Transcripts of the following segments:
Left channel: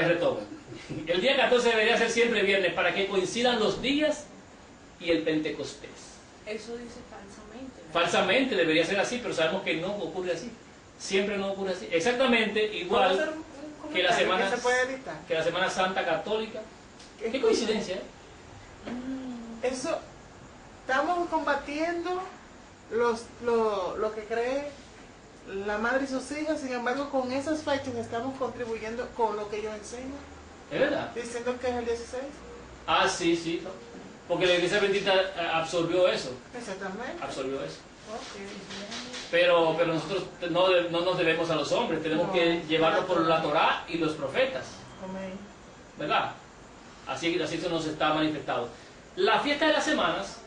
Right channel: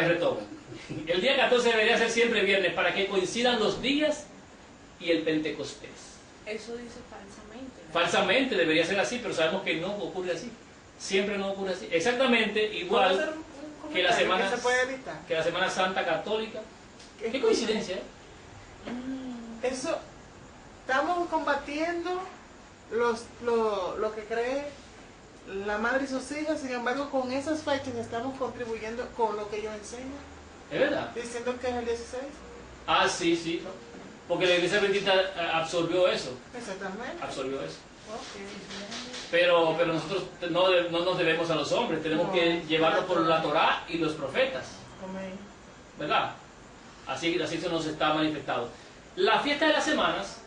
vez retomo. El día 14 debería ser siempre viernes para que coincidan los días y el Pentecostés. Eso dice falsamente. Falsamente debería ser así, pero sabemos que no ocurre así. Siempre no ocurre así. Exactamente igual que la Semana Santa Católica. Qué coincidencia, ¿eh? Eso, estamos combatiendo lo que cree la madre y sus hijas, sin embargo con esas fechas estamos contribuyendo con lo que ellos enseñan. ¿Es verdad? Diciendo que es el 16. Ah, sí, sí. ¿No? Porque la Iglesia Bendita absorbió eso. Exactamente. Absorbió eso. Okay. Pero nosotros no nos debemos a los hombres, tenemos que llevarlo por la Torá y los profetas. Amén. ¿Verdad? Así se nos está manifestado. La fiesta de las semanas,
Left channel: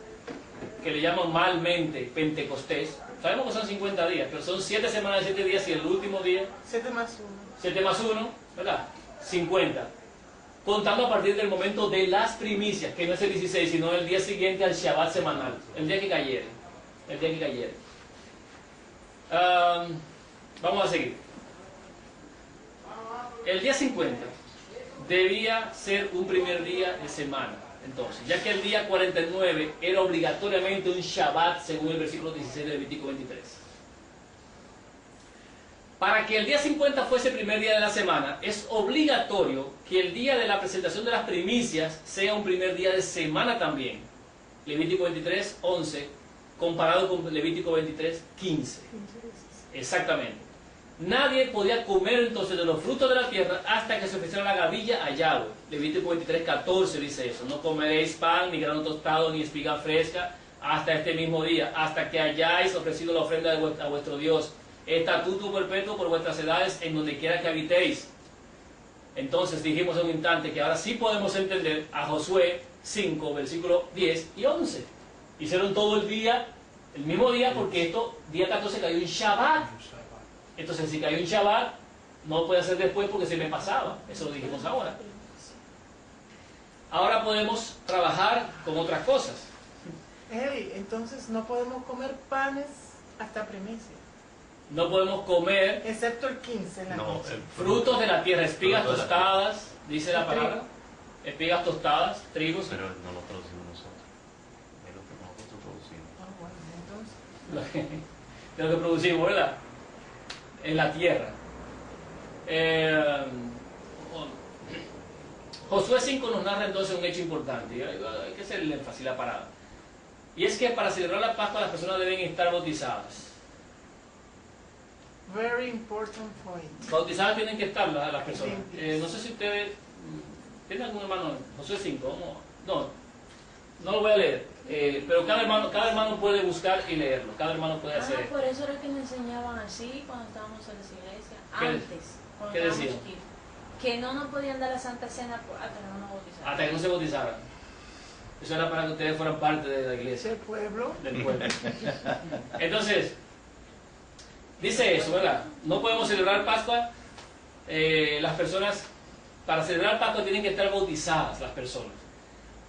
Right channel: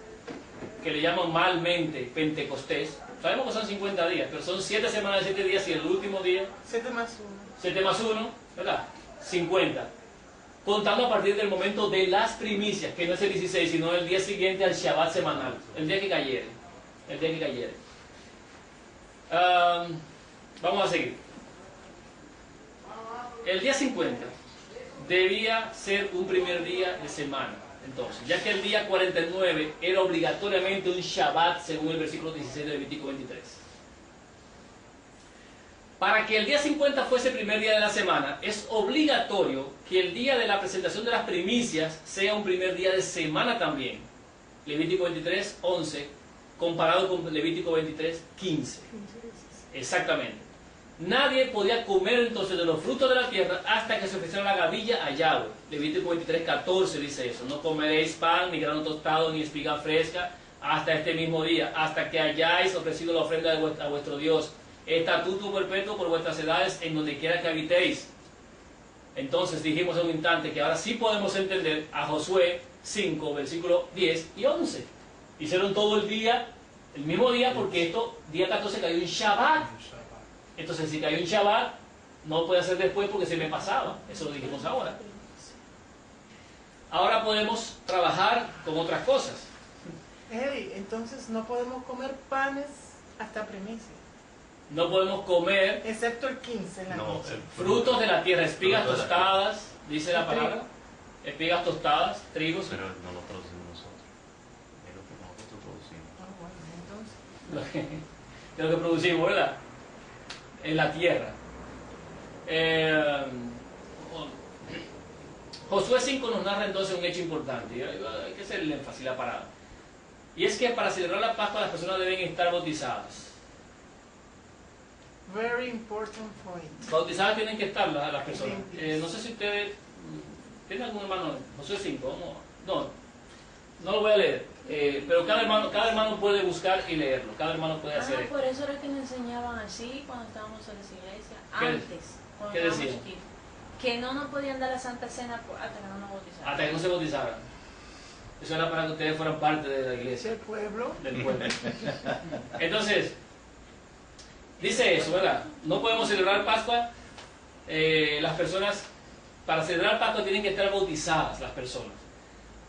que le llaman malmente Pentecostés, sabemos que son 50 días, pero son 7 semanas de 7 días y el último día 7 más 1. 7 más 1, ¿verdad? 50. Contando a partir del momento de las primicias, que no es el 16, sino el día siguiente al Shabbat semanal, el día que cayere. El día que cayere. Vamos a seguir. El día 50 debía ser un primer día de semana, entonces, ya que el día 49 era obligatoriamente un Shabbat, según el versículo 16 de Levítico 23. Para que el día 50 fuese el primer día de la semana, es obligatorio que el día de la presentación de las primicias sea un primer día de semana también. Levítico 23, 11, comparado con Levítico 23, 15. Exactamente. Nadie podía comer entonces de los frutos de la tierra hasta que se ofreciera la gavilla a Yahweh. Levítico 23, 14 dice eso. No comeréis pan, ni grano tostado, ni espiga fresca, hasta este mismo día, hasta que hayáis ofrecido la ofrenda a vuestro Dios. Estatuto perpetuo por vuestras edades en donde quiera que habitéis. Entonces dijimos en un instante que ahora sí podemos entender a Josué 5, versículos 10 y 11. Hicieron todo el día, el mismo día, porque esto, día 14 cayó en Shabbat. Entonces si cayó en Shabbat, no lo puede hacer después porque se me pasaba. Eso lo dijimos ahora. Ahora podemos trabajar con otras cosas. Hey, entonces no podemos comer panes hasta primicia. No podemos comer, excepto el 15 en la noche. Frutos de la tierra, espigas tostadas, dice la palabra. Espigas tostadas, trigos. Pero no lo producimos nosotros. Es lo que nosotros producimos. Bueno, entonces. De lo que producimos, ¿verdad? En la tierra. Josué 5 nos narra entonces un hecho importante. Hay que hacer el énfasis, la parada. Y es que para celebrar la Pascua las personas deben estar bautizadas. Very important point. Bautizadas tienen que estar las personas. No sé si ustedes tienen algún hermano. Josué 5, no lo voy a leer. Pero cada hermano puede buscar y leerlo. Cada hermano puede hacer esto. Por eso era que nos enseñaban así cuando estábamos en las iglesias. Antes, cuando ¿qué estábamos decían? chiquitos, que no nos podían dar la Santa Cena hasta que no nos bautizaran. Hasta que no se bautizaran. Eso era para que ustedes fueran parte de la iglesia. Del pueblo. Del pueblo. Entonces, dice eso, ¿verdad? No podemos celebrar Pascua. Las personas, para celebrar Pascua tienen que estar bautizadas las personas,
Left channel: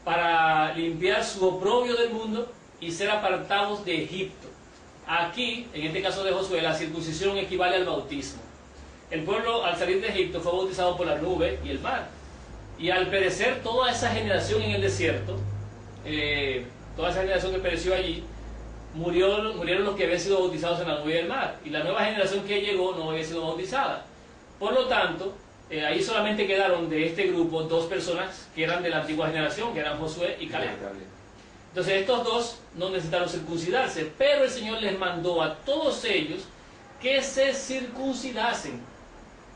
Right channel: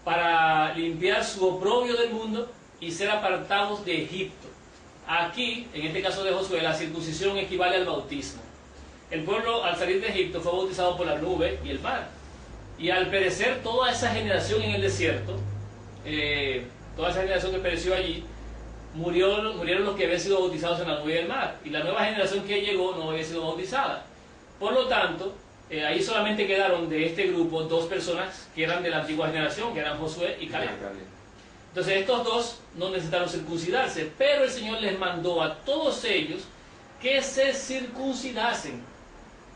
para limpiar su oprobio del mundo y ser apartados de Egipto. Aquí, en este caso de Josué, la circuncisión equivale al bautismo. El pueblo al salir de Egipto fue bautizado por la nube y el mar. Y al perecer toda esa generación en el desierto, toda esa generación que pereció allí, murieron los que habían sido bautizados en la nube y el mar. Y la nueva generación que llegó no había sido bautizada. Por lo tanto, ahí solamente quedaron de este grupo 2 personas que eran de la antigua generación, que eran Josué y Caleb. Entonces estos 2 no necesitaron circuncidarse, pero el Señor les mandó a todos ellos que se circuncidasen,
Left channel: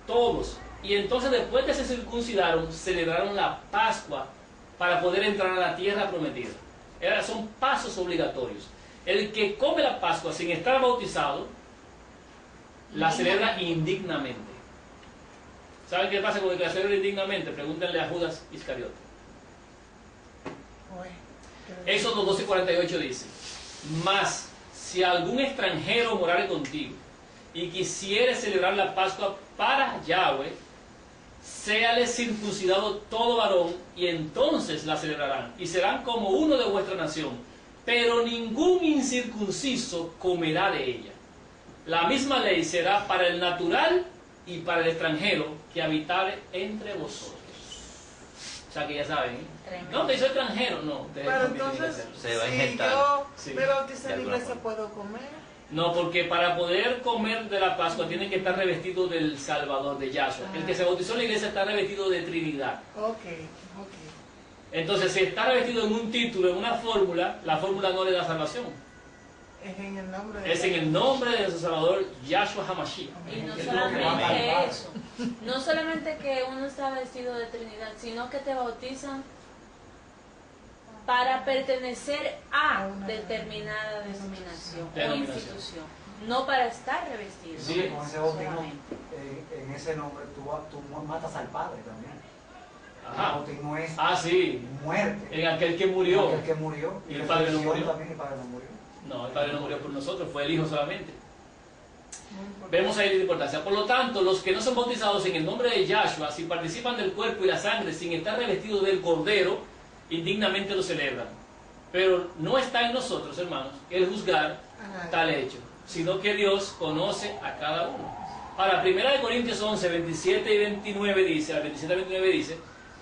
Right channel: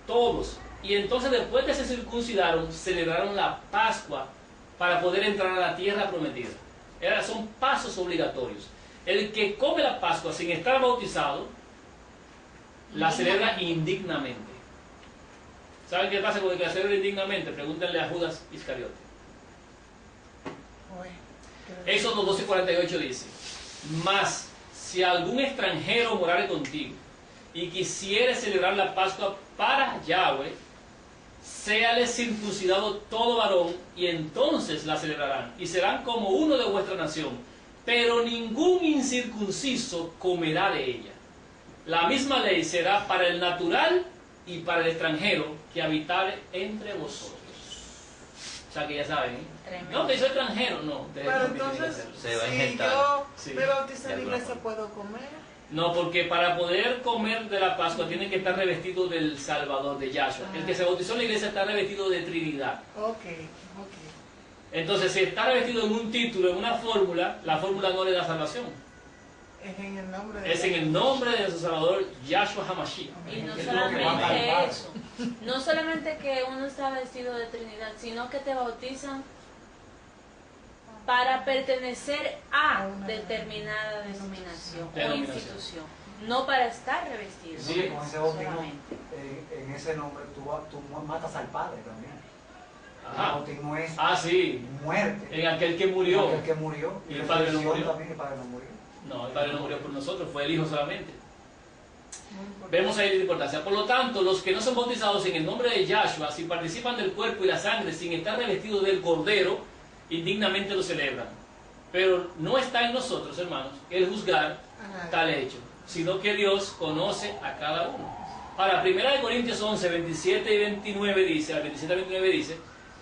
todos. Y entonces después que se circuncidaron, celebraron la Pascua para poder entrar a la tierra prometida. Son pasos obligatorios. El que come la Pascua sin estar bautizado, la celebra indignamente. ¿Saben qué pasa con el que la celebra indignamente? Pregúntenle a Judas Iscariote. Éxodo 12:48 dice: Mas si algún extranjero morare contigo y quisiere celebrar la Pascua para Yahweh, séale circuncidado todo varón, y entonces la celebrarán, y serán como uno de vuestra nación, pero ningún incircunciso comerá de ella. La misma ley será para el natural y para el extranjero que habitare entre vosotros. O sea que ya saben, ¿eh? Tremendo. No, que soy extranjero, no. ustedes Pero también tienen que entonces, hacerlo. Se va a si injertar. yo Sí. me bautizo De en la alguna iglesia, forma. ¿puedo comer? No, porque para poder comer de la Pascua tiene que estar revestido del Salvador, de Yahshua. El que se bautizó en la iglesia está revestido de Trinidad. Ok. Entonces, si está revestido en un título, en una fórmula, la fórmula no le da salvación. Es en el nombre de Es en el nombre de nuestro Salvador, Yahshua HaMashiach. Y no Es lo que manda el solamente Padre. eso, no solamente que uno está vestido de Trinidad, sino que te bautizan para pertenecer a determinada denominación o institución, no para estar revestido. Sí. Con ese bautismo, solamente. en ese nombre, tú matas al Padre también. El Ajá. bautismo es Ah, sí. muerte. En aquel que murió. El que murió. ¿Y el Padre no resurrección murió? También, el Padre no murió. No, el Padre no murió por nosotros, fue el Hijo solamente. Vemos ahí la importancia. Por lo tanto, los que no son bautizados en el nombre de Yahshua, si participan del cuerpo y la sangre sin estar revestidos del Cordero, indignamente lo celebran. Pero no está en nosotros, hermanos, el juzgar tal hecho, sino que Dios conoce a cada uno. Ahora, 1 Corintios 11, 27 y 29 dice, al 27 y 29 dice,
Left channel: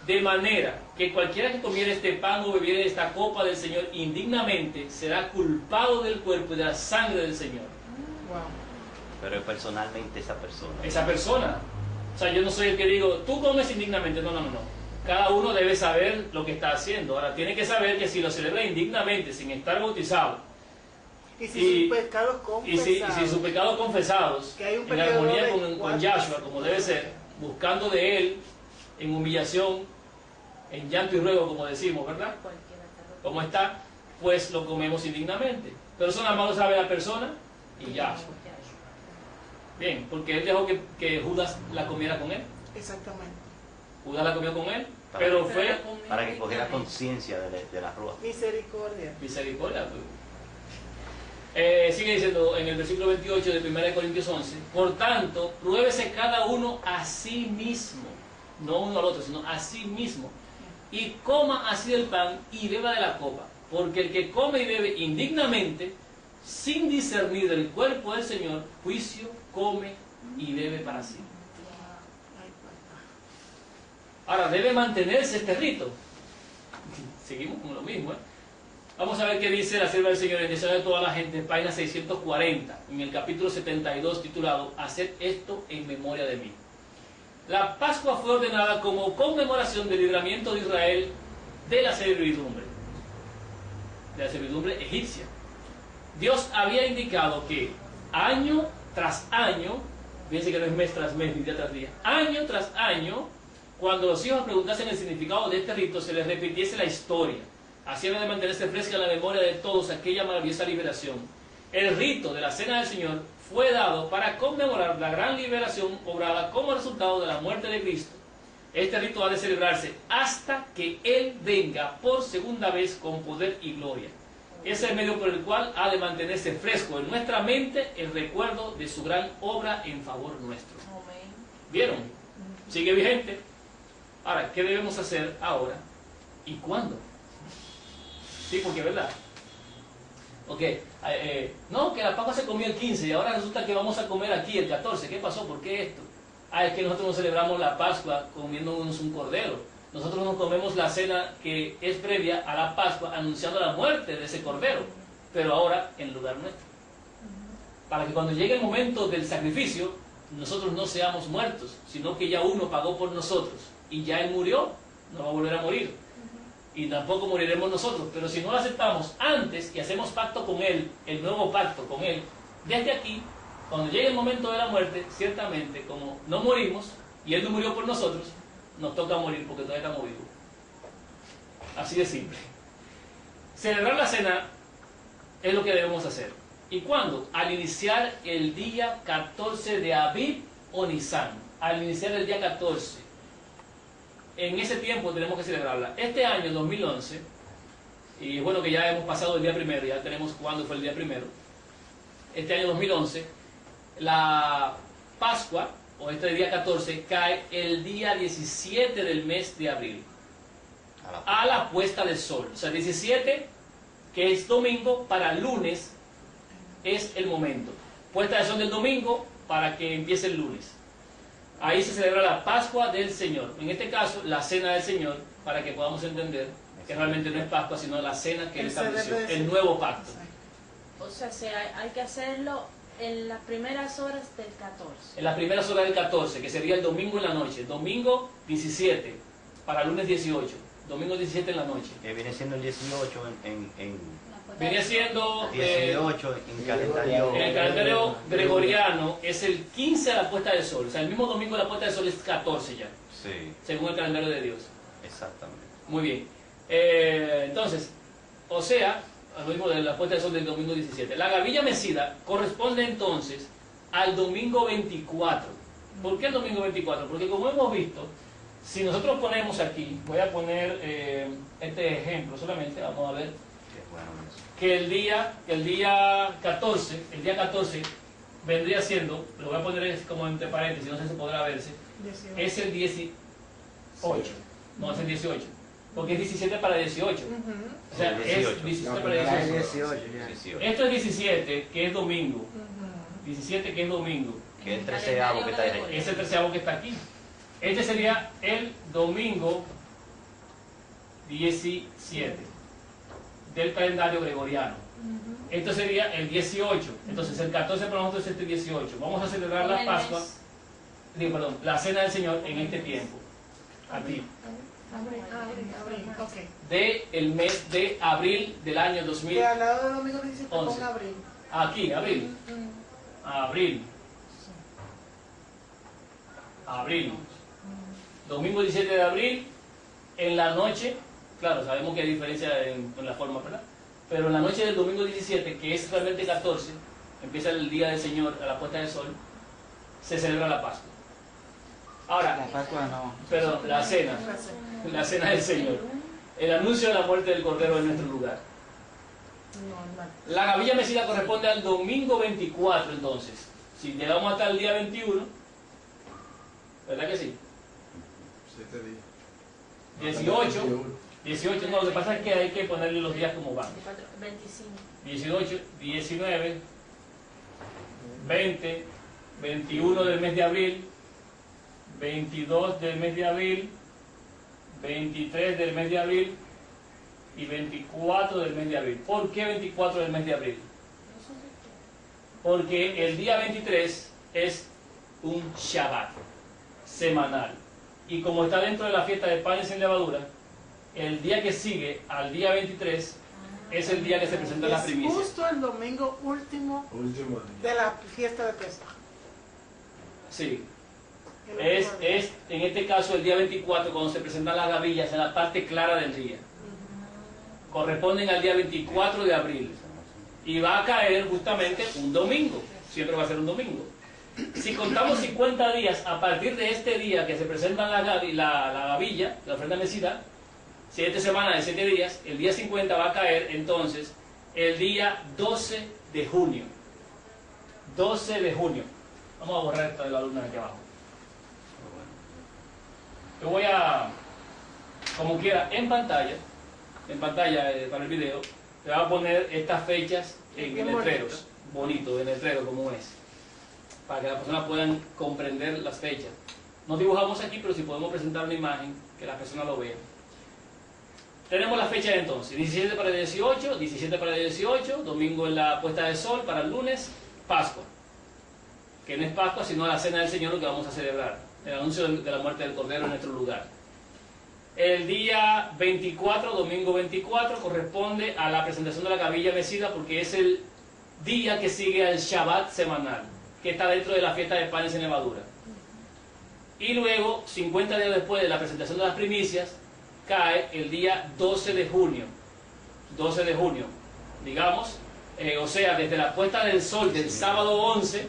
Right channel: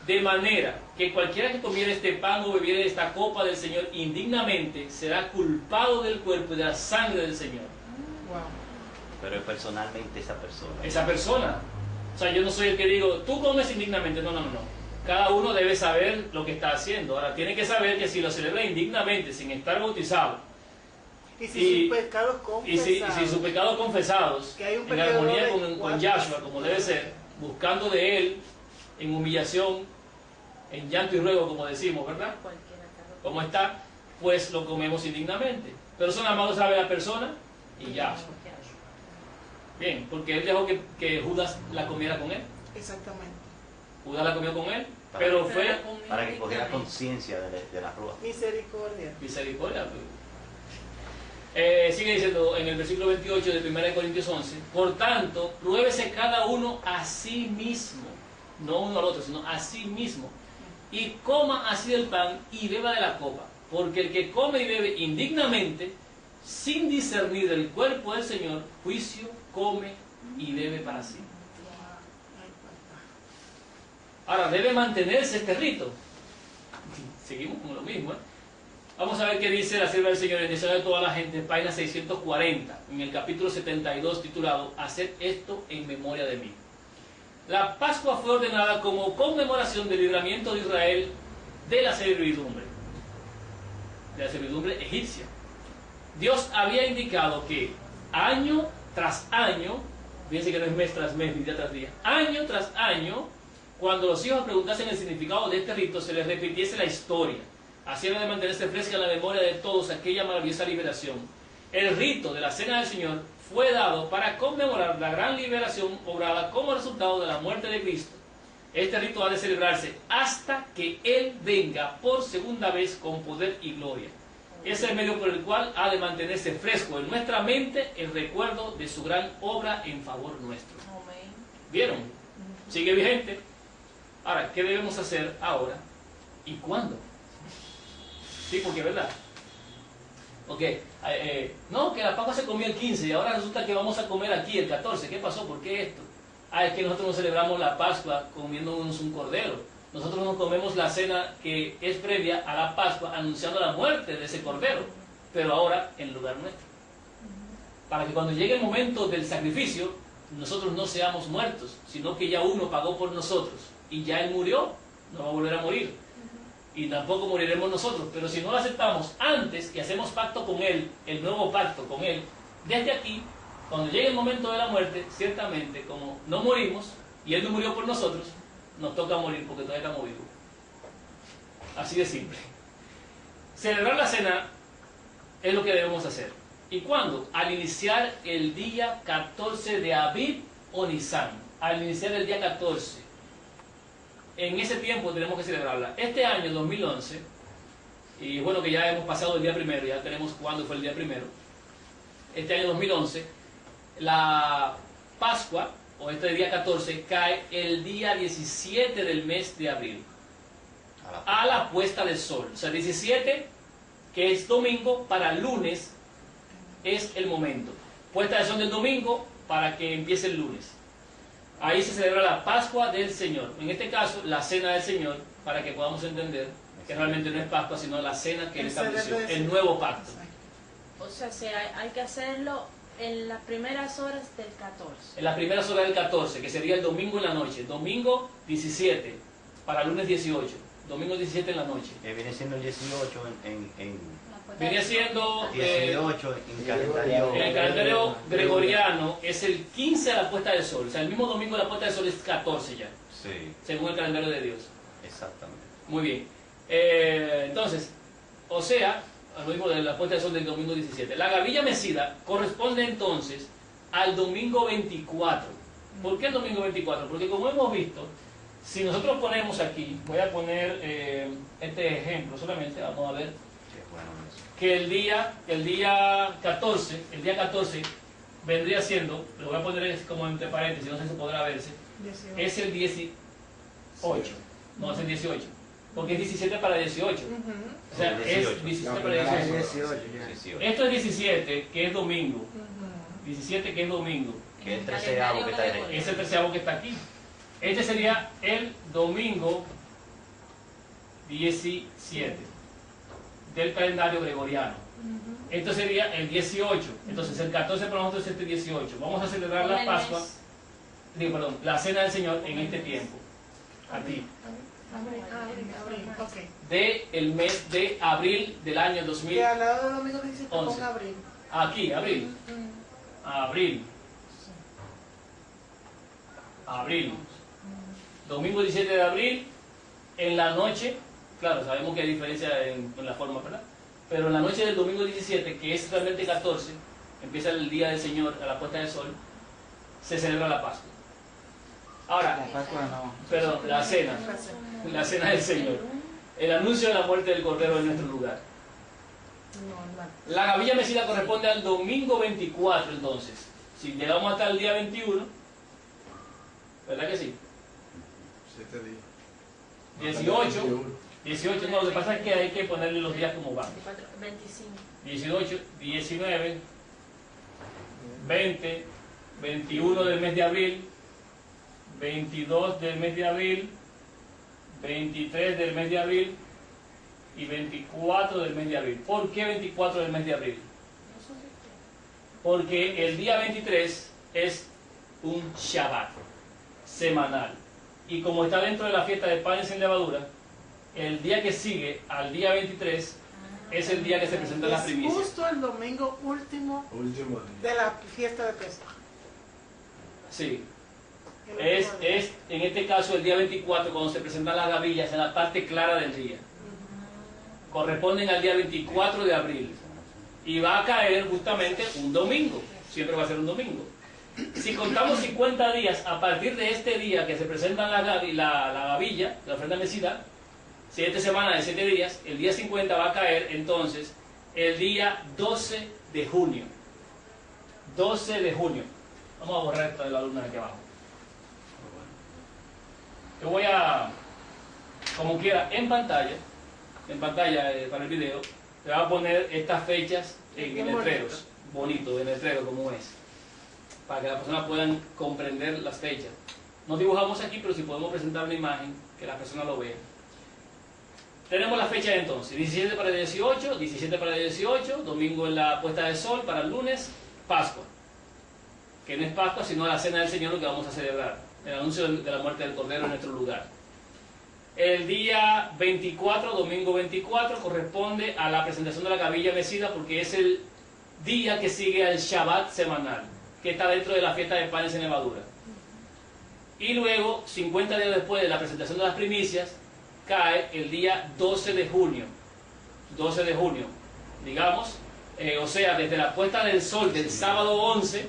de manera que cualquiera que comiere este pan o bebiere esta copa del Señor indignamente será culpado del cuerpo y de la sangre del Señor. Wow. Pero personalmente esa persona. Esa persona. O sea, yo no soy el que digo, tú comes indignamente. No. Cada uno debe saber lo que está haciendo. Ahora, tiene que saber que si lo celebra indignamente, sin estar bautizado, Y si sus pecados y si confesados. sus pecados confesados, Que hay un en periodo armonía de con 4 Yahshua, como debe ser, buscando de Él, en humillación, en llanto y ruego, como decimos, ¿verdad? Cualquiera que lo- Como está, pues lo comemos indignamente. Pero eso nada más lo sabe la persona y ya. Bien, porque Él dejó que Judas la comiera con Él. Exactamente. Judas la comió con Él, pero fue Para que cogiera conciencia de la prueba. Misericordia. misericordia. Sigue diciendo en el versículo 28 de 1 Corintios 11, por tanto, pruébese cada uno a sí mismo, no uno al otro, sino a sí mismo, y coma así el pan y beba de la copa, porque el que come y bebe indignamente, sin discernir el cuerpo del Señor, juicio come y bebe para sí. Ahora, debe mantenerse este rito. Seguimos con lo mismo, ¿eh? Vamos a ver qué dice la sierva del Señor en Deseo de toda la gente, página 640, en el capítulo 72, titulado Haced esto en memoria de mí. La Pascua fue ordenada como conmemoración del libramiento de Israel de la servidumbre egipcia. Dios había indicado que año tras año, fíjense que no es mes tras mes, ni día tras día, año tras año, cuando los hijos preguntasen el significado de este rito, se les repitiese la historia. Así era de mantenerse fresca en la memoria de todos aquella maravillosa liberación. El rito de la Cena del Señor fue dado para conmemorar la gran liberación obrada como resultado de la muerte de Cristo. Este rito ha de celebrarse hasta que Él venga por segunda vez con poder y gloria. Ese es el medio por el cual ha de mantenerse fresco en nuestra mente el recuerdo de su gran obra en favor nuestro. Amén. ¿Vieron? Sigue vigente. Ahora, ¿qué debemos hacer ahora y cuándo? Sí, porque es verdad. Ok, no, que la Pascua se comió el 15 y ahora resulta que vamos a comer aquí el 14. ¿Qué pasó? ¿Por qué esto? Es que nosotros no celebramos la Pascua comiéndonos un cordero. Nosotros nos comemos la cena que es previa a la Pascua, anunciando la muerte de ese cordero, pero ahora en lugar nuestro. Para que cuando llegue el momento del sacrificio, nosotros no seamos muertos, sino que ya uno pagó por nosotros y ya Él murió, no va a volver a morir. Y tampoco moriremos nosotros, pero si no lo aceptamos antes y hacemos pacto con Él, el nuevo pacto con Él, desde aquí, cuando llegue el momento de la muerte, ciertamente, como no morimos y Él no murió por nosotros, nos toca morir porque todavía estamos vivos. Así de simple. Celebrar la cena es lo que debemos hacer. ¿Y cuándo? Al iniciar el día 14 de Abib o Nisan. Al iniciar el día 14. En ese tiempo tenemos que celebrarla. Este año, 2011, y bueno que ya hemos pasado el día primero, ya tenemos cuándo fue el día primero. Este año 2011, la Pascua, o este día 14, cae el día 17 del mes de abril, a la puesta del sol. O sea, 17, que es domingo, para lunes es el momento. Puesta del sol del domingo para que empiece el lunes. Ahí se celebra la Pascua del Señor. En este caso, la Cena del Señor, para que podamos entender que realmente no es Pascua, sino la cena que Él estableció, el nuevo pacto. O sea, hay que hacerlo en las primeras horas del 14. En las primeras horas del 14, que sería el domingo en la noche. Domingo 17, para lunes 18. Domingo 17 en la noche. Que viene siendo el 18 Viene siendo 18 en calendario. en el calendario gregoriano es el 15 a la puesta del sol. O sea, el mismo domingo de la puesta del sol es 14 ya, Sí, según el calendario de Dios. exactamente. Muy bien. Entonces, o sea, lo mismo de la puesta del sol del domingo 17. La gavilla mecida corresponde entonces al domingo 24. ¿Por qué el domingo 24? Porque como hemos visto, si nosotros ponemos aquí, voy a poner este ejemplo solamente, vamos a ver, Qué bueno eso. que el día 14 vendría siendo, lo voy a poner como entre paréntesis, no sé si podrá verse, 18. es el 18, no es el 18, porque es 17 para 18, Ujú. o sea, El es 18. 17 No, para primera es 18. 18 ya. 18. Esto es 17, que es domingo, Ujú. 17 que es domingo, Que es el 13avo que está ahí. es el 13avo que está aquí. Este sería el domingo 17 del calendario gregoriano. Esto sería el 18. Entonces el 14 para nosotros es el 18. Vamos a celebrar la Pascua, la Cena del Señor en este tiempo. Aquí. Abril, ok. De el mes de abril del año Que 2000. al lado del domingo 17 11. ponga abril. Aquí, abril. Abril. Abril. Domingo 17 de abril, en la noche, claro, sabemos que hay diferencia en la forma, ¿verdad? Pero en la noche del domingo 17, que es realmente 14, empieza el día del Señor a la puesta del sol, se celebra la Pascua. Ahora, La Pascua no. perdón, la cena del Señor, el anuncio de la muerte del Cordero en nuestro lugar. Normal. La gavilla mecida corresponde al domingo 24, entonces. Si llegamos hasta el día 21, ¿verdad que sí? 7 días. 18, no, lo que pasa es que hay que ponerle los días como van. 25. 18, 19, 20, 21 del mes de abril, 22 del mes de abril, 23 del mes de abril y 24 del mes de abril. ¿Por qué 24 del mes de abril? Porque el día 23 es un Shabbat semanal. Y como está dentro de la fiesta de panes sin levadura, el día que sigue al día 23 es el día que se presentan las Es primicias. justo el domingo último Último día. de la fiesta de Pesaj. Sí. El Es, último día. es en este caso el día 24 cuando se presentan las gavillas en la parte clara del día. Corresponden al día 24 de abril. Y va a caer justamente un domingo. Siempre va a ser un domingo. Si contamos 50 días a partir de este día que se presentan la gavilla, la ofrenda mecida, 7 semanas de 7 días, el día 50 va a caer entonces el día 12 de junio. 12 de junio. Vamos a borrar esta de la luna de aquí abajo. Yo voy a, como quiera, en pantalla para el video, te voy a poner estas fechas en Bien letreros, bonito, en letrero como es, para que las personas puedan comprender las fechas. No dibujamos aquí, pero si podemos presentar una imagen, que las personas lo vean. Tenemos las fechas entonces, 17 para el 18, 17 para el 18, domingo en la puesta del sol, para el lunes, Pascua. Que no es Pascua, sino la Cena del Señor, lo que vamos a celebrar, el anuncio de la muerte del Cordero en nuestro lugar. El día 24, domingo 24, corresponde a la presentación de la gavilla mecida, porque es el día que sigue al Shabbat semanal, que está dentro de la fiesta de panes sin levadura. Y luego, 50 días después de la presentación de las primicias, cae el día 12 de junio. 12 de junio, digamos, o sea, desde la puesta del sol del sábado 11,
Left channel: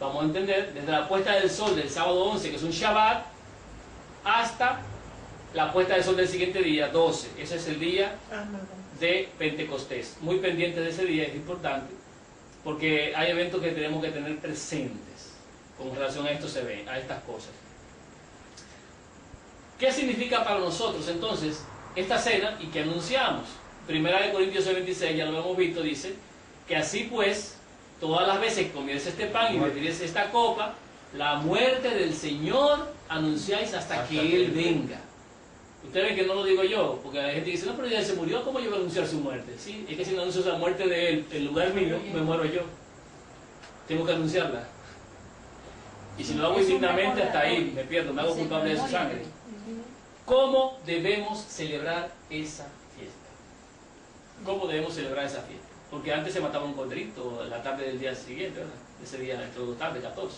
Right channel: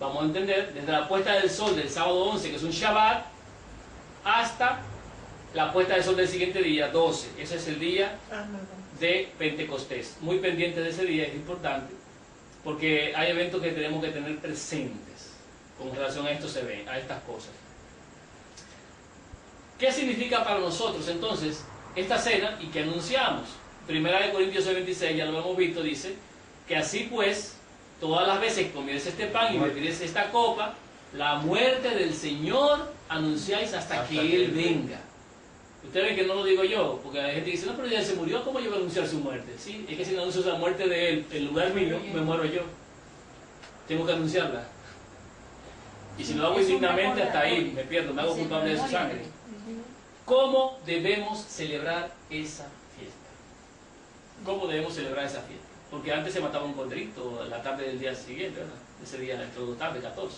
vamos a entender, desde la puesta del sol del sábado 11, que es un Shabbat, hasta la puesta del sol del siguiente día, 12. Ese es el día de Pentecostés. Muy pendiente de ese día, es importante, porque hay eventos que tenemos que tener presentes con relación a esto, se ve, a estas cosas. ¿Qué significa para nosotros entonces esta cena y qué anunciamos? Primera de Corintios 26, ya lo hemos visto, dice que así pues, todas las veces que comieres este pan y bebieres esta copa, La muerte del Señor anunciáis hasta que Él venga. Ustedes ven que no lo digo yo, porque hay gente que dice, no, pero ya se murió, ¿cómo yo voy a anunciar su muerte? Sí, es que si no anuncio la muerte de Él, en lugar mío, me muero yo. Tengo que anunciarla. Y si lo hago indignamente, hasta ahí me pierdo, me hago culpable de su sangre. ¿Cómo debemos celebrar esa fiesta? ¿Cómo debemos celebrar esa fiesta? Porque antes se mataba un corderito la tarde del día siguiente, ¿verdad? Ese día, entre dos tardes, 14.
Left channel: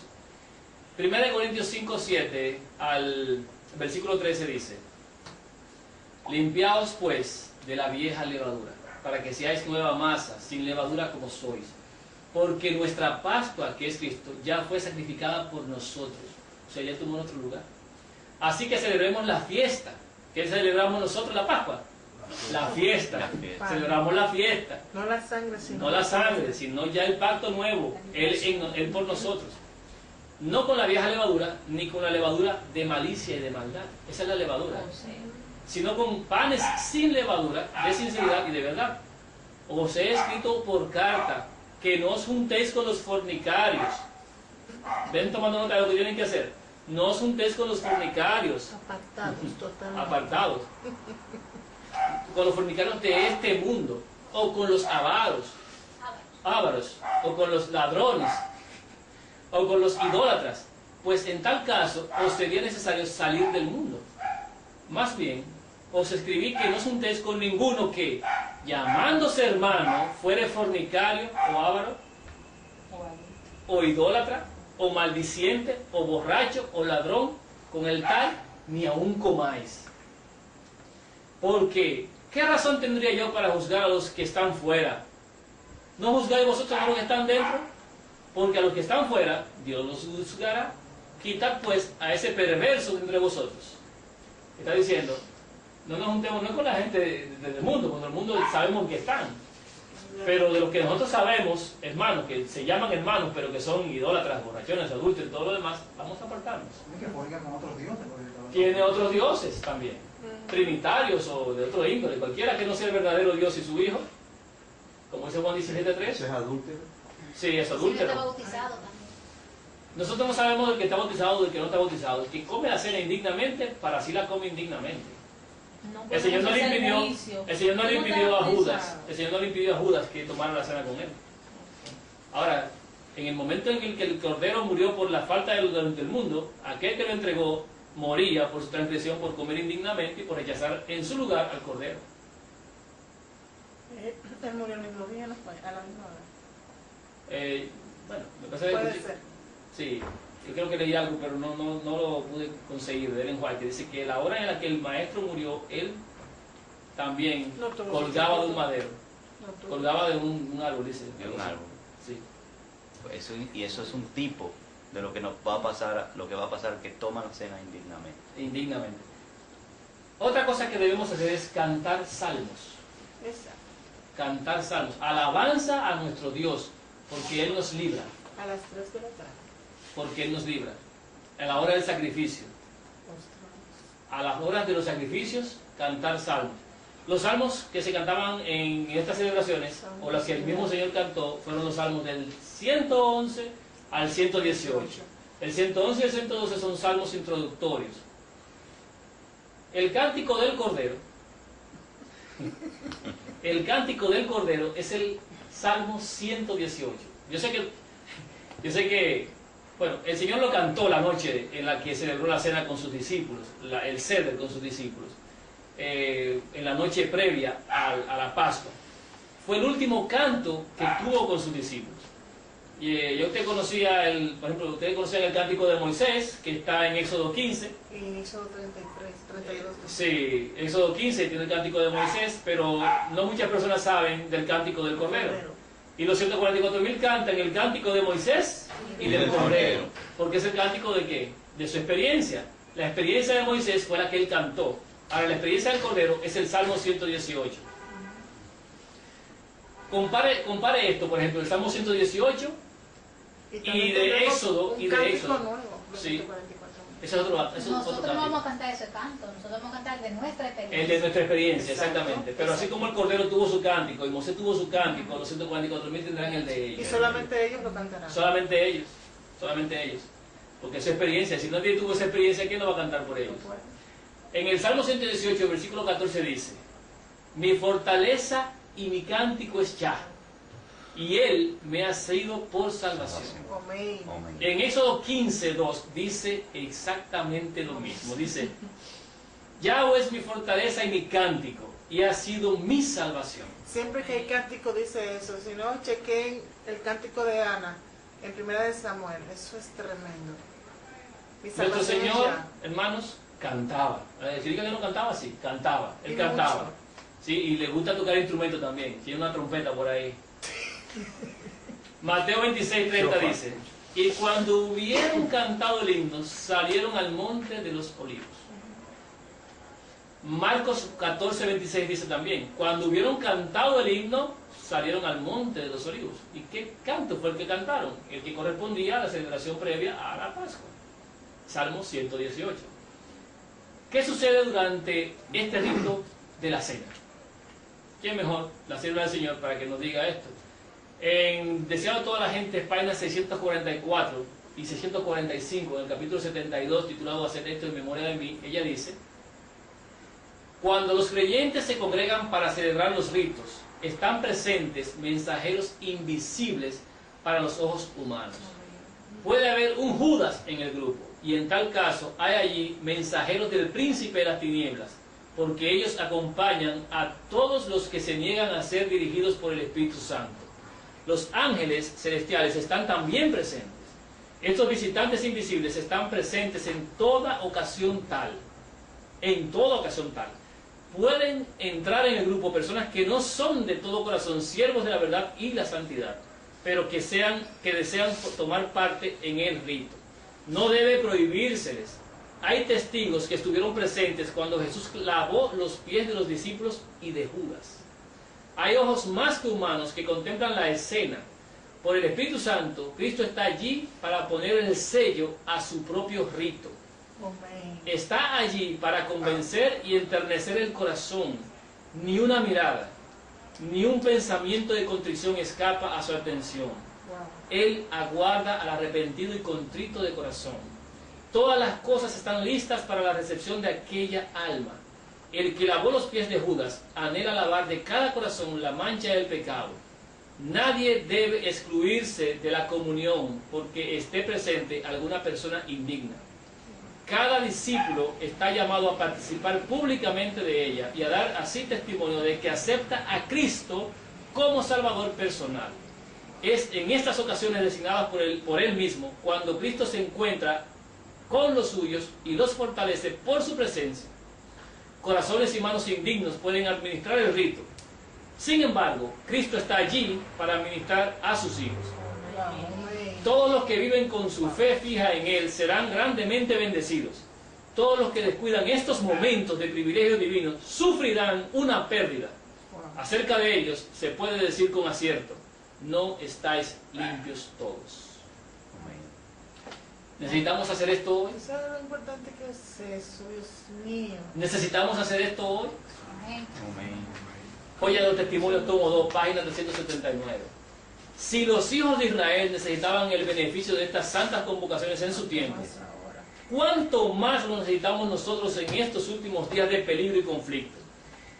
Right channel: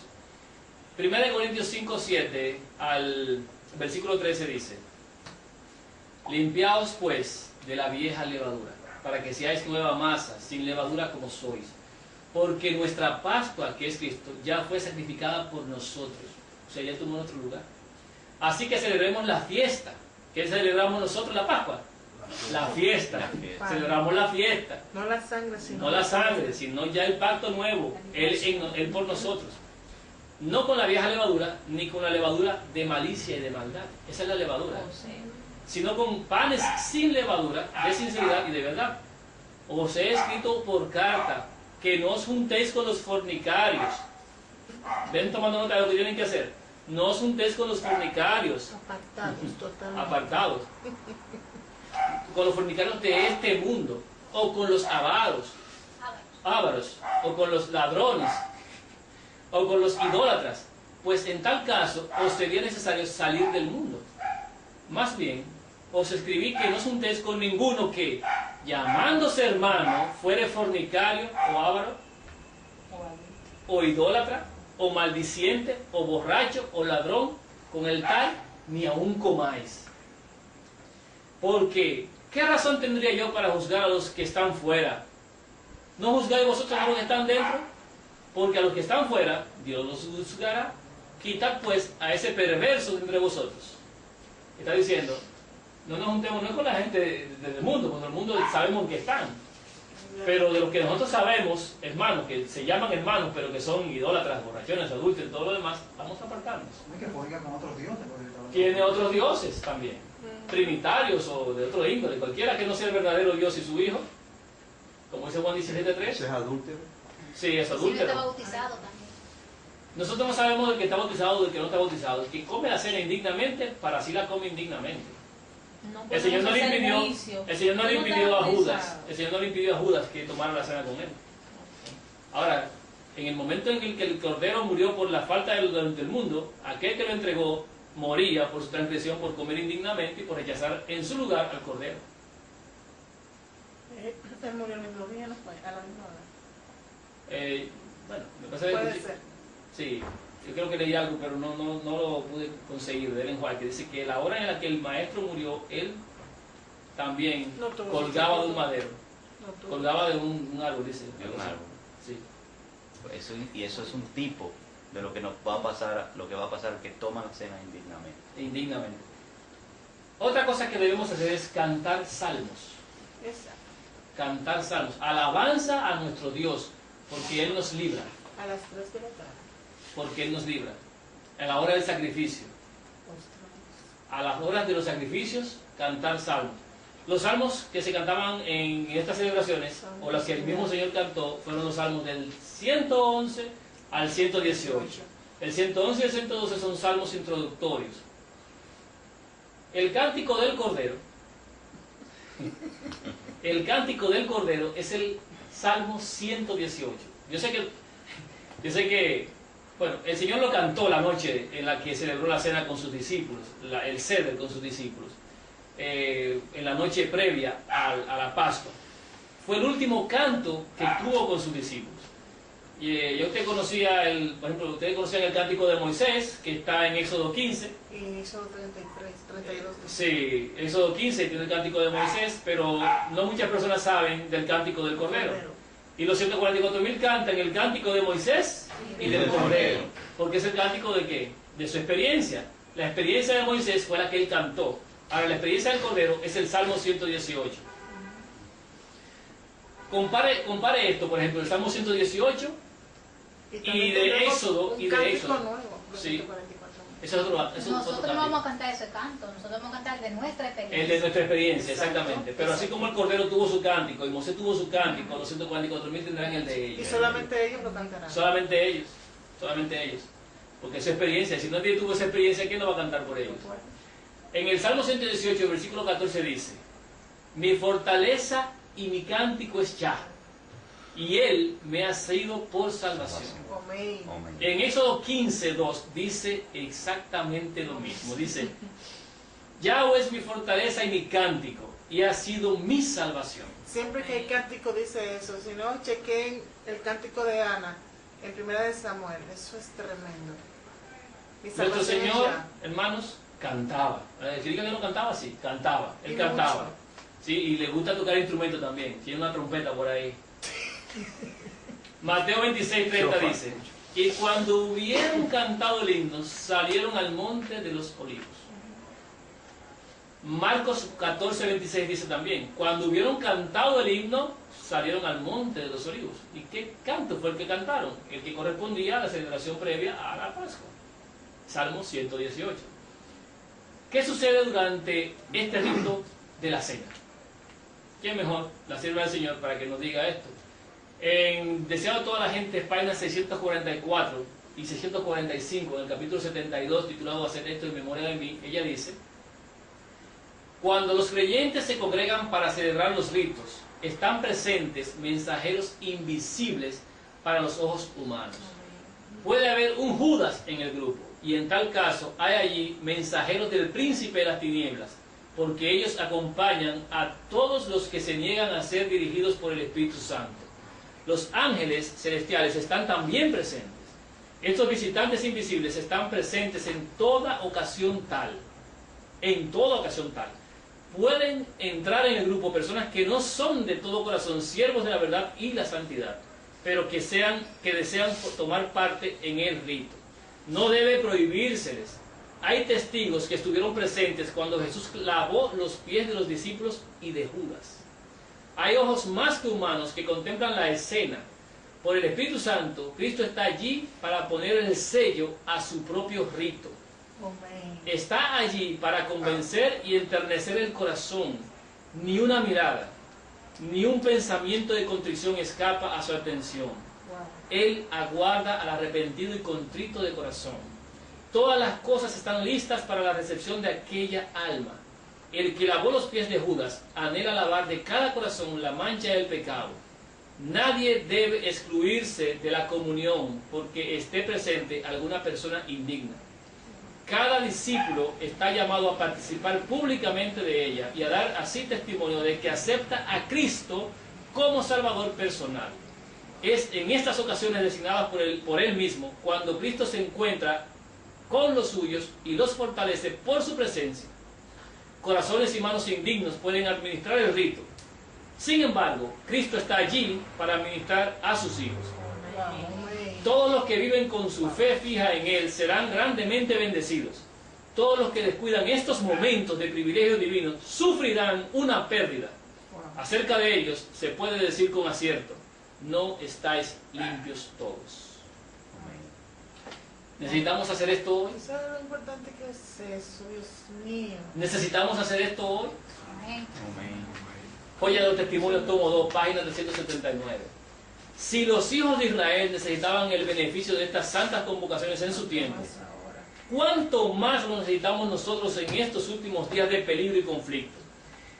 1 Corintios 5, 7 al versículo 13 dice: Limpiaos pues de la vieja levadura, para que seáis nueva masa, sin levadura como sois. Porque nuestra Pascua, que es Cristo, ya fue sacrificada por nosotros. O sea, ya tomó nuestro lugar. Así que celebremos la fiesta. ¿Qué celebramos nosotros la Pascua? La fiesta. Celebramos la fiesta. No la sangre, sino No la sangre, sino ya el pacto nuevo. Él por nosotros. No con la vieja levadura, ni con la levadura de malicia y de maldad. Esa es la levadura. Sino con panes sin levadura, de sinceridad y de verdad. Os he escrito por carta que no os juntéis con los fornicarios. Ven tomando nota de lo que tienen que hacer. No os juntéis con los fornicarios. apartados totalmente. Apartados. Con los fornicarios de este mundo. O con los ávaros. O con los ladrones. O con los idólatras. Pues en tal caso os sería necesario salir del mundo. Más bien, os escribí que no os juntéis con ninguno que, llamándose hermano, fuere fornicario o avaro, o idólatra, o maldiciente, o borracho, o ladrón, con el tal, ni aun comáis. Porque, ¿qué razón tendría yo para juzgar a los que están fuera? ¿No juzgáis vosotros a los que están dentro? Porque a los que están fuera, Dios los juzgará. Quitad pues a ese perverso de entre vosotros. Está diciendo, no nos juntemos, no con la gente del mundo, porque en el mundo sabemos que están. Pero de los que nosotros sabemos, hermanos, que se llaman hermanos, pero que son idólatras, borrachones, adúlteros y todo lo demás, vamos a apartarnos. Que fornican con otros dioses. Tiene otros dioses también, trinitarios o de otro índole, cualquiera que no sea el verdadero Dios y su Hijo, como dice Juan 17:3. ¿Ese es adúltero? Sí, es Si no adúltero. está bautizado también. Nosotros no sabemos del que está bautizado del que no está bautizado. El que come la cena indignamente, para así la come indignamente. El Señor no le impidió, el Señor no le impidió a Judas, el Señor no le impidió a Judas que tomara la cena con él. Ahora, en el momento en el que el Cordero murió por la falta del mundo, aquel que lo entregó moría por su transgresión, por comer indignamente y por rechazar en su lugar al Cordero. Él murió el mismo día, ¿no fue? A la misma hora. Bueno, me parece Puede que ser. sí, yo creo que leí algo, pero no lo pude conseguir ver en Juan, que dice que la hora en la que el maestro murió, él también No tuvo colgaba de un mucho madero, No tuvo. colgaba de un árbol, dice. De un árbol. Sí. Y eso es un tipo de lo que nos va a pasar, lo que va a pasar que toman cena indignamente. Indignamente. Otra cosa que debemos hacer es cantar salmos. Esa. Cantar salmos. Alabanza a nuestro Dios, porque Él nos libra. A las 3 de la tarde. Porque Él nos libra. A la hora del sacrificio. A las horas de los sacrificios, cantar salmos. Los salmos que se cantaban en estas celebraciones, o los que el mismo Señor cantó, fueron los salmos del 111 al 118. El 111 y el 112 son salmos introductorios. El cántico del Cordero, el cántico del Cordero es el Salmo 118. Yo sé que, bueno, el Señor lo cantó la noche en la que celebró la cena con sus discípulos, el ceder con sus discípulos, en la noche previa a la Pascua. Fue el último canto que tuvo con sus discípulos. Yo usted conocía, por ejemplo, ustedes conocían el cántico de Moisés, que está en Éxodo 15. Y Éxodo 33, 32. Sí, Éxodo 15 tiene el cántico de Moisés, pero no muchas personas saben del cántico del Cordero. Y los 144.000 cantan el cántico de Moisés y del Cordero. Porque es el cántico de ¿qué? De su experiencia. La experiencia de Moisés fue la que él cantó. Ahora, la experiencia del Cordero es el Salmo 118. Compare esto, por ejemplo, el Salmo 118 y de Éxodo. Un cántico nuevo. Sí. Ese es otro Nosotros no cántico. vamos a cantar ese canto, nosotros vamos a cantar de nuestra experiencia. El de nuestra experiencia, Exacto. exactamente. Pero así como el Cordero tuvo su cántico y Moisés tuvo su cántico, los 144.000 tendrán el de ellos. Y solamente ellos lo cantarán. Solamente ellos. porque es su experiencia. Si nadie tuvo esa experiencia, ¿quién no va a cantar por ellos? En el Salmo 118, versículo 14 dice: mi fortaleza y mi cántico es Yah, y Él me ha sido por salvación. Amén. Amén. En Éxodo 15, 2 dice exactamente lo mismo. Dice: Yahweh es mi fortaleza y mi cántico, y ha sido mi salvación. Siempre que hay cántico dice eso. Si no, chequen el cántico de Ana en Primera de Samuel. Eso es tremendo. Mi Nuestro salvación es Señor, Yah. hermanos, cantaba. Si diga que no cantaba, sí, cantaba. Él Y cantaba. mucho. Sí, y le gusta tocar instrumento también. Tiene una trompeta por ahí. Mateo 26, 30 dice: y cuando hubieron cantado el himno, salieron al monte de los olivos. Marcos 14, 26 dice también: cuando hubieron cantado el himno, salieron al monte de los olivos. ¿Y qué canto fue el que cantaron? El que correspondía a la celebración previa a la Pascua. Salmo 118. ¿Qué sucede durante este rito de la cena? ¿Quién mejor? La sierva del Señor para que nos diga esto. En Deseado a toda la gente, páginas 644 y 645, en el capítulo 72, titulado Hacer esto en memoria de mí, ella dice: cuando los creyentes se congregan para celebrar los ritos, están presentes mensajeros invisibles para los ojos humanos. Puede haber un Judas en el grupo, y en tal caso hay allí mensajeros del príncipe de las tinieblas, porque ellos acompañan a todos los que se niegan a ser dirigidos por el Espíritu Santo. Los ángeles celestiales están también presentes. Estos visitantes invisibles están presentes en toda ocasión tal. En toda ocasión tal. Pueden entrar en el grupo personas que no son de todo corazón siervos de la verdad y la santidad, pero que desean tomar parte en el rito. No debe prohibírseles. Hay testigos que estuvieron presentes cuando Jesús lavó los pies de los discípulos y de Judas. Hay ojos más que humanos que contemplan la escena. Por el Espíritu Santo, Cristo está allí para poner el sello a su propio rito. Amén. Está allí para convencer y enternecer el corazón. Ni una mirada, ni un pensamiento de contrición escapa a su atención. Él aguarda al arrepentido y contrito de corazón. Todas las cosas están listas para la recepción de aquella alma. El que lavó los pies de Judas anhela lavar de cada corazón la mancha del pecado. Nadie debe excluirse de la comunión porque esté presente alguna persona indigna. Cada discípulo está llamado a participar públicamente de ella y a dar así testimonio de que acepta a Cristo como Salvador personal. Es en estas ocasiones designadas por él mismo cuando Cristo se encuentra con los suyos y los fortalece por su presencia. Corazones y manos indignos pueden administrar el rito. Sin embargo, Cristo está allí para administrar a sus hijos. Amén. Todos los que viven con su fe fija en Él serán grandemente bendecidos. Todos los que descuidan estos momentos de privilegio divino sufrirán una pérdida. Acerca de ellos se puede decir con acierto: no estáis limpios todos. ¿Necesitamos hacer esto hoy? ¿Sabes lo importante que es eso, Dios mío? ¿Necesitamos hacer esto hoy? Amén. Amén. Joya de los Testimonios, tomo 2, página 379. Si los hijos de Israel necesitaban el beneficio de estas santas convocaciones en su tiempo, ¿cuánto más lo necesitamos nosotros en estos últimos días de peligro y conflicto?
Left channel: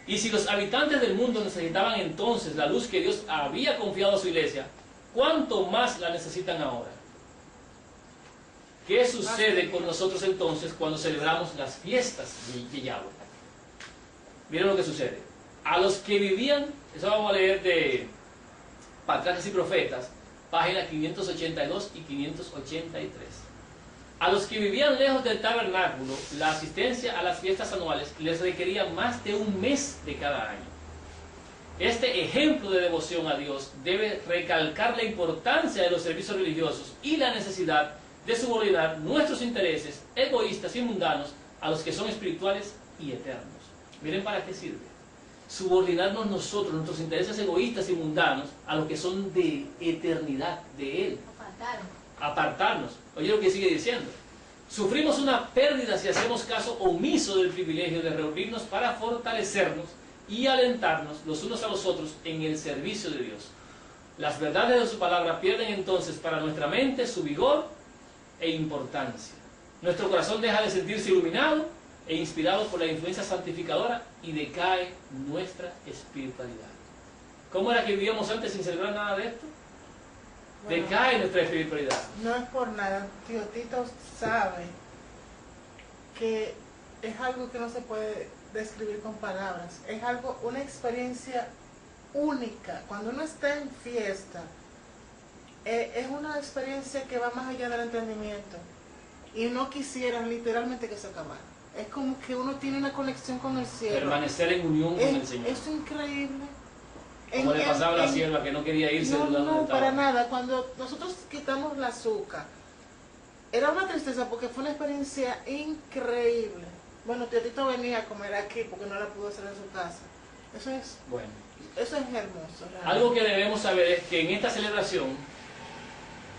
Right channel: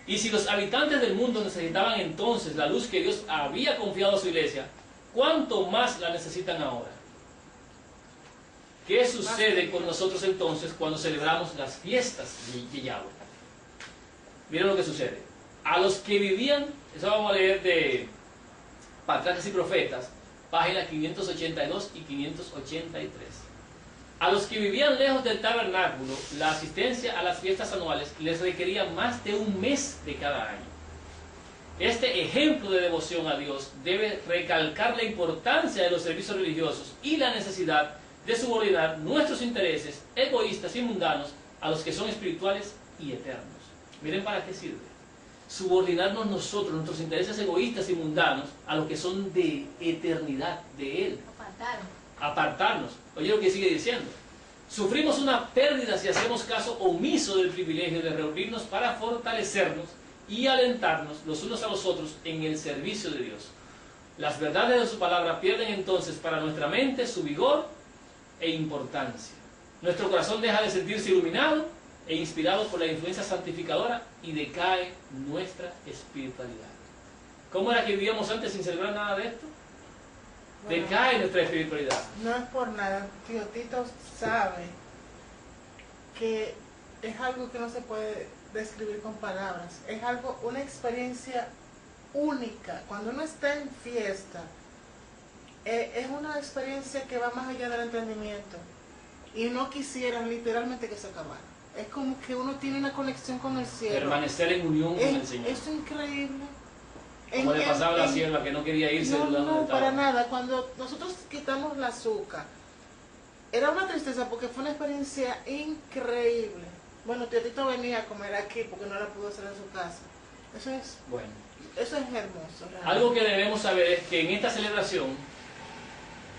Y si los habitantes del mundo necesitaban entonces la luz que Dios había confiado a su iglesia, ¿cuánto más la necesitan ahora? ¿Qué sucede con nosotros entonces cuando celebramos las fiestas de Yahweh? Miren lo que sucede. A los que vivían, eso vamos a leer de Patriarcas y Profetas, páginas 582 y 583. A los que vivían lejos del tabernáculo, la asistencia a las fiestas anuales les requería más de un mes de cada año. Este ejemplo de devoción a Dios debe recalcar la importancia de los servicios religiosos y la necesidad de subordinar nuestros intereses egoístas y mundanos a los que son espirituales y eternos. Miren para qué sirve. Subordinarnos nosotros, nuestros intereses egoístas y mundanos, a los que son de eternidad, de Él. Apartarnos. Oye lo que sigue diciendo. Sufrimos una pérdida si hacemos caso omiso del privilegio de reunirnos para fortalecernos y alentarnos los unos a los otros en el servicio de Dios. Las verdades de su palabra pierden entonces para nuestra mente su vigor e importancia. Nuestro corazón deja de sentirse iluminado e inspirado por la influencia santificadora y decae nuestra espiritualidad. ¿Cómo era que vivíamos antes sin celebrar nada de esto? Bueno, Decae nuestra espiritualidad. no es por nada, tío Tito sabe que es algo que no se puede describir con palabras, es algo, una experiencia única. Cuando uno está en fiesta, es una experiencia que va más allá del entendimiento y no quisieran literalmente que se acabara. Es como que uno tiene una conexión con el cielo. Permanecer en unión con el Señor. Es increíble. Como le pasaba a la sierva que no quería irse No, del lugar donde no, estaba. para nada. Cuando nosotros quitamos el azúcar, era una tristeza porque fue una experiencia increíble. Bueno, Teotito venía a comer aquí porque no la pudo hacer en su casa. Bueno, Eso es hermoso. realmente. algo que debemos saber es que en esta celebración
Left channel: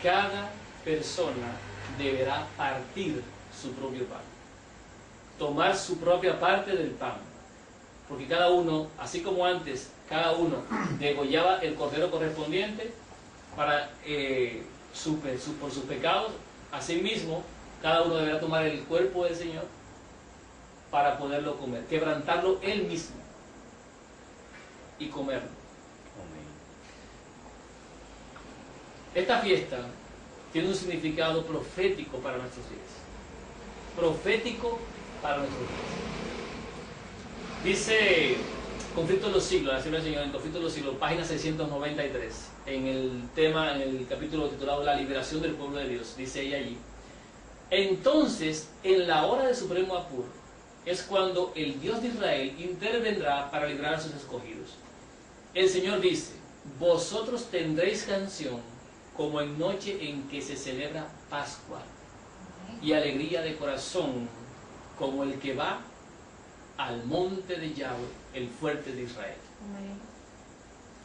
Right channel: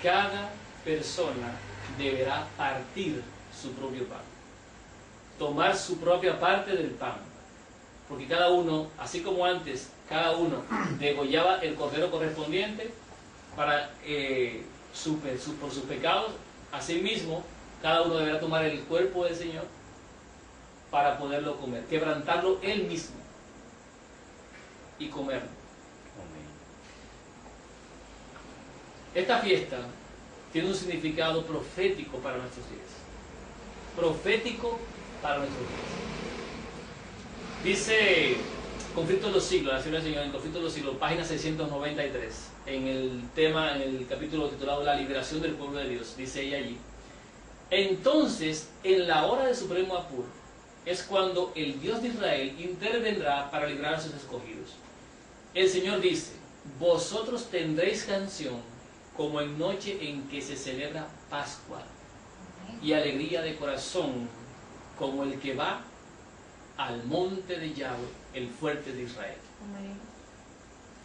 cada persona deberá partir su propio pan, tomar su propia parte del pan, porque cada uno, así como antes, cada uno degollaba el cordero correspondiente para por sus pecados. Asimismo, cada uno deberá tomar el cuerpo del Señor para poderlo comer, quebrantarlo él mismo y comerlo. Esta fiesta tiene un significado profético para nuestros días. Profético para nuestros días. Dice Conflicto de los Siglos, la Sierva del Señor, en Conflicto de los Siglos, página 693, en el tema, en el capítulo titulado La liberación del pueblo de Dios, dice ella allí: entonces, en la hora de supremo apuro, es cuando el Dios de Israel intervendrá para librar a sus escogidos. El Señor dice: vosotros tendréis canción como en noche en que se celebra Pascua, y alegría de corazón como el que va al monte de Yahweh, el fuerte de Israel.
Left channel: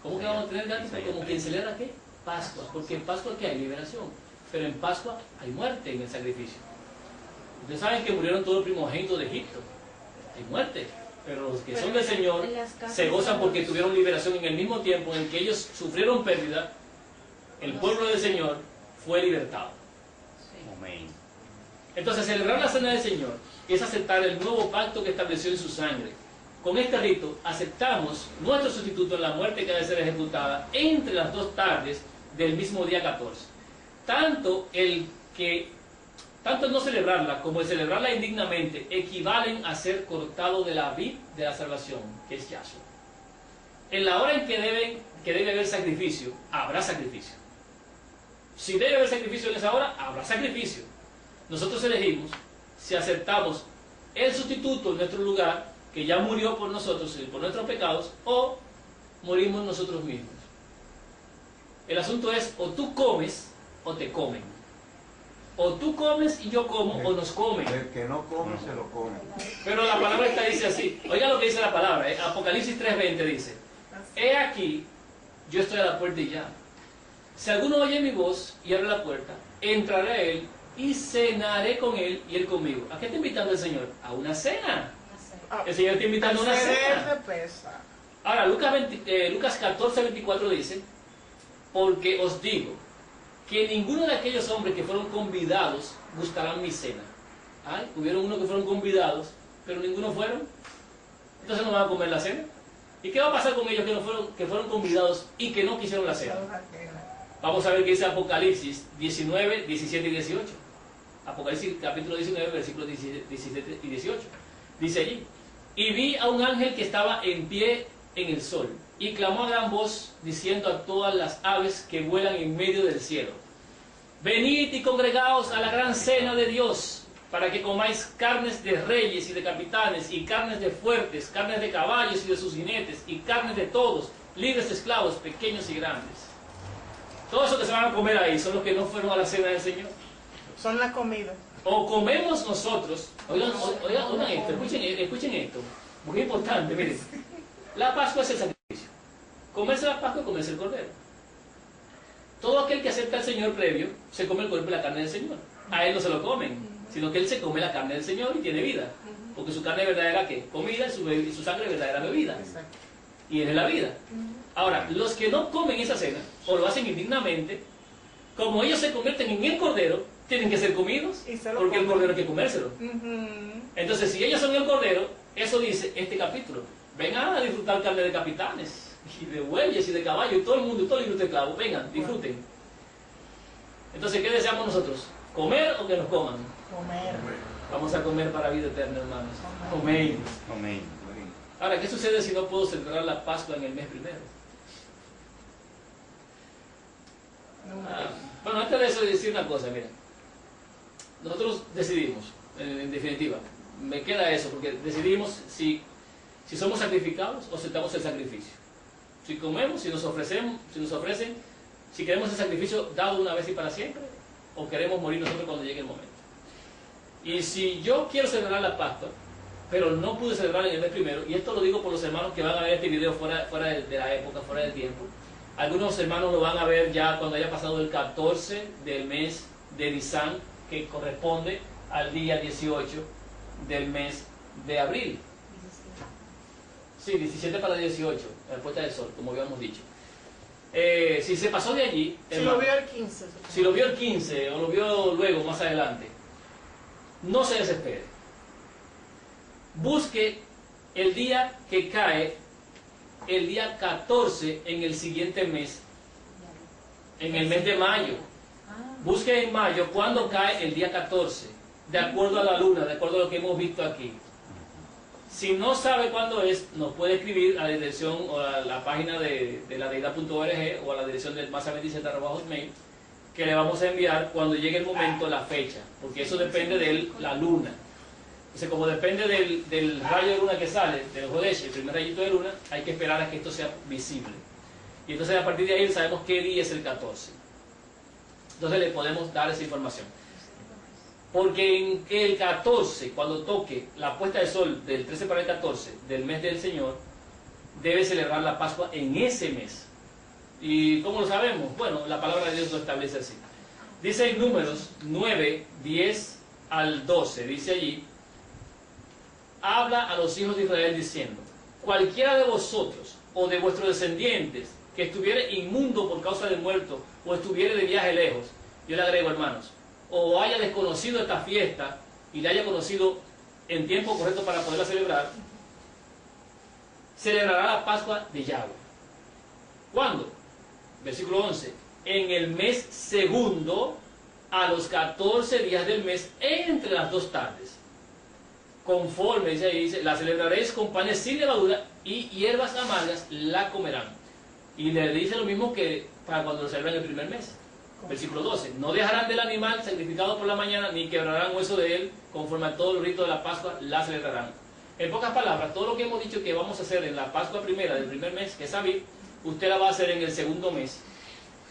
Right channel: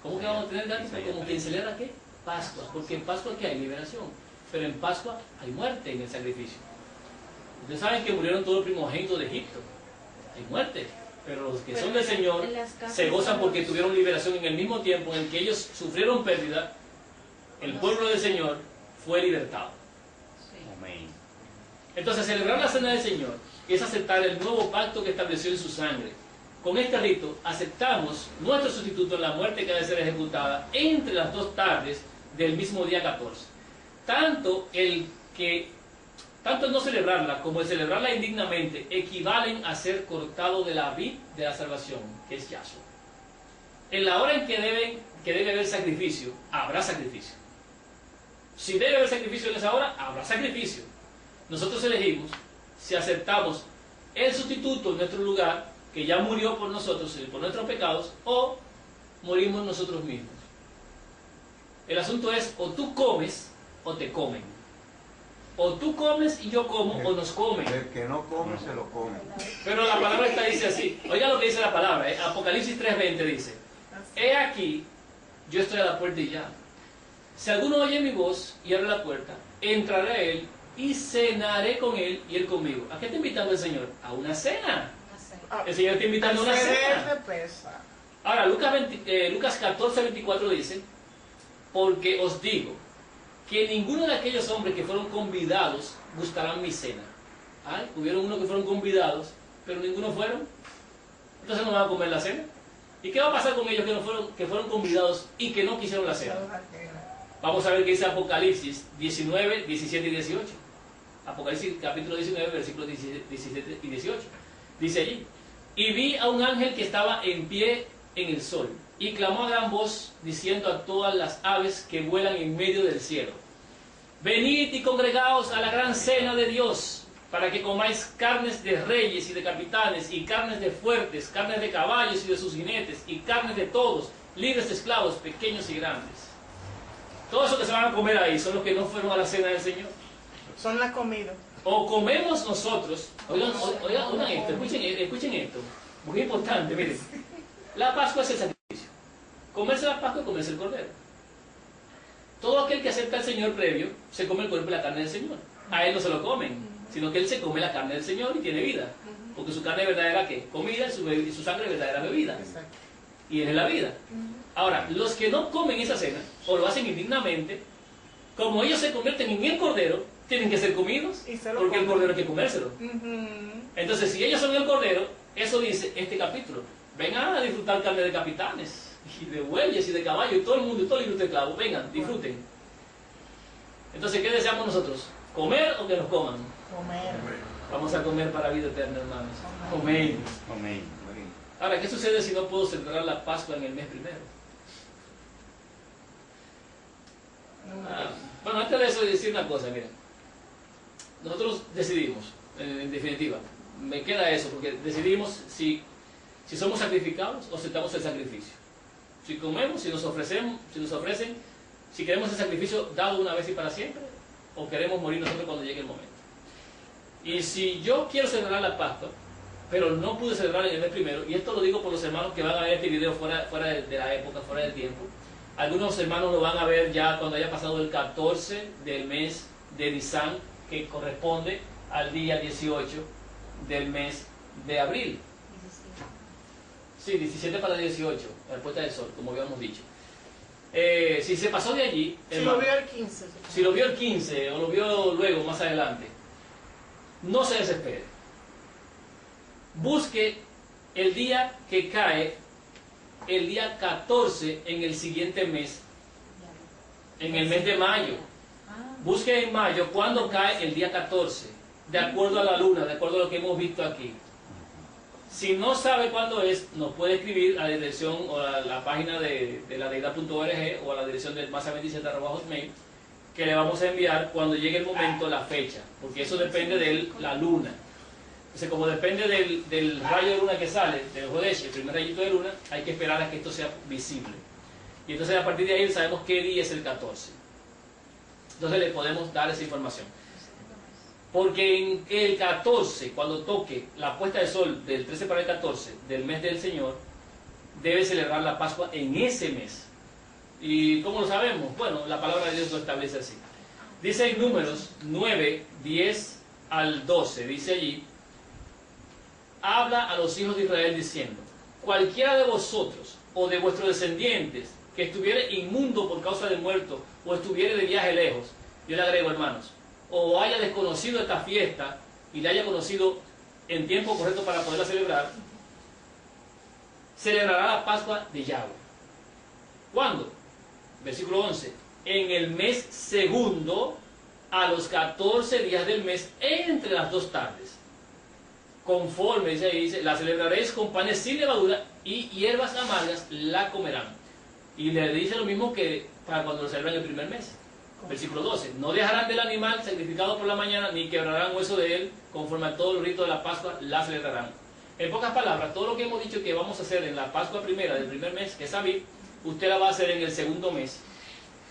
¿Cómo que vamos a tener canción? Como quien celebra ¿qué? Pascua, porque en Pascua ¿qué hay? Liberación, pero en Pascua hay muerte en el sacrificio. Ustedes saben que murieron todos los primogénitos de Egipto, hay muerte, pero los que son del Señor se gozan porque tuvieron liberación en el mismo tiempo en el que ellos sufrieron pérdida. El pueblo del Señor fue libertado. Amén. Entonces, celebrar la cena del Señor es aceptar el nuevo pacto que estableció en su sangre. Con este rito aceptamos nuestro sustituto en la muerte que ha de ser ejecutada entre las dos tardes del mismo día 14. Tanto el no celebrarla como el celebrarla indignamente equivalen a ser cortado de la vid de la salvación, que es Yahshua. En la hora en que debe haber sacrificio, habrá sacrificio. Si debe haber sacrificio en esa hora, habrá sacrificio. Nosotros elegimos si aceptamos el sustituto en nuestro lugar, que ya murió por nosotros y por nuestros pecados, o morimos nosotros mismos. El asunto es, o tú comes o te comen. O tú comes y yo como, o nos comen. El que no come, se lo come. Pero la palabra esta dice así. Oiga lo que dice la palabra. Apocalipsis 3:20 dice: he aquí, yo estoy a la puerta y llamo. Si alguno oye mi voz y abre la puerta, entraré a él y cenaré con él y él conmigo. ¿A qué está invitando el Señor? A una cena. El Señor está invitando a una cena. Ahora, Lucas 14:24 dice: porque os digo que ninguno de aquellos hombres que fueron convidados gustarán mi cena. ¿Ay? Hubieron unos que fueron convidados, pero ninguno fueron. Entonces no van a comer la cena. ¿Y qué va a pasar con ellos que fueron convidados y que no quisieron la cena? Vamos a ver qué dice Apocalipsis 19, 17 y 18. Apocalipsis capítulo 19, versículos 17 y 18. Dice allí: y vi a un ángel que estaba en pie en el sol, y clamó a gran voz, diciendo a todas las aves que vuelan en medio del cielo: venid y congregaos a la gran cena de Dios, para que comáis carnes de reyes y de capitanes, y carnes de fuertes, carnes de caballos y de sus jinetes, y carnes de todos, libres de esclavos, pequeños y grandes. Todos los que se van a comer ahí son los que no fueron a la cena del Señor. Son la comida. O comemos nosotros, oigan esto, escuchen esto, muy importante, miren. La Pascua es el sacrificio. Comerse la Pascua es comerse el cordero. Todo aquel que acepta al Señor previo, se come el cuerpo y la carne del Señor. A él no se lo comen, sino que él se come la carne del Señor y tiene vida. Porque su carne verdadera, ¿qué? Comida, y su sangre verdadera bebida. Y él es la vida. Ahora, los que no comen esa cena, o lo hacen indignamente, como ellos se convierten en el cordero, tienen que ser comidos, Y se lo porque el comen. cordero hay que comérselo. Ujú. Entonces, si ellos son el cordero, eso dice este capítulo. Vengan a disfrutar carne de capitanes, y de bueyes, y de caballos, y todo el mundo, y todo el libro de esclavos. Vengan, disfruten. Entonces, ¿qué deseamos nosotros? ¿Comer o que nos coman? Comer. Vamos a comer para vida eterna, hermanos. Amén. Amén. Ahora, ¿qué sucede si no puedo celebrar la Pascua en el mes primero? Bueno, antes de eso, decir una cosa, mira. Nosotros decidimos, en definitiva, me queda eso, porque decidimos si somos sacrificados o aceptamos el sacrificio. Si comemos, si nos ofrecen, si queremos el sacrificio dado una vez y para siempre, o queremos morir nosotros cuando llegue el momento. Y si yo quiero celebrar la Pascua, pero no pude celebrar en el mes primero, y esto lo digo por los hermanos que van a ver este video fuera de la época, fuera del tiempo. Algunos hermanos lo van a ver ya cuando haya pasado el 14 del mes de Nisan, que corresponde al día 18 del mes de abril. Sí, 17 para 18, la puesta del sol, como habíamos dicho. Si se pasó de allí, Si hermano, lo vio el 15. si lo vio el 15 o lo vio luego, más adelante, no se desespere. Busque el día que cae, el día 14 en el siguiente mes, en el mes de mayo. Busque en mayo cuándo cae el día 14, de acuerdo a la luna, de acuerdo a lo que hemos visto aquí. Si no sabe cuándo es, nos puede escribir a la dirección o a la página de la deidad.org o a la dirección del masa27@hotmail, que le vamos a enviar cuando llegue el momento, la fecha, porque eso depende de la luna. Entonces, como depende del rayo de luna que sale, del Jodesh, el primer rayito de luna, hay que esperar a que esto sea visible. Y entonces a partir de ahí sabemos qué día es el 14. Entonces le podemos dar esa información. Porque en el 14, cuando toque la puesta de sol del 13 para el 14 del mes del Señor, debe celebrar la Pascua en ese mes. ¿Y cómo lo sabemos? Bueno, la palabra de Dios lo establece así. Dice en Números 9, 10 al 12, dice allí, habla a los hijos de Israel diciendo, cualquiera de vosotros o de vuestros descendientes que estuviere inmundo por causa de muerto o estuviere de viaje lejos, yo le agrego, hermanos, o haya desconocido esta fiesta y la haya conocido en tiempo correcto para poderla celebrar, celebrará la Pascua de Yahweh. ¿Cuándo? Versículo 11. En el mes segundo, a los 14 días del mes, entre las 2 tardes. Conforme, dice ahí, dice, la celebraréis con panes sin levadura y hierbas amargas la comerán. Y le dice lo mismo que para cuando lo celebran el primer mes. Versículo 12. No dejarán del animal sacrificado por la mañana, ni quebrarán hueso de él, conforme a todo el rito de la Pascua, la celebrarán. En pocas palabras, todo lo que hemos dicho que vamos a hacer en la Pascua primera del primer mes, que es Aviv, usted la va a hacer en el segundo mes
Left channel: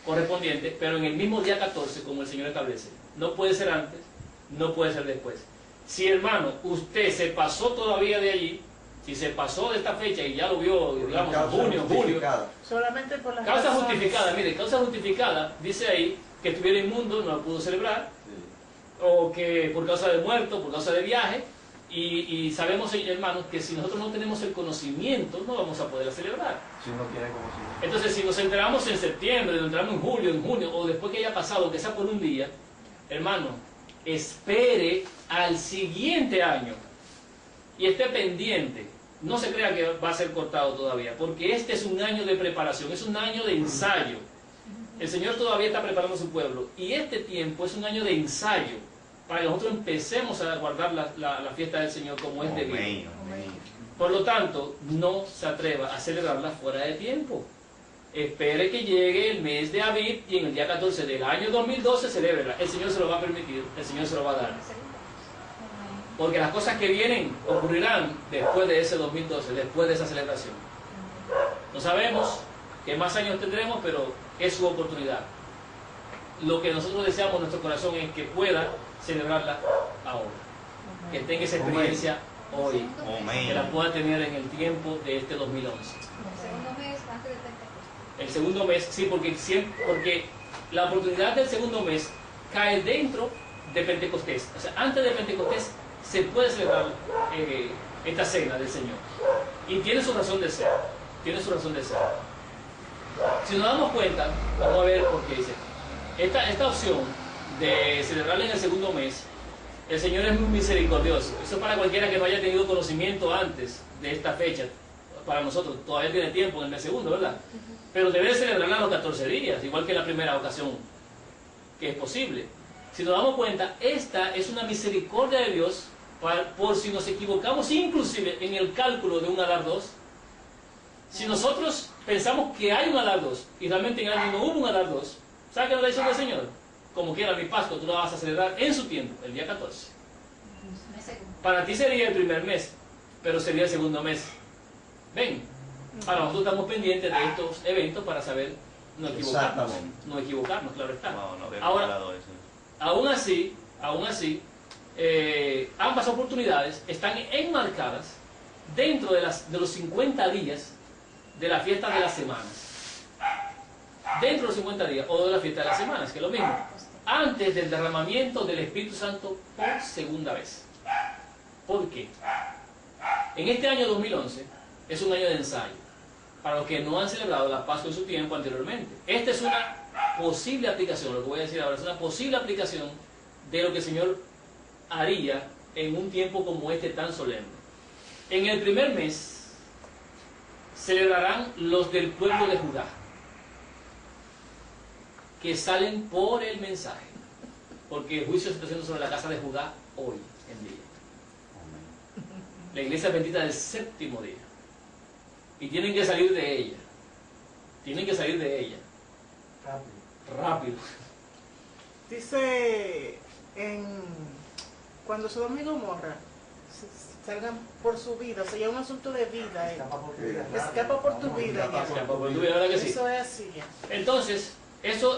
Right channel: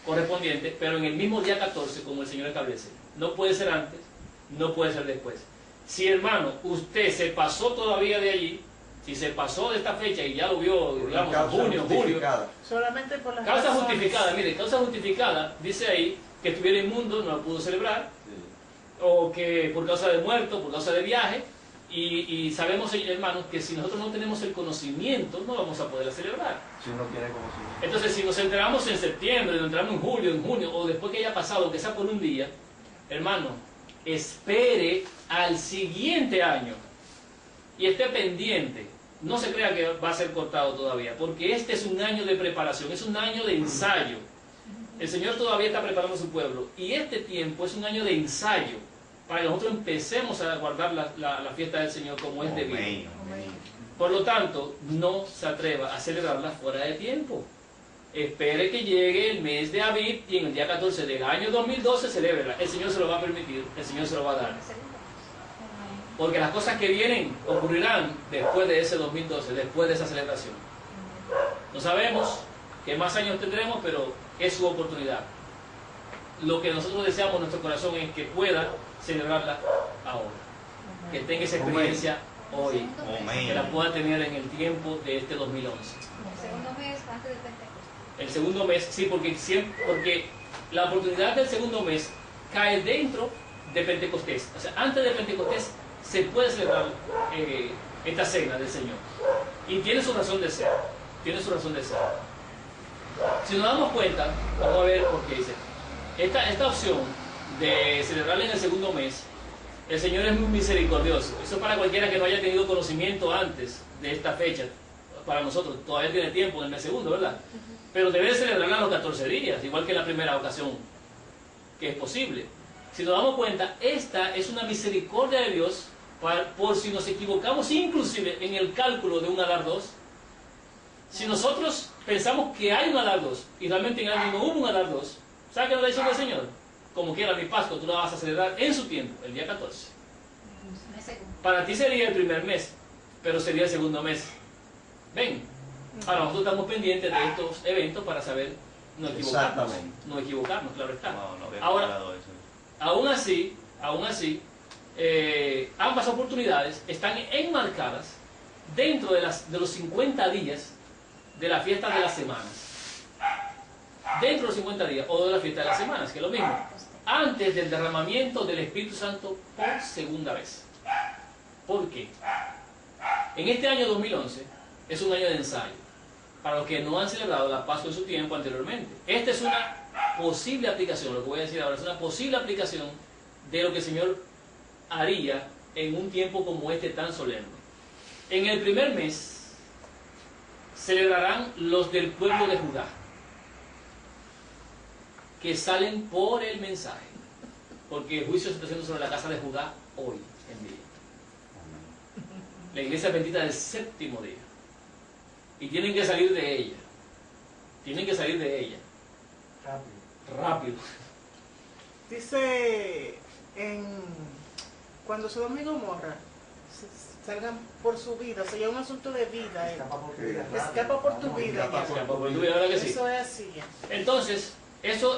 correspondiente, pero en el mismo día 14, como el Señor establece. No puede ser antes, no puede ser después. Si, hermano, usted se pasó todavía de allí, si se pasó de esta fecha y ya lo vio, digamos, en junio, julio, Solamente por las causa razones. justificada, mire, causa justificada, dice ahí, que estuviera inmundo, no lo pudo celebrar, o que por causa de muerto, por causa de viaje, y sabemos, hermanos, que si nosotros no tenemos el conocimiento, no vamos a poder celebrar. Si uno tiene conocimiento. Entonces, si nos enteramos en septiembre, nos enteramos en julio, en junio, o después que haya pasado, que sea por un día, hermano, espere al siguiente año y esté pendiente. No se crea que va a ser cortado todavía, porque este es un año de preparación, es un año de ensayo. El Señor todavía está preparando a su pueblo, y este tiempo es un año de ensayo, para que nosotros empecemos a guardar la fiesta del Señor como es debido. Amén. Por lo tanto, no se atreva a celebrarla fuera de tiempo. Espere que llegue el mes de Aviv y en el día 14 del año 2012 celébrela. El Señor se lo va a permitir, el Señor se lo va a dar. Porque las cosas que vienen ocurrirán después de ese 2012, después de esa celebración. No sabemos qué más años tendremos, pero es su oportunidad. Lo que nosotros deseamos en nuestro corazón es que pueda celebrarla ahora. Que tenga esa experiencia hoy. Que la pueda tener en el tiempo de este 2011. El segundo mes antes de Pentecostés. El segundo mes, sí, porque la oportunidad del segundo mes cae dentro de Pentecostés. O sea, antes de Pentecostés se puede celebrar esta cena del Señor. Y tiene su razón de ser. Tiene su razón de ser. Si nos damos cuenta, vamos a ver por qué dice. esta opción de celebrarla en el segundo mes, el Señor es muy misericordioso. Eso es para cualquiera que no haya tenido conocimiento antes de esta fecha. Para nosotros todavía tiene tiempo en el mes segundo, ¿verdad? Pero debe celebrarla a los 14 días, igual que la primera ocasión que es posible. Si nos damos cuenta, esta es una misericordia de Dios por si nos equivocamos inclusive en el cálculo de un Adar 2. Si nosotros pensamos que hay un Adar 2 y realmente en el año no hubo un Adar 2, ¿sabe qué nos dice el Señor? Como quiera mi Pascua, tú la vas a celebrar en su tiempo, el día 14. Para ti sería el primer mes, pero sería el segundo mes. Ven, ahora nosotros estamos pendientes de estos eventos para saber no equivocarnos. No equivocarnos, claro está. Ahora, aún así, ambas oportunidades están enmarcadas dentro de los 50 días de la fiesta de las semanas. Dentro de los 50 días, o de la fiesta de las semanas, que es lo mismo. Antes del derramamiento del Espíritu Santo por segunda vez. ¿Por qué? En este año 2011 es un año de ensayo para los que no han celebrado la Pascua en su tiempo anteriormente. Esta es una posible aplicación, lo que voy a decir ahora es una posible aplicación de lo que el Señor haría en un tiempo como este tan solemne. En el primer mes celebrarán los del pueblo de Judá, que salen por el mensaje, porque el juicio se está haciendo sobre la casa de Judá hoy en día. La iglesia bendita del séptimo día. Y tienen que salir de ella. Tienen que salir de ella. Rápido. Dice cuando Sodoma y Gomorra salgan por su vida, o sea, ya es un asunto de vida. Escapa por tu vida. Escapa por tu vida, ¿verdad que sí? Eso es así ya. Entonces, eso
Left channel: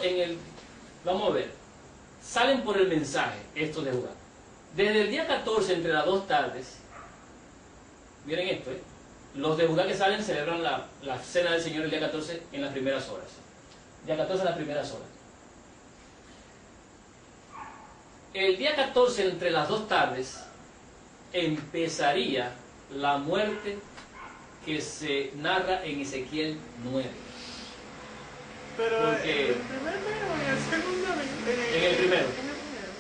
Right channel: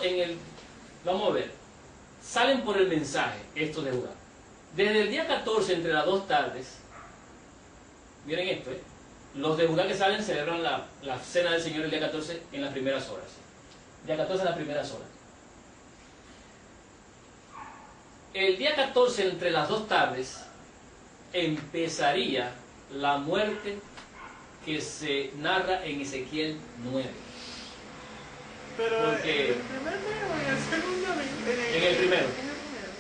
vamos a ver, salen por el mensaje, estos de Judá. Desde el día 14, entre las 2 tardes, miren esto, los de Judá que salen celebran la cena del Señor el día 14 en las primeras horas. Día 14 en las primeras horas. El día 14, entre las 2 tardes, empezaría la muerte que se narra en Ezequiel 9. Pero Porque ¿en el primer mes o en el segundo mes? En el primero.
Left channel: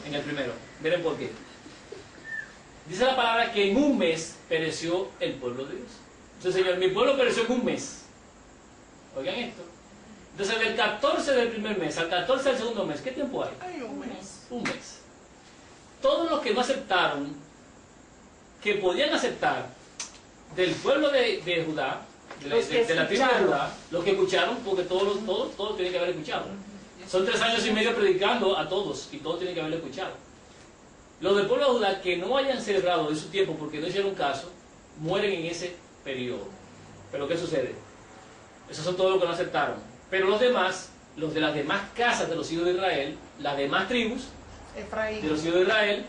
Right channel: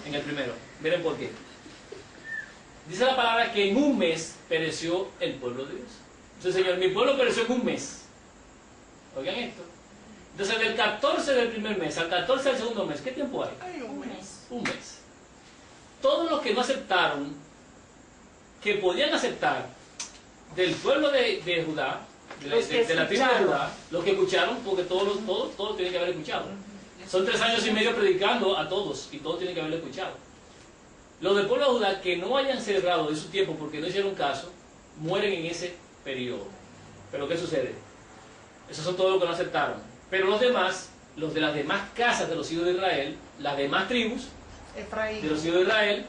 En el primero. Miren por qué. Dice la palabra que en un mes pereció el pueblo de Dios. Entonces, Señor, mi pueblo pereció en un mes. Oigan esto. Entonces, del 14 del primer mes al 14 del segundo mes, ¿qué tiempo hay? Hay un mes. Un mes. Todos los que no aceptaron, que podían aceptar del pueblo de Judá, de la tribu de Judá, los que escucharon, porque todos tienen que haber escuchado. Son 3 años y medio predicando a todos, y todos tienen que haberlo escuchado. Los del pueblo de Judá que no hayan celebrado de su tiempo porque no hicieron caso, mueren en ese periodo. Pero ¿qué sucede? Esos son todos los que no aceptaron. Pero los demás, los de las demás casas de los hijos de Israel, las demás tribus Efraín. de los hijos de Israel,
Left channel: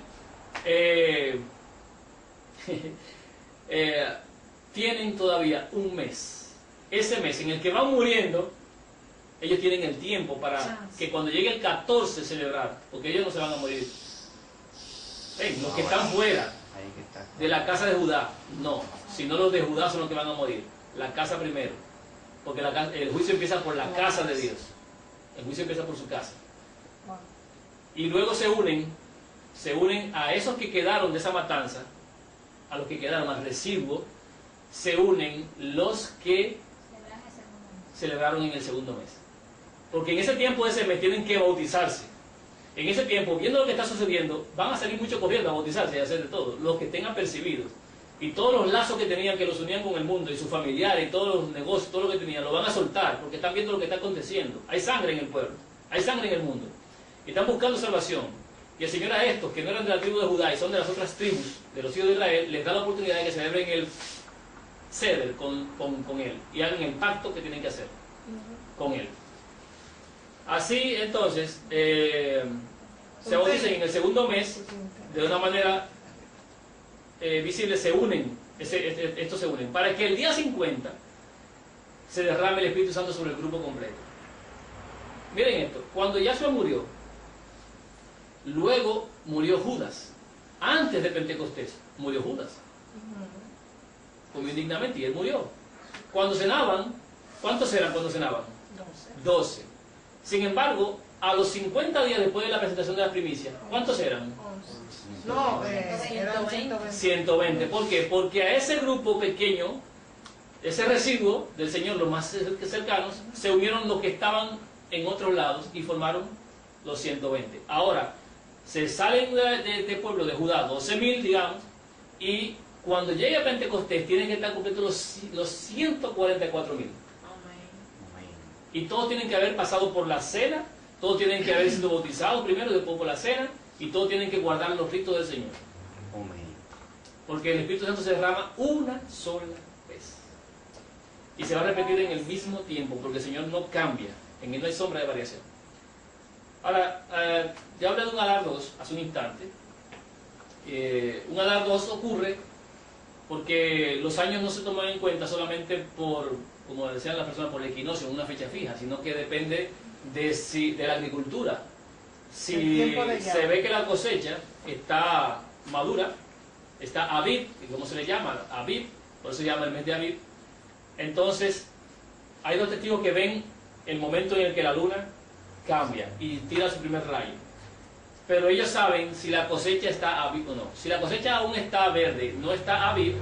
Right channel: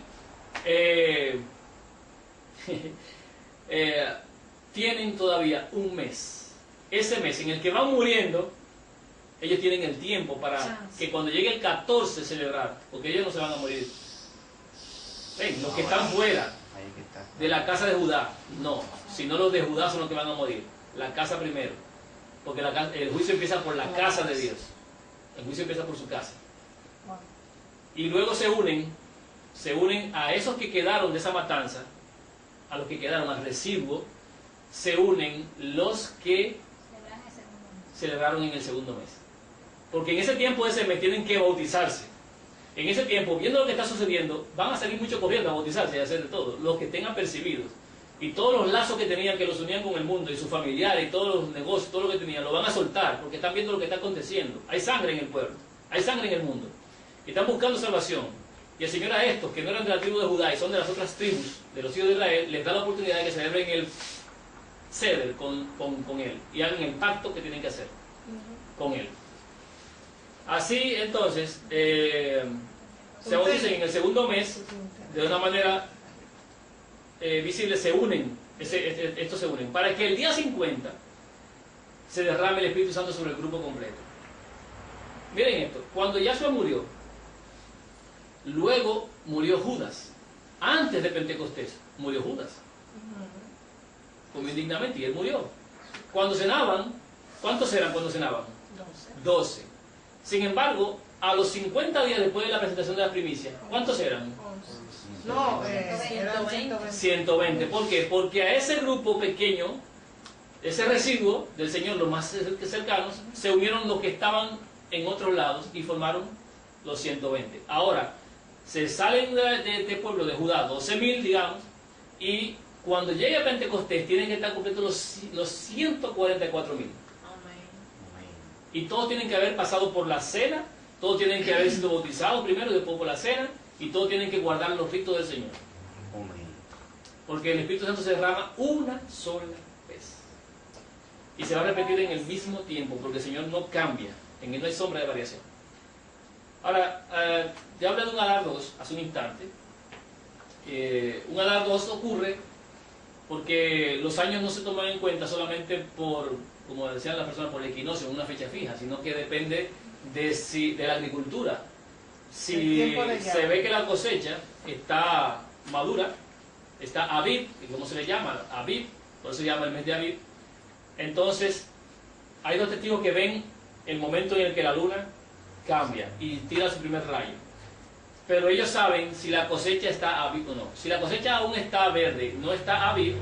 tienen todavía un mes. Ese mes en el que van muriendo, ellos tienen el tiempo para que cuando llegue el 14 celebrar, porque ellos no se van a morir. Ven, los que están fuera de la casa de Judá, no, sino los de Judá son los que van a morir. La casa primero, porque el juicio empieza por la casa de Dios. El juicio empieza por su casa. Y luego se unen a esos que quedaron de esa matanza, a los que quedaron al residuo, se unen los que celebraron en el segundo mes. Porque en ese tiempo de ese mes tienen que bautizarse. En ese tiempo, viendo lo que está sucediendo, van a salir muchos corriendo a bautizarse y a hacer de todo, los que tengan percibidos. Y todos los lazos que tenían, que los unían con el mundo, y sus familiares, y todos los negocios, todo lo que tenían, lo van a soltar, porque están viendo lo que está aconteciendo. Hay sangre en el pueblo, hay sangre en el mundo. Y están buscando salvación. Y el Señor a estos, que no eran de la tribu de Judá y son de las otras tribus, de los hijos de Israel, les da la oportunidad de que celebren el ceder con Él, y hagan el pacto que tienen que hacer con Él. Así, entonces, se bautizan en el segundo mes, de una manera visible, se unen, estos se unen, para que el día 50 se derrame el Espíritu Santo sobre el grupo completo. Miren esto, cuando Yahshua murió, luego murió Judas, antes de Pentecostés, murió Judas, comió indignamente y él murió. Cuando cenaban, ¿cuántos eran cuando cenaban? 12. Sin embargo, a los 50 días después de la presentación de la primicia, ¿cuántos eran? No, eran 120. 120. ¿Por qué? Porque a ese grupo pequeño, ese residuo del Señor, los más cercanos, se unieron los que estaban en otros lados y formaron los 120. Ahora, se salen de este pueblo de Judá, 12.000, digamos, y cuando llegue a Pentecostés tienen que estar completos los 144.000. Y todos tienen que haber pasado por la cena, todos tienen que haber sido bautizados primero, después por la cena, y todos tienen que guardar los ritos del Señor. Porque el Espíritu Santo se derrama una sola vez. Y se va a repetir en el mismo tiempo, porque el Señor no cambia, en él no hay sombra de variación. Ahora, ya hablé de un Adar 2 hace un instante. Un Adar 2 ocurre porque los años no se toman en cuenta solamente por, como decían las personas, por el equinoccio, una fecha fija, sino que depende de la agricultura. Si se ve que la cosecha está madura, está Abib, ¿cómo se le llama? Abib, por eso se llama el mes de Abib. Entonces, hay dos testigos que ven el momento en el que la luna cambia y tira su primer rayo. Pero ellos saben si la cosecha está Abib o no. Si la cosecha aún está verde, no está Abib,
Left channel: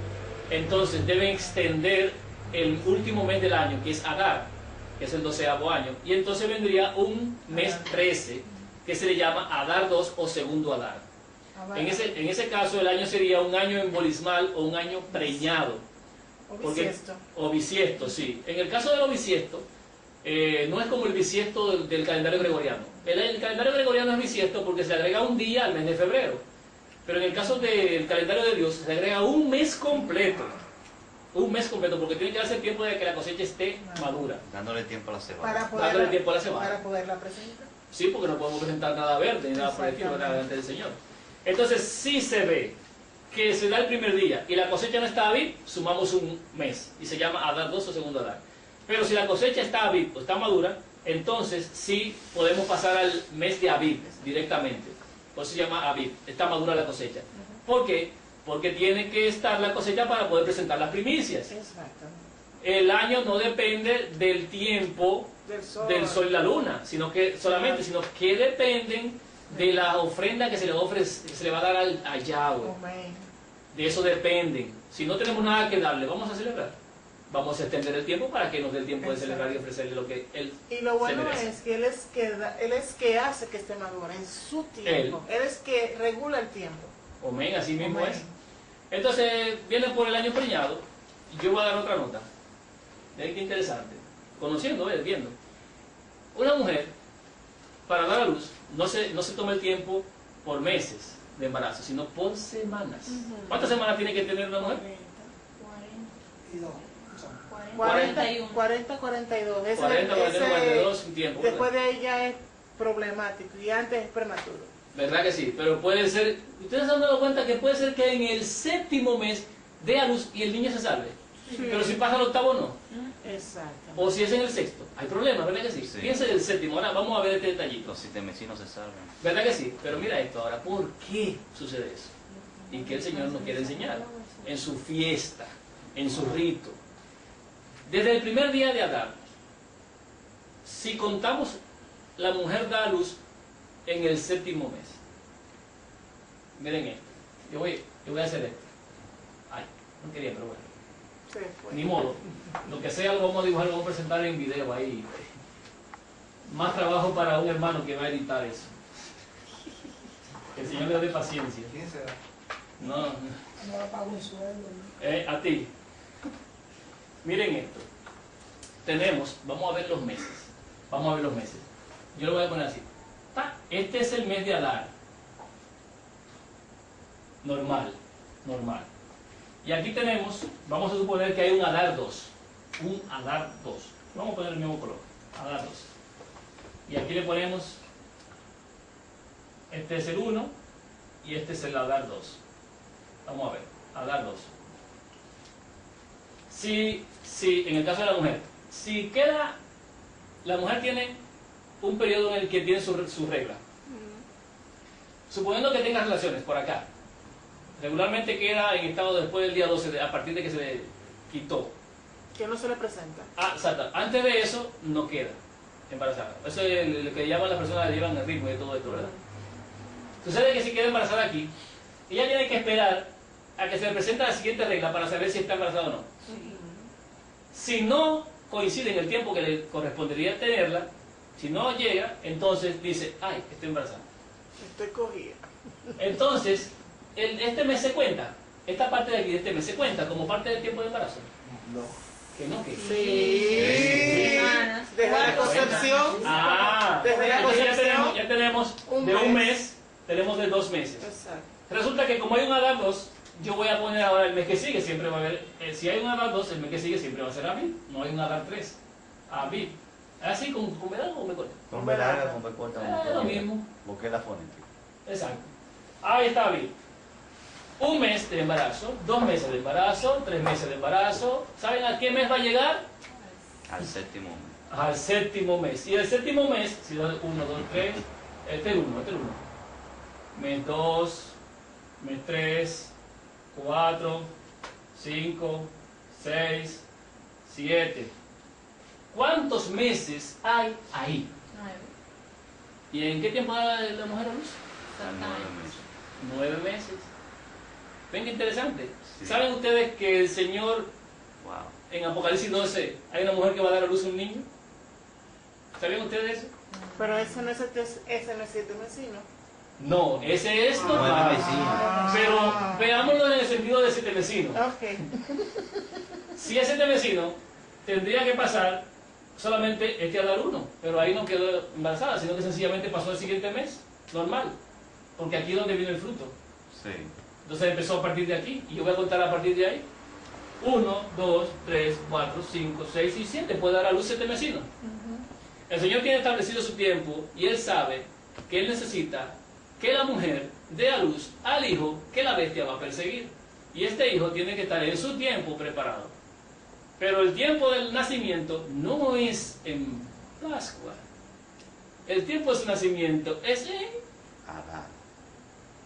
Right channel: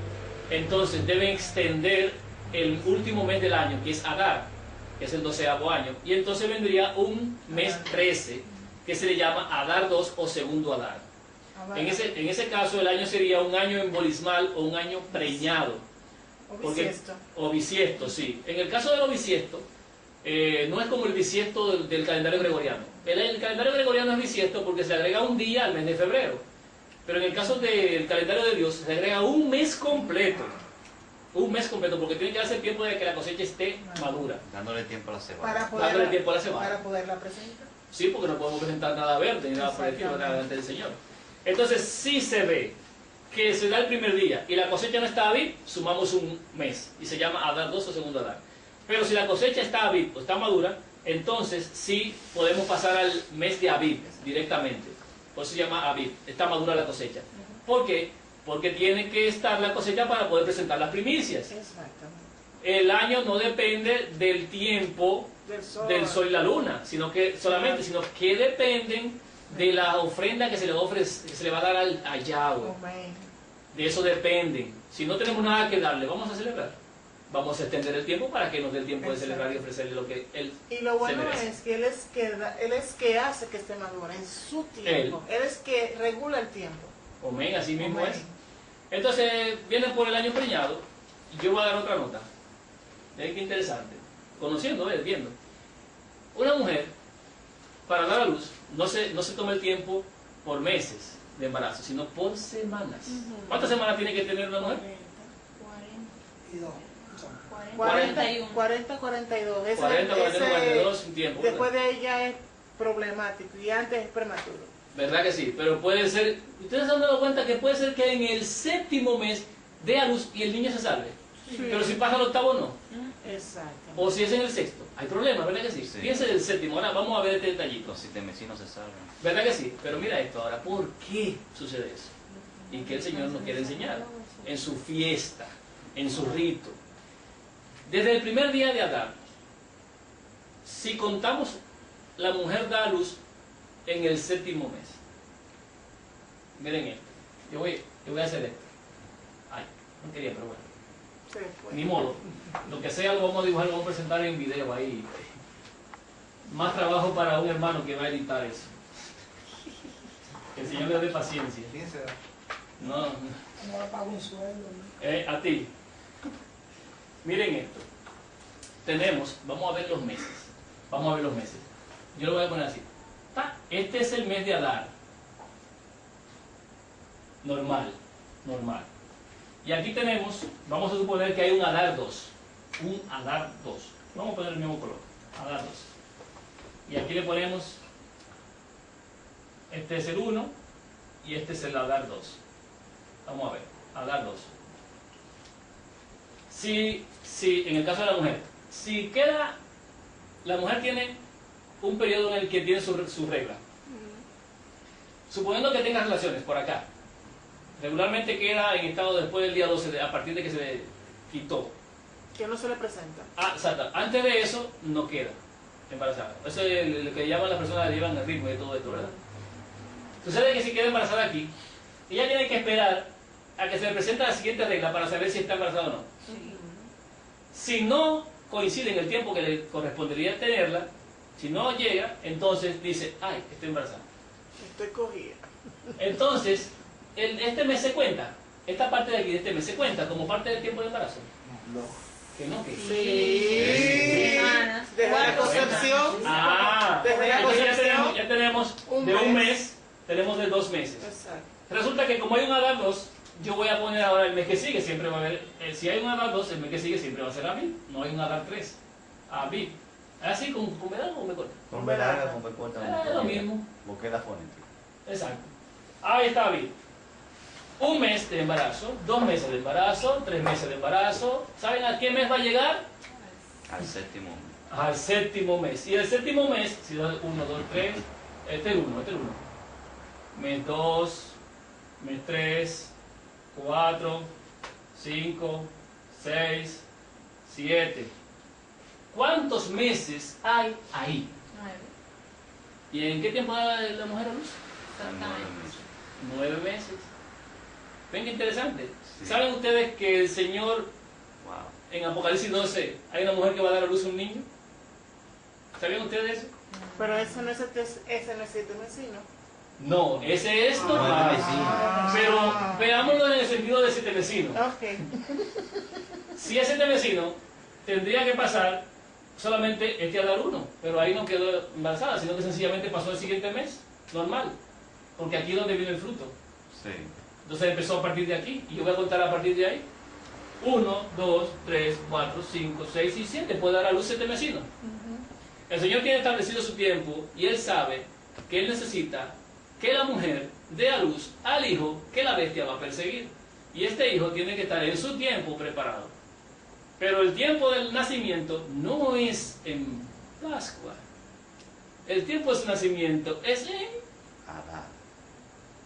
entonces deben extender el último mes del año, que es Adar, que es el 12º año. Y entonces vendría un mes 13, que se le llama Adar 2 o segundo Adar. En ese caso el año sería un año embolismal o un año preñado. O bisiesto, sí. En el caso del bisiesto, no es como el bisiesto del calendario gregoriano. El calendario gregoriano es bisiesto porque se agrega un día al mes de febrero. Pero en el caso del calendario de Dios se agrega un mes completo. Un mes completo, porque tiene que darse tiempo de que la cosecha esté madura. Dándole tiempo a la cebada. Dándole tiempo a la cebada. Para poderla presentar. Sí, porque no podemos presentar nada verde ni nada por el estilo delante del Señor. Entonces, si se ve que se da el primer día y la cosecha no está Abib, sumamos un mes y se llama Adar 2 o segundo Adar. Pero si la cosecha está Abib o está madura, entonces sí podemos pasar al mes de Abib directamente. Por eso se llama Abib, está madura la cosecha. ¿Por qué? Porque tiene que estar la cosecha para poder presentar las primicias. El año no depende del tiempo del sol y la luna, sino que dependen de la ofrenda que se le va a dar a Yahweh. De eso dependen. Si no tenemos nada que darle, vamos a celebrar. Vamos a extender el tiempo para que nos dé el tiempo de celebrar y ofrecerle lo que Él Y lo bueno se merece. es que Él es que hace que esté madura en su tiempo. Él es que regula el tiempo. Amén, así mismo es. Entonces, viene por el año preñado, y yo voy a dar otra nota. Miren qué interesante. Conociendo, viendo. Una mujer, para dar a luz, no se toma el tiempo por meses de embarazo, sino por semanas. ¿Cuántas semanas tiene que tener una mujer? 41. 40, 42. 42, un tiempo. Después de ella es problemático y antes es prematuro. ¿Verdad que sí? Pero puede ser, ustedes se han dado cuenta que puede ser que en el 7º mes dé a luz y el niño se salve. Sí. Pero si pasa el 8º no. Exacto. O si es en el 6º. Hay problemas, ¿verdad que sí? Fíjense del 7º. Ahora vamos a ver este detallito. Los 7 vecinos se salvan. ¿Verdad que sí? Pero mira esto ahora. ¿Por qué sucede eso? Y que el Señor nos quiere enseñar. En su fiesta, en su rito. Desde el primer día de Adar, si contamos, la mujer da a luz en el 7º mes. Miren esto. Yo voy a hacer esto. Ay, no quería, pero bueno. Ni modo. Lo que sea lo vamos a dibujar, lo vamos a presentar en video ahí. Más trabajo para un hermano que va a editar eso. Que el Señor le dé paciencia. No. A ti. Miren esto. Vamos a ver los meses. Vamos a ver los meses. Yo lo voy a poner así. Este es el mes de Adar. Normal. Y aquí tenemos, vamos a suponer que hay un Adar 2. Un Adar 2. Vamos a poner el mismo color. Adar 2. Y aquí le ponemos, este es el 1 y este es el Adar 2. Vamos a ver, Adar 2. Si en el caso de la mujer, si queda, la mujer tiene un periodo en el que tiene su regla. Suponiendo que tenga relaciones por acá, regularmente queda en estado después del día 12, a partir de que se le quitó. Que no se le presenta. Exacto. Antes de eso no queda. embarazada. Eso es lo que llaman las personas que llevan el ritmo de todo esto, ¿verdad? Sucede que si queda embarazada aquí, ella tiene que esperar a que se le presente la siguiente regla para saber si está embarazada o no. Si no coincide en el tiempo que le correspondería tenerla, si no llega, entonces dice, ay, estoy embarazada. Estoy cogida. Entonces, este mes se cuenta, esta parte de aquí de este mes se cuenta como parte del tiempo de embarazo. No. Que no, que Sí. Desde la concepción. Ah, Desde la entonces concepción. ya tenemos Un de un mes. mes, tenemos de 2 meses. Exacto. Resulta que como hay un Adán 2, yo voy a poner ahora el mes que sigue, siempre va a haber, si hay un Adán 2, el mes que sigue siempre va a ser Aviv, no hay un Adán 3, Aviv. ¿Así con verano o me corta? Con B larga, con B corta. Es lo mismo. Busqué la fonética. Exacto. Ahí está Aviv. Un mes de embarazo, 2 meses de embarazo, 3 meses de embarazo. ¿Saben a qué mes va a llegar? Al séptimo mes. Al séptimo mes. Y el séptimo mes, si da 1, 2, 3, este es el 1. Mes 2, mes 3, 4, 5, 6, 7. ¿Cuántos meses hay ahí? 9. ¿Y en qué tiempo da la mujer a luz? 9 meses. 9 meses. ¿Ven qué interesante? Sí. ¿Saben ustedes que el Señor Wow. en Apocalipsis 12 hay una mujer que va a dar a luz a un niño? ¿Sabían ustedes eso? Pero ese no es el 7 mesino. No, ese es normal. 9 vecinos. Pero veámoslo en el sentido de 7 vecinos. Ok. Si es 7 vecinos, tendría que pasar solamente a dar 1. Pero ahí no quedó embarazada, sino que sencillamente pasó el siguiente mes, normal. Porque aquí es donde vino el fruto. Sí. Entonces empezó a partir de aquí. Y yo voy a contar a partir de ahí. 1, 2, 3, 4, 5, 6 y 7. Puede dar a luz 7 vecinos. El Señor tiene establecido su tiempo y Él sabe que Él necesita que la mujer dé a luz al hijo que la bestia va a perseguir. Y este hijo tiene que estar en su tiempo preparado. Pero el tiempo del nacimiento no es en Pascua. El tiempo de su nacimiento es en... Adán.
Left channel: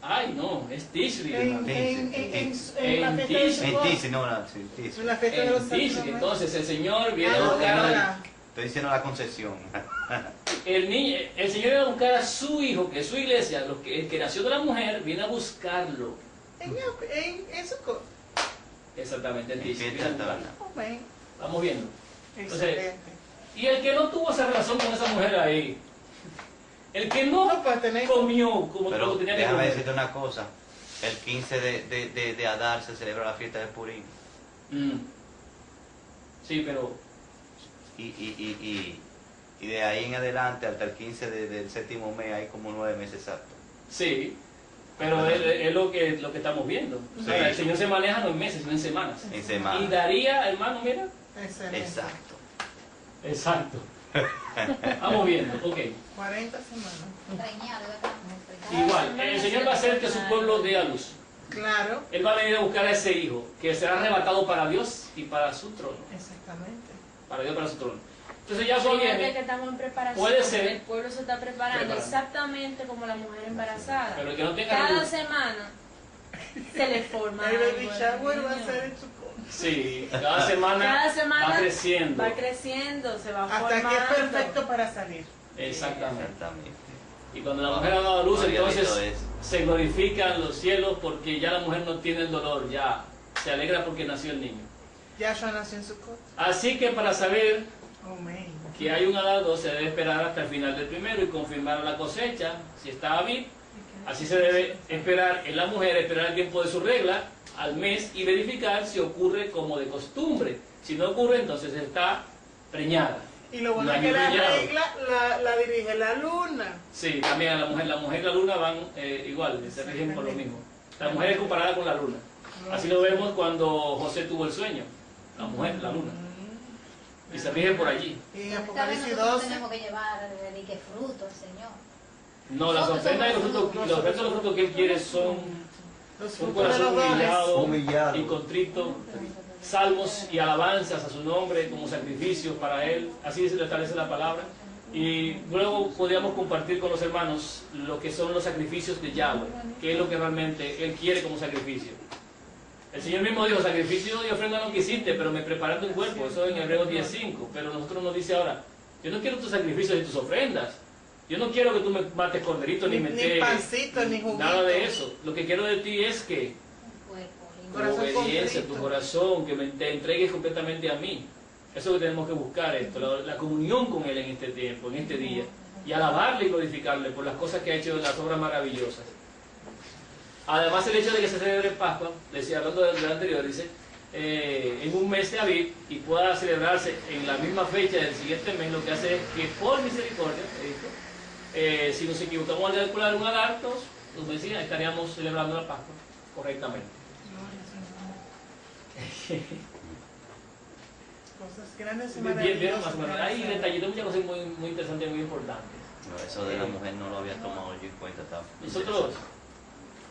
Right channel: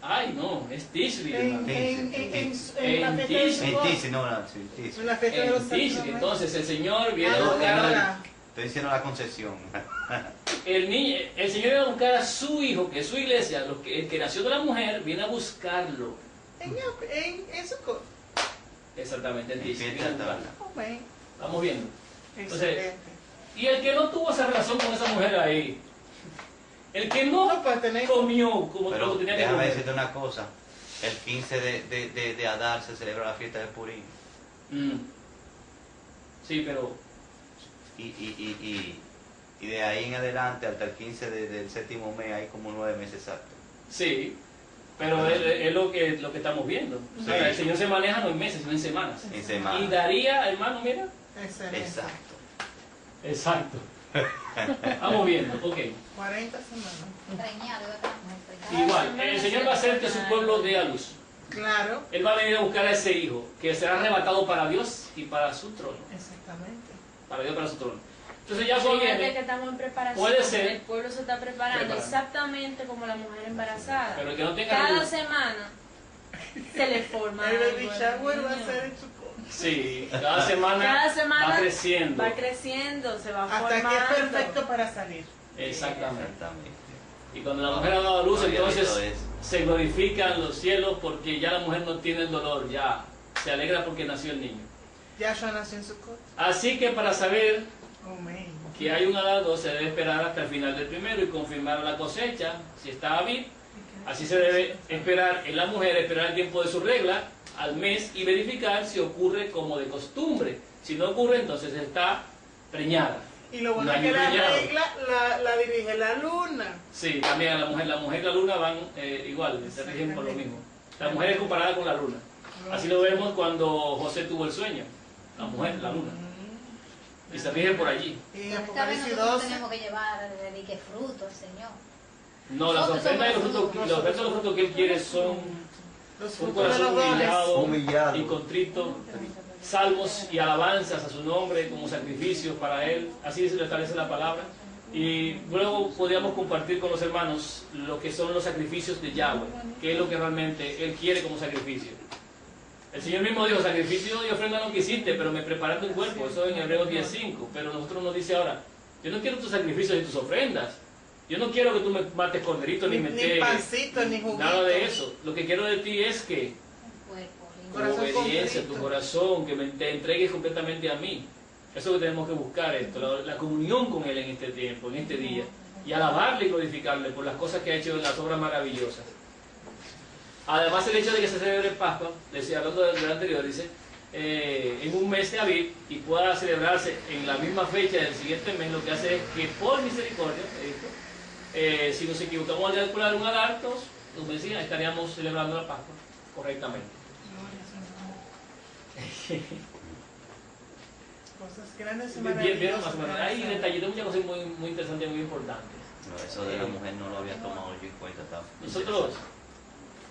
Ay, no, es Tishri. En la fiesta de En Sukkot. En Tisi, no, sí, Tisi. En la fiesta de En los Tishri. santos. Entonces el Señor viene a Ah, buscar ahora. Estoy diciendo la concesión. el Señor viene a buscar a su hijo, que es su iglesia, el que nació de la mujer, viene a buscarlo. En Sukkot. Exactamente, en Tishri. Fiesta Viene a buscarlo. Amén. Vamos viendo. Excelente. Y el que no tuvo esa relación con esa mujer ahí, el que no No, pues tener. comió como Pero tenía que déjame comer. decirte una cosa. El 15 de Adar se celebra la fiesta de Purim. Sí, pero Y de ahí en adelante hasta el 15 del séptimo mes hay como 9 meses exactos. sí, pero es lo que estamos viendo. O sea, Sí. el Señor se maneja no en meses, sino en semanas. En Y semana. daría, hermano, mira, Excelente. Exacto. exacto. Vamos viendo, ok. 40 semanas. Preñado, ¿verdad? Igual, el Señor va a hacer que su pueblo dé a luz. Claro. Él va a venir a buscar a ese hijo, que será arrebatado para Dios y para su trono. Exactamente. Para Dios y para su trono. Entonces ya Fíjate viene, que estamos en preparación. Puede ser. El pueblo se está preparando Preparando. exactamente como la mujer embarazada. pero el que no tenga Cada luz. semana se le forma El algo baby al shower va a niño. ser en Sukkot. Sí, cada semana, Cada semana va creciendo. Va creciendo, se va Hasta formando. que es perfecto para salir. Exactamente. Exactamente. Y cuando la mujer ha dado a luz, entonces Gloriosito es. se glorifican los cielos porque ya la mujer no tiene el dolor, ya se alegra porque nació el niño. Yahshua nació en Sukkot. Así que para saber Amén. que hay un Adán se debe esperar hasta el final del primero y confirmar la cosecha, si está Aviv. Así se debe esperar en la mujer, esperar el tiempo de su regla al mes y verificar si ocurre como de costumbre. Si no ocurre, entonces está preñada. Y lo bueno No es hay que la preñado. regla la dirige la luna. Sí, también a la mujer y la luna van igual, se rigen por lo mismo. La mujer es comparada con la luna. Así lo vemos cuando José tuvo el sueño. La mujer, la luna. Y se rigen por allí. Y en Esta vez Apocalipsis nosotros 12. tenemos que llevar de que fruto al Señor. No, las ofrendas y los frutos, los ofrendas y los frutos que él quiere son Los un frutos de corazón los dones. humillado Humillado. y contrito, salmos y alabanzas a su nombre como sacrificio para él. Así se le establece la palabra. Y luego podríamos compartir con los hermanos lo que son los sacrificios de Yahweh, que es lo que realmente él quiere como sacrificio. El Señor mismo dijo, sacrificio y ofrenda no quisiste, pero me preparaste un cuerpo. Eso en Hebreos 10:5. Pero nosotros nos dice ahora, Yo no quiero tus sacrificios y tus ofrendas. Yo no quiero que tú me mates corderito ni me Ni pancito, ni juguito. nada de eso. Lo que quiero de ti es que tu Corazón obediencia, contrito. tu corazón, que te entregues completamente a mí. Eso es lo que tenemos que buscar, la comunión con Él en este tiempo, en este día. Y alabarle y glorificarle por las cosas que ha hecho, las obras maravillosas. Además, el hecho de que se celebre Pascua, decía, hablando del anterior, dice, en un mes de abril y pueda celebrarse en la misma fecha del siguiente mes, lo que hace es que por misericordia, si nos equivocamos al calcular un adartos, nos decía, estaríamos celebrando la Pascua correctamente. Cosas grandes y Vieron maravillosas. más o menos. Hay detallitos, muchas cosas muy, muy interesantes y muy importantes. No, eso de la mujer no lo había tomado yo en cuenta. Está Nosotros,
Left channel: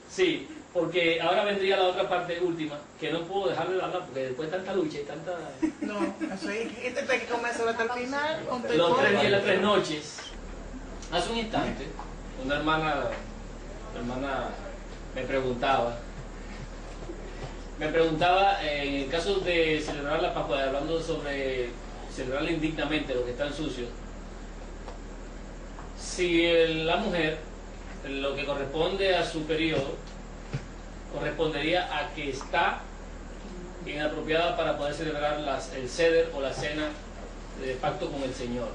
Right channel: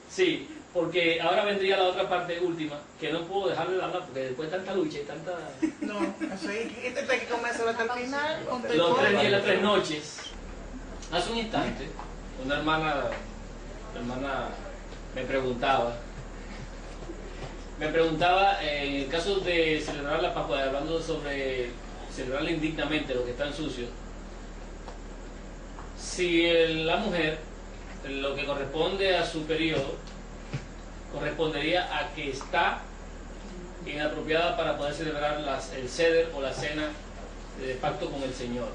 sí, porque ahora vendría la otra parte última, que no puedo dejar de hablar porque después de tanta lucha y tanta... No, eso hay que comérselo hasta el final. Con tu Los 3 hijo. días y las 3 noches. Hace un instante, una hermana me preguntaba en el caso de celebrar la Pascua, hablando sobre celebrarla indignamente, los que están sucios, si la mujer, lo que corresponde a su periodo, correspondería a que está inapropiada para poder celebrar el ceder o la cena de pacto con el Señor.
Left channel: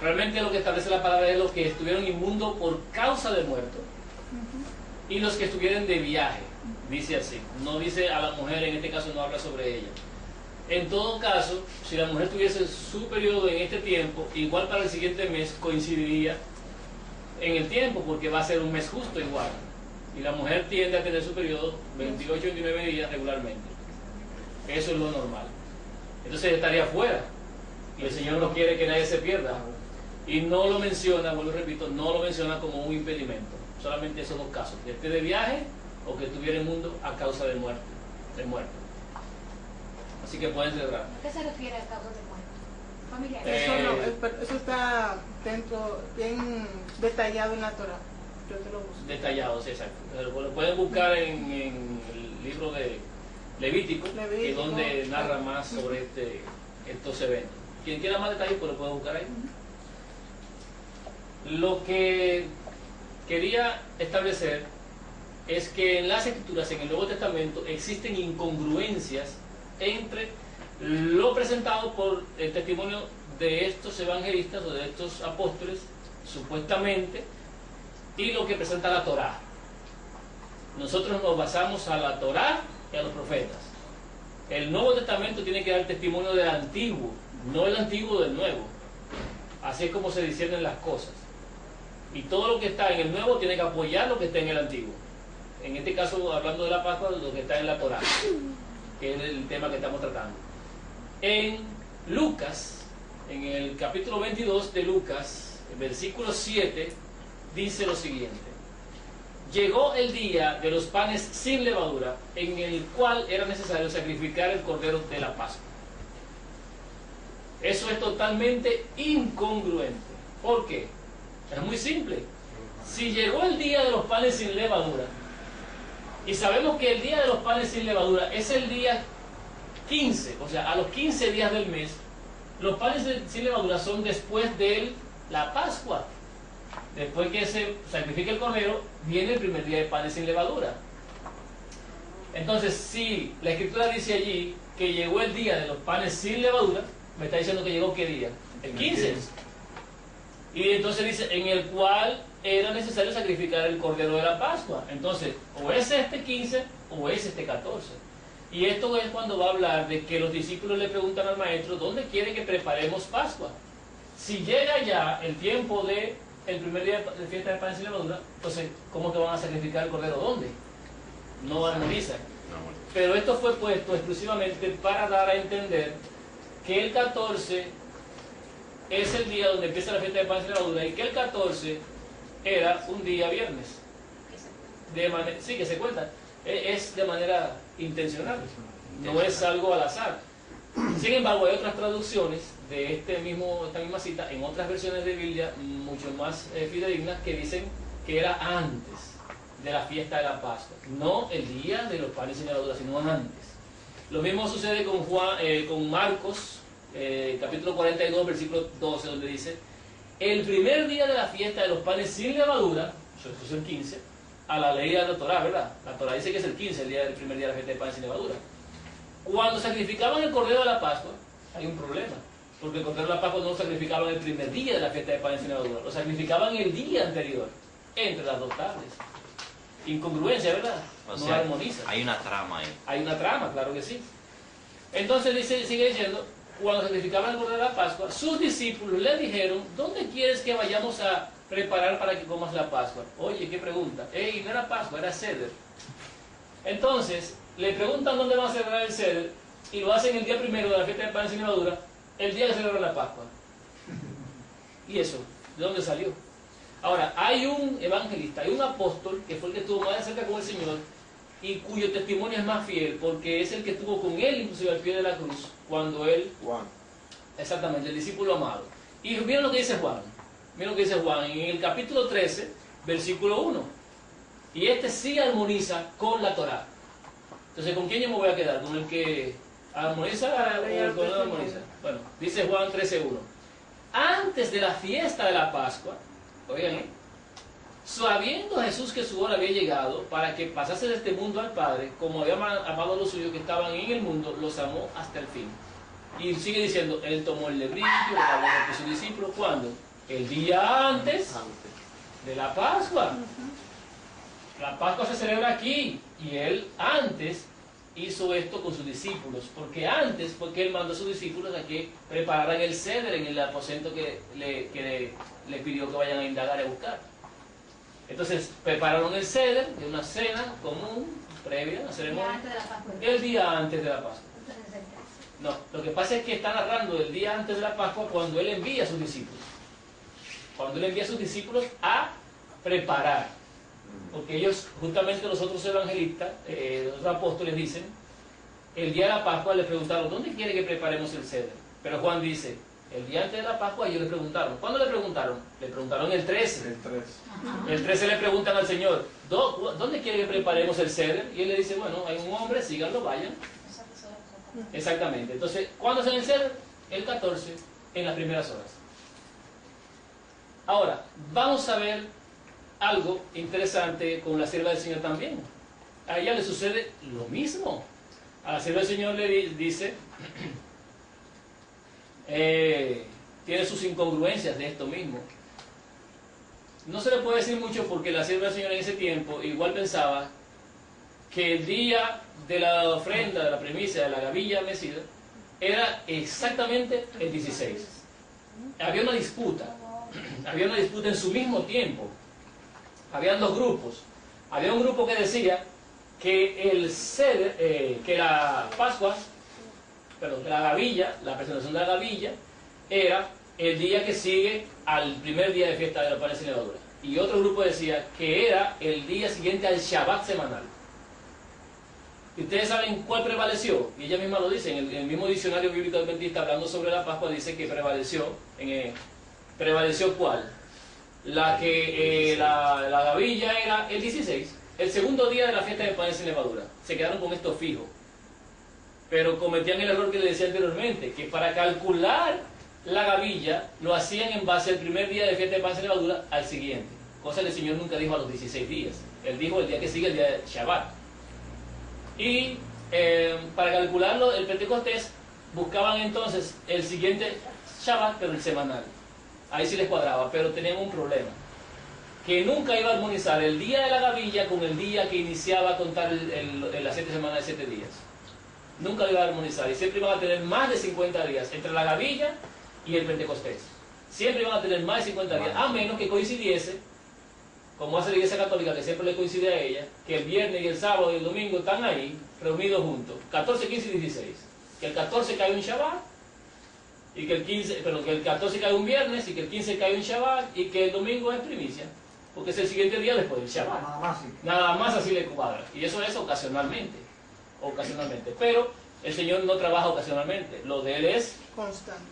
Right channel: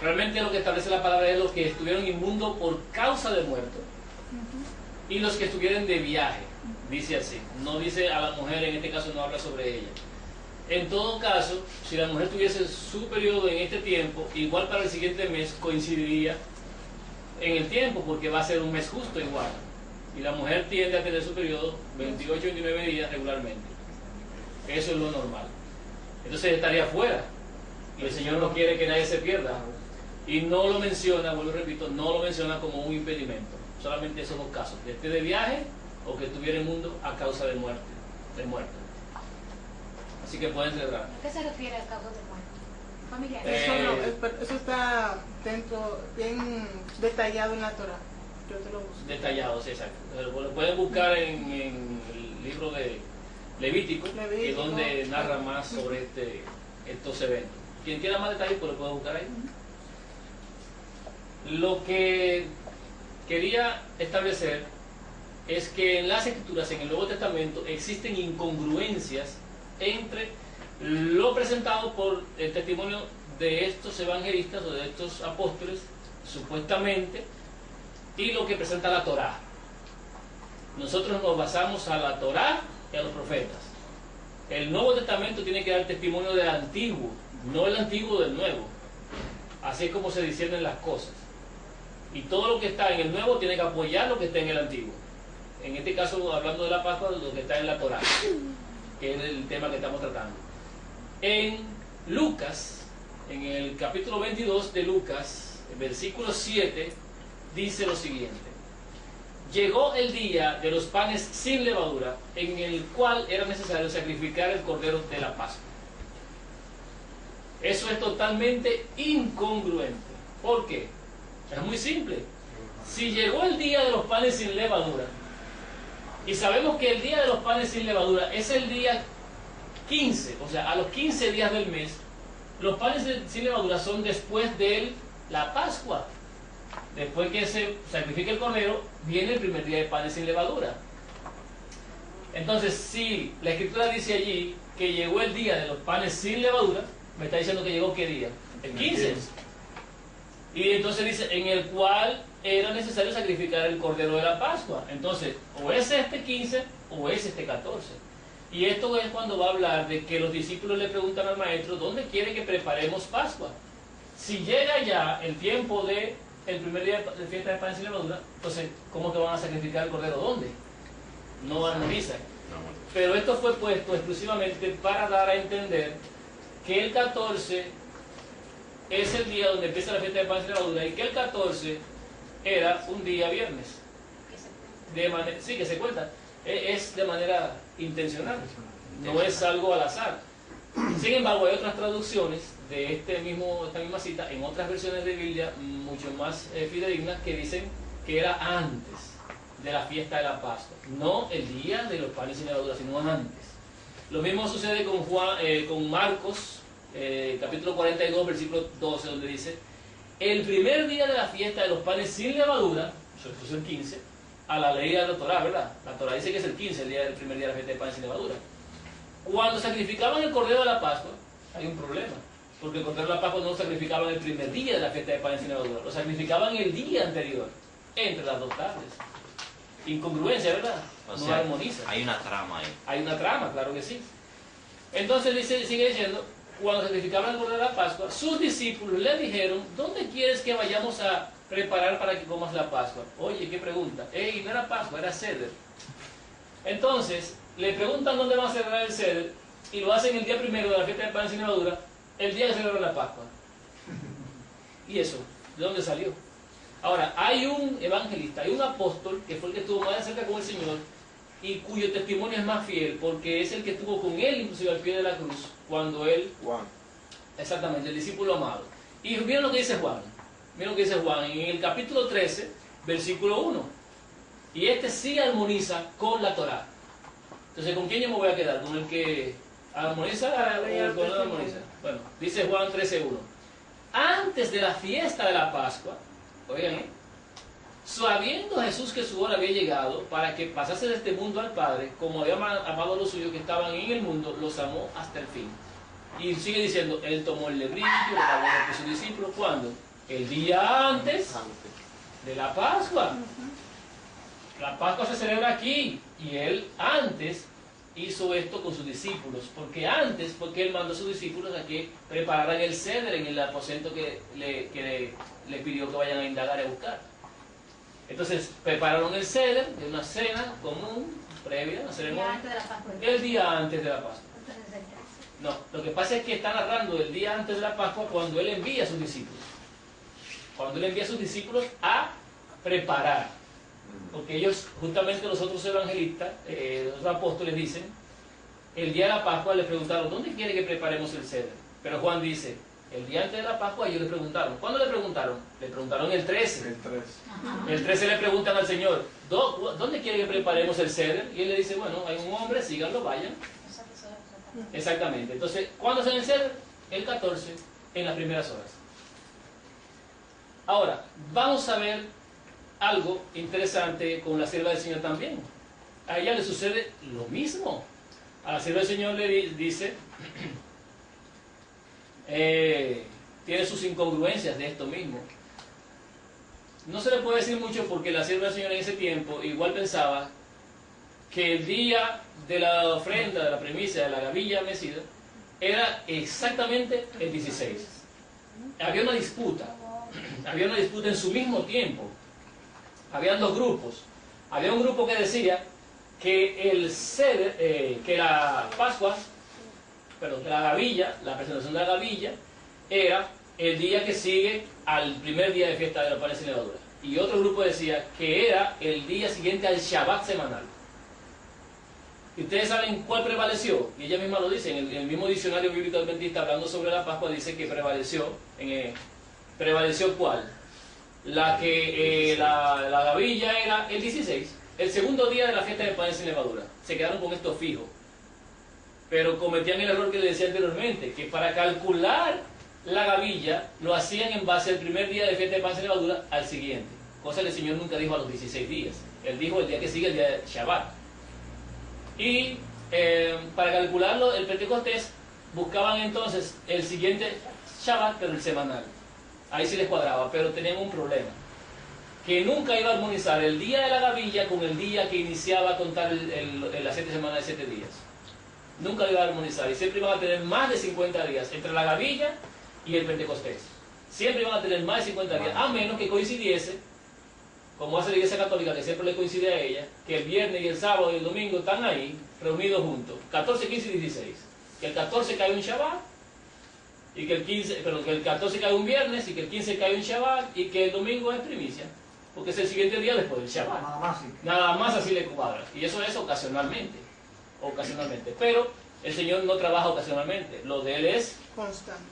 Realmente lo que establece la palabra es los que estuvieron inmundos por causa de muerto y los que estuvieron de viaje, dice así. No dice a la mujer, en este caso no habla sobre ella. En todo caso, si la mujer tuviese su periodo en este tiempo, igual para el siguiente mes coincidiría en el tiempo, porque va a ser un mes justo igual. Y la mujer tiende a tener su periodo 28-29 días regularmente. Eso es lo normal. Entonces estaría fuera. Y el Señor no quiere que nadie se pierda. Y no lo menciona, vuelvo y repito, no lo menciona como un impedimento. Solamente esos dos casos, que esté de viaje o que estuviera en el mundo a causa de muerte. Así que pueden celebrar. ¿A qué se refiere a causa de muerte? Familiar. Eso está dentro, bien detallado en la Torah. Yo te lo busco. Detallados, exacto. Lo pueden buscar en el libro de Levítico, que es donde narra más sobre estos eventos. Quien quiera más detalles, pues lo puede buscar ahí. Lo que quería establecer es que en las Escrituras, en el Nuevo Testamento, existen incongruencias entre lo presentado por el testimonio de estos evangelistas o de estos apóstoles, supuestamente, y lo que presenta la Torá. Nosotros nos basamos a la Torá y a los profetas. El Nuevo Testamento tiene que dar testimonio del Antiguo, no el Antiguo del Nuevo. Así es como se disciernen las cosas. Y todo lo que está en el Nuevo tiene que apoyar lo que está en el Antiguo. En este caso, hablando de la Pascua, lo que está en la Torá, que es el tema que estamos tratando. En Lucas, en el capítulo 22 de Lucas, el versículo 7, dice lo siguiente: llegó el día de los panes sin levadura, en el cual era necesario sacrificar el cordero de la Pascua. Eso es totalmente incongruente. ¿Por qué? Es muy simple. Si llegó el día de los panes sin levadura, y sabemos que el día de los panes sin levadura es el día 15, o sea, a los 15 días del mes, los panes sin levadura son después de la Pascua. Después que se sacrifica el cordero, viene el primer día de panes sin levadura. Entonces, si la Escritura dice allí que llegó el día de los panes sin levadura, me está diciendo que llegó ¿qué día? El 15. Y entonces dice, en el cual era necesario sacrificar el cordero de la Pascua. Entonces, o es este 15 o es este 14. Y esto es cuando va a hablar de que los discípulos le preguntan al maestro, ¿dónde quiere que preparemos Pascua? Si llega ya el tiempo de el primer día de fiesta de pan sin levadura, entonces, ¿cómo que van a sacrificar el cordero? ¿Dónde? No armonizan. Pero esto fue puesto exclusivamente para dar a entender que el 14 es el día donde empieza la fiesta de pan sin levadura y que el 14 era un día viernes. Sí, que se cuenta. Es de manera intencional, no es algo al azar. Sin embargo, hay otras traducciones de esta misma cita en otras versiones de Biblia mucho más fidedignas que dicen que era antes de la fiesta de la Pascua, no el día de los panes sin levadura, sino antes. Lo mismo sucede con Marcos capítulo 42, versículo 12, donde dice: el primer día de la fiesta de los panes sin levadura, eso es el 15, a la ley de la Torah, ¿verdad? La Torah dice que es el 15, el primer día de la fiesta de panes sin levadura. Cuando sacrificaban el cordero de la Pascua, hay un problema, porque el cordero de la Pascua no lo sacrificaban el primer día de la fiesta de panes sin levadura, lo sacrificaban el día anterior, entre las dos tardes. Incongruencia, ¿verdad? O No sea, armoniza. hay una trama ahí. Hay una trama, claro que sí. Entonces sigue diciendo: cuando sacrificaban el cordero de la Pascua, sus discípulos le dijeron: ¿dónde quieres que vayamos a preparar para que comas la Pascua? Oye, qué pregunta. No era Pascua, era Seder. Entonces, le preguntan dónde van a celebrar el Seder, y lo hacen el día primero de la fiesta de panes sin levadura, el día que celebran la Pascua. ¿Y eso? ¿De dónde salió? Ahora, hay un evangelista, hay un apóstol que fue el que estuvo más de cerca con el Señor y cuyo testimonio es más fiel, porque es el que estuvo con él inclusive al pie de la cruz, cuando él, Juan. exactamente, el discípulo amado. Y miren lo que dice Juan, miren lo que dice Juan en el capítulo 13, versículo 1. Y este sí armoniza con la Torá. Entonces, ¿con quién yo me voy a quedar? ¿Con el que armoniza o con el que no armoniza? Bueno, dice Juan 13:1. Antes de la fiesta de la Pascua, oigan, sabiendo Jesús que su hora había llegado para que pasase de este mundo al Padre, como había amado a los suyos que estaban en el mundo, los amó hasta el fin. Y sigue diciendo: él tomó el lebrillo, le lavó a sus discípulos. ¿Cuándo? El día antes de la Pascua. La Pascua se celebra aquí, y él antes hizo esto con sus discípulos, porque antes fue que él mandó a sus discípulos a que prepararan el ceder en el aposento que le pidió que vayan a indagar y a buscar. Entonces prepararon el ceder de una cena común, previa, una ceremonia, Antes de la Pascua. el día antes de la Pascua. Entonces, el 13. No, lo que pasa es que está narrando el día antes de la Pascua cuando él envía a sus discípulos. Cuando él envía a sus discípulos a preparar. Porque ellos, justamente los otros evangelistas, los otros apóstoles dicen, el día de la Pascua les preguntaron: ¿dónde quiere que preparemos el ceder? Pero Juan dice, el día antes de la Pascua ellos le preguntaron. ¿Cuándo le preguntaron? Le preguntaron el 13. El 3. El 13 le preguntan al Señor: ¿dónde quiere que preparemos el ceder? Y él le dice: bueno, hay un hombre, síganlo, vayan. Exactamente. Entonces, ¿cuándo hacen el ceder? El 14, en las primeras horas. Ahora, vamos a ver algo interesante con la sierva del Señor también. A ella le sucede lo mismo. A la sierva del Señor le dice, tiene sus incongruencias de esto mismo. No se le puede decir mucho porque la sierva del Señor en ese tiempo igual pensaba que el día de la ofrenda, de la primicia, de la gavilla mecida, era exactamente el 16. Había una disputa en su mismo tiempo. Habían dos grupos. Había un grupo que decía que el ceder, que la Pascua, perdón, que la gavilla, la presentación de la gavilla, era el día que sigue al primer día de fiesta de los panes sin levadura. Y otro grupo decía que era el día siguiente al Shabbat semanal. ¿Y ustedes saben cuál prevaleció? Y ella misma lo dice, en el mismo diccionario bíblico adventista, hablando sobre la Pascua, dice que prevaleció, ¿prevaleció cuál? La que la gavilla era el 16, el segundo día de la fiesta de panes sin levadura. Se quedaron con esto fijo. Pero cometían el error que les decía anteriormente, que para calcular la gavilla lo hacían en base al primer día de fiesta de panes sin levadura al siguiente. Cosa que el Señor nunca dijo a los 16 días. Él dijo el día que sigue, el día de Shabbat. Y para calcularlo, el Pentecostés, buscaban entonces el siguiente Shabbat, pero el semanal. Ahí sí les cuadraba, pero tenían un problema. Que nunca iba a armonizar el día de la gavilla con el día que iniciaba a contar las 7 semanas de 7 días. Nunca lo iba a armonizar. Y siempre iban a tener más de 50 días entre la gavilla y el Pentecostés. Siempre iban a tener más de 50 días, a menos que coincidiese, como hace la Iglesia Católica, que siempre le coincide a ella, que el viernes y el sábado y el domingo están ahí, reunidos juntos, 14, 15 y 16. Que el 14 cae un Shabbat, y que el 14 cae un viernes, y que el 15 cae un Shabbat, y que el domingo es primicia, porque es el siguiente día después del Shabbat. Nada más, sí. Nada más así le cuadra. Y eso es ocasionalmente. Pero el Señor no trabaja ocasionalmente. Lo de Él es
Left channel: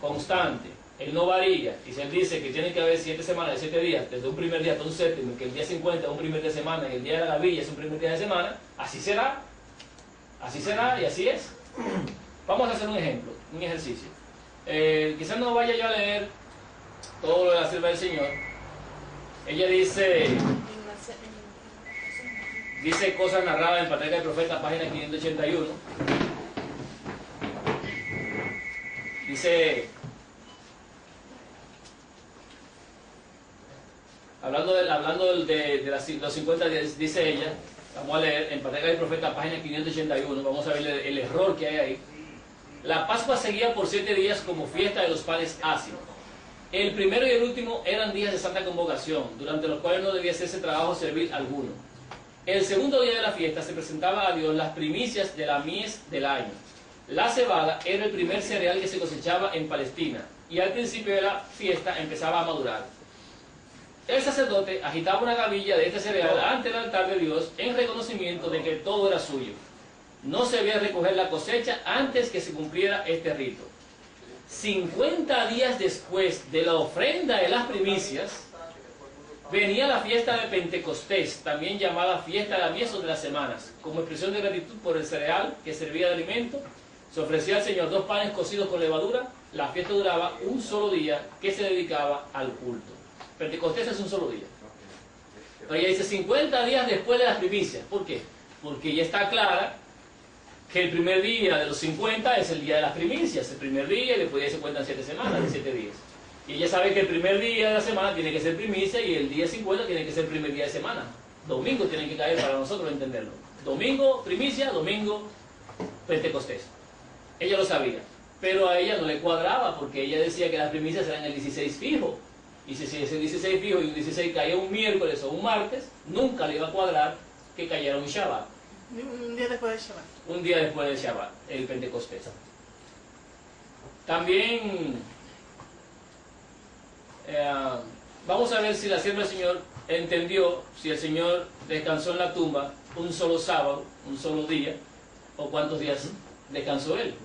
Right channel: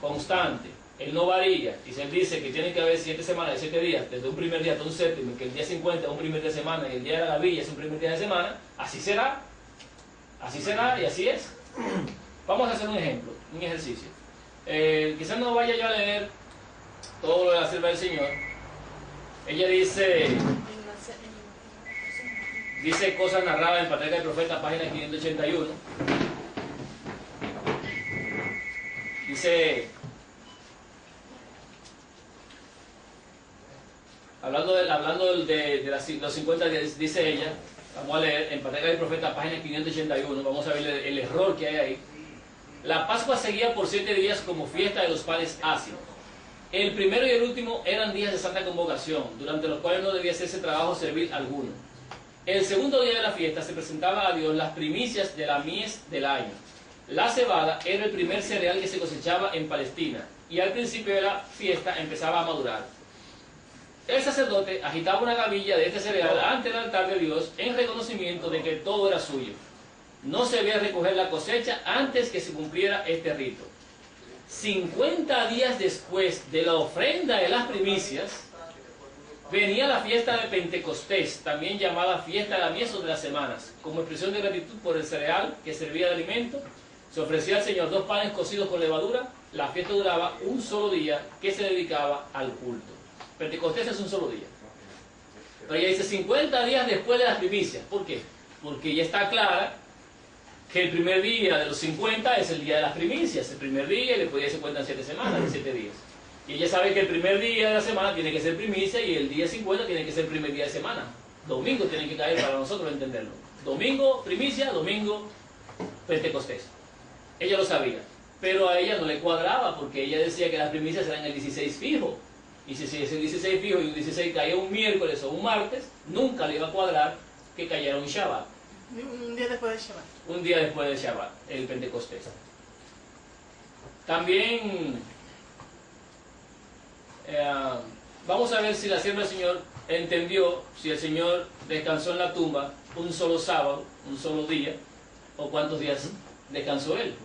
constante. Él no varía. Y si Él dice que tiene que haber 7 semanas de 7 días, desde un primer día hasta un séptimo, y que el día 50 es un primer día de semana, y el día de la gavilla es un primer día de semana, así será. Así será y así es. Vamos a hacer un ejemplo, un ejercicio. Quizás no vaya yo a leer todo lo de la sierva del Señor. Ella dice cosas narradas en Patriarca y Profeta, página 581. Dice, hablando de los 50 días, dice ella, vamos a leer en Patriarca y Profeta, página 581, vamos a ver el error que hay ahí. La Pascua seguía por 7 días como fiesta de los panes ácidos. El primero y el último eran días de santa convocación, durante los cuales no debía hacerse trabajo servil alguno. El segundo día de la fiesta se presentaba a Dios las primicias de la mies del año. La cebada era el primer cereal que se cosechaba en Palestina, y al principio de la fiesta empezaba a madurar. El sacerdote agitaba una gavilla de este cereal ante el altar de Dios en reconocimiento de que todo era suyo. No se debía recoger la cosecha antes que se cumpliera este rito. 50 días después de la ofrenda de las primicias, venía la fiesta de Pentecostés, también llamada fiesta de la mies o de las semanas, como expresión de gratitud por el cereal que servía de alimento. Se ofrecía al Señor 2 panes cocidos con levadura. La fiesta duraba un solo día que se dedicaba al culto. Pentecostés es un solo día. Pero ella dice 50 días después de las primicias. ¿Por qué? Porque ya está clara que el primer día de los 50 es el día de las primicias. El primer día, y después ya se cuentan 7 semanas, 7 días. Y ella sabe que el primer día de la semana tiene que ser primicia y el día 50 tiene que ser el primer día de semana. Domingo tiene que caer para nosotros entenderlo. Domingo, primicia, domingo, Pentecostés. Ella lo sabía, pero a ella no le cuadraba porque ella decía que las primicias eran el 16 fijo. Y si ese 16 fijo y un 16 caía un miércoles o un martes, nunca le iba a cuadrar que cayera un Shabbat. Un día después del Shabbat. Un día después del Shabbat, el Pentecostés. También vamos a ver si la sierva del Señor entendió si el Señor descansó en la tumba un solo sábado, un solo día, o cuántos días descansó Él.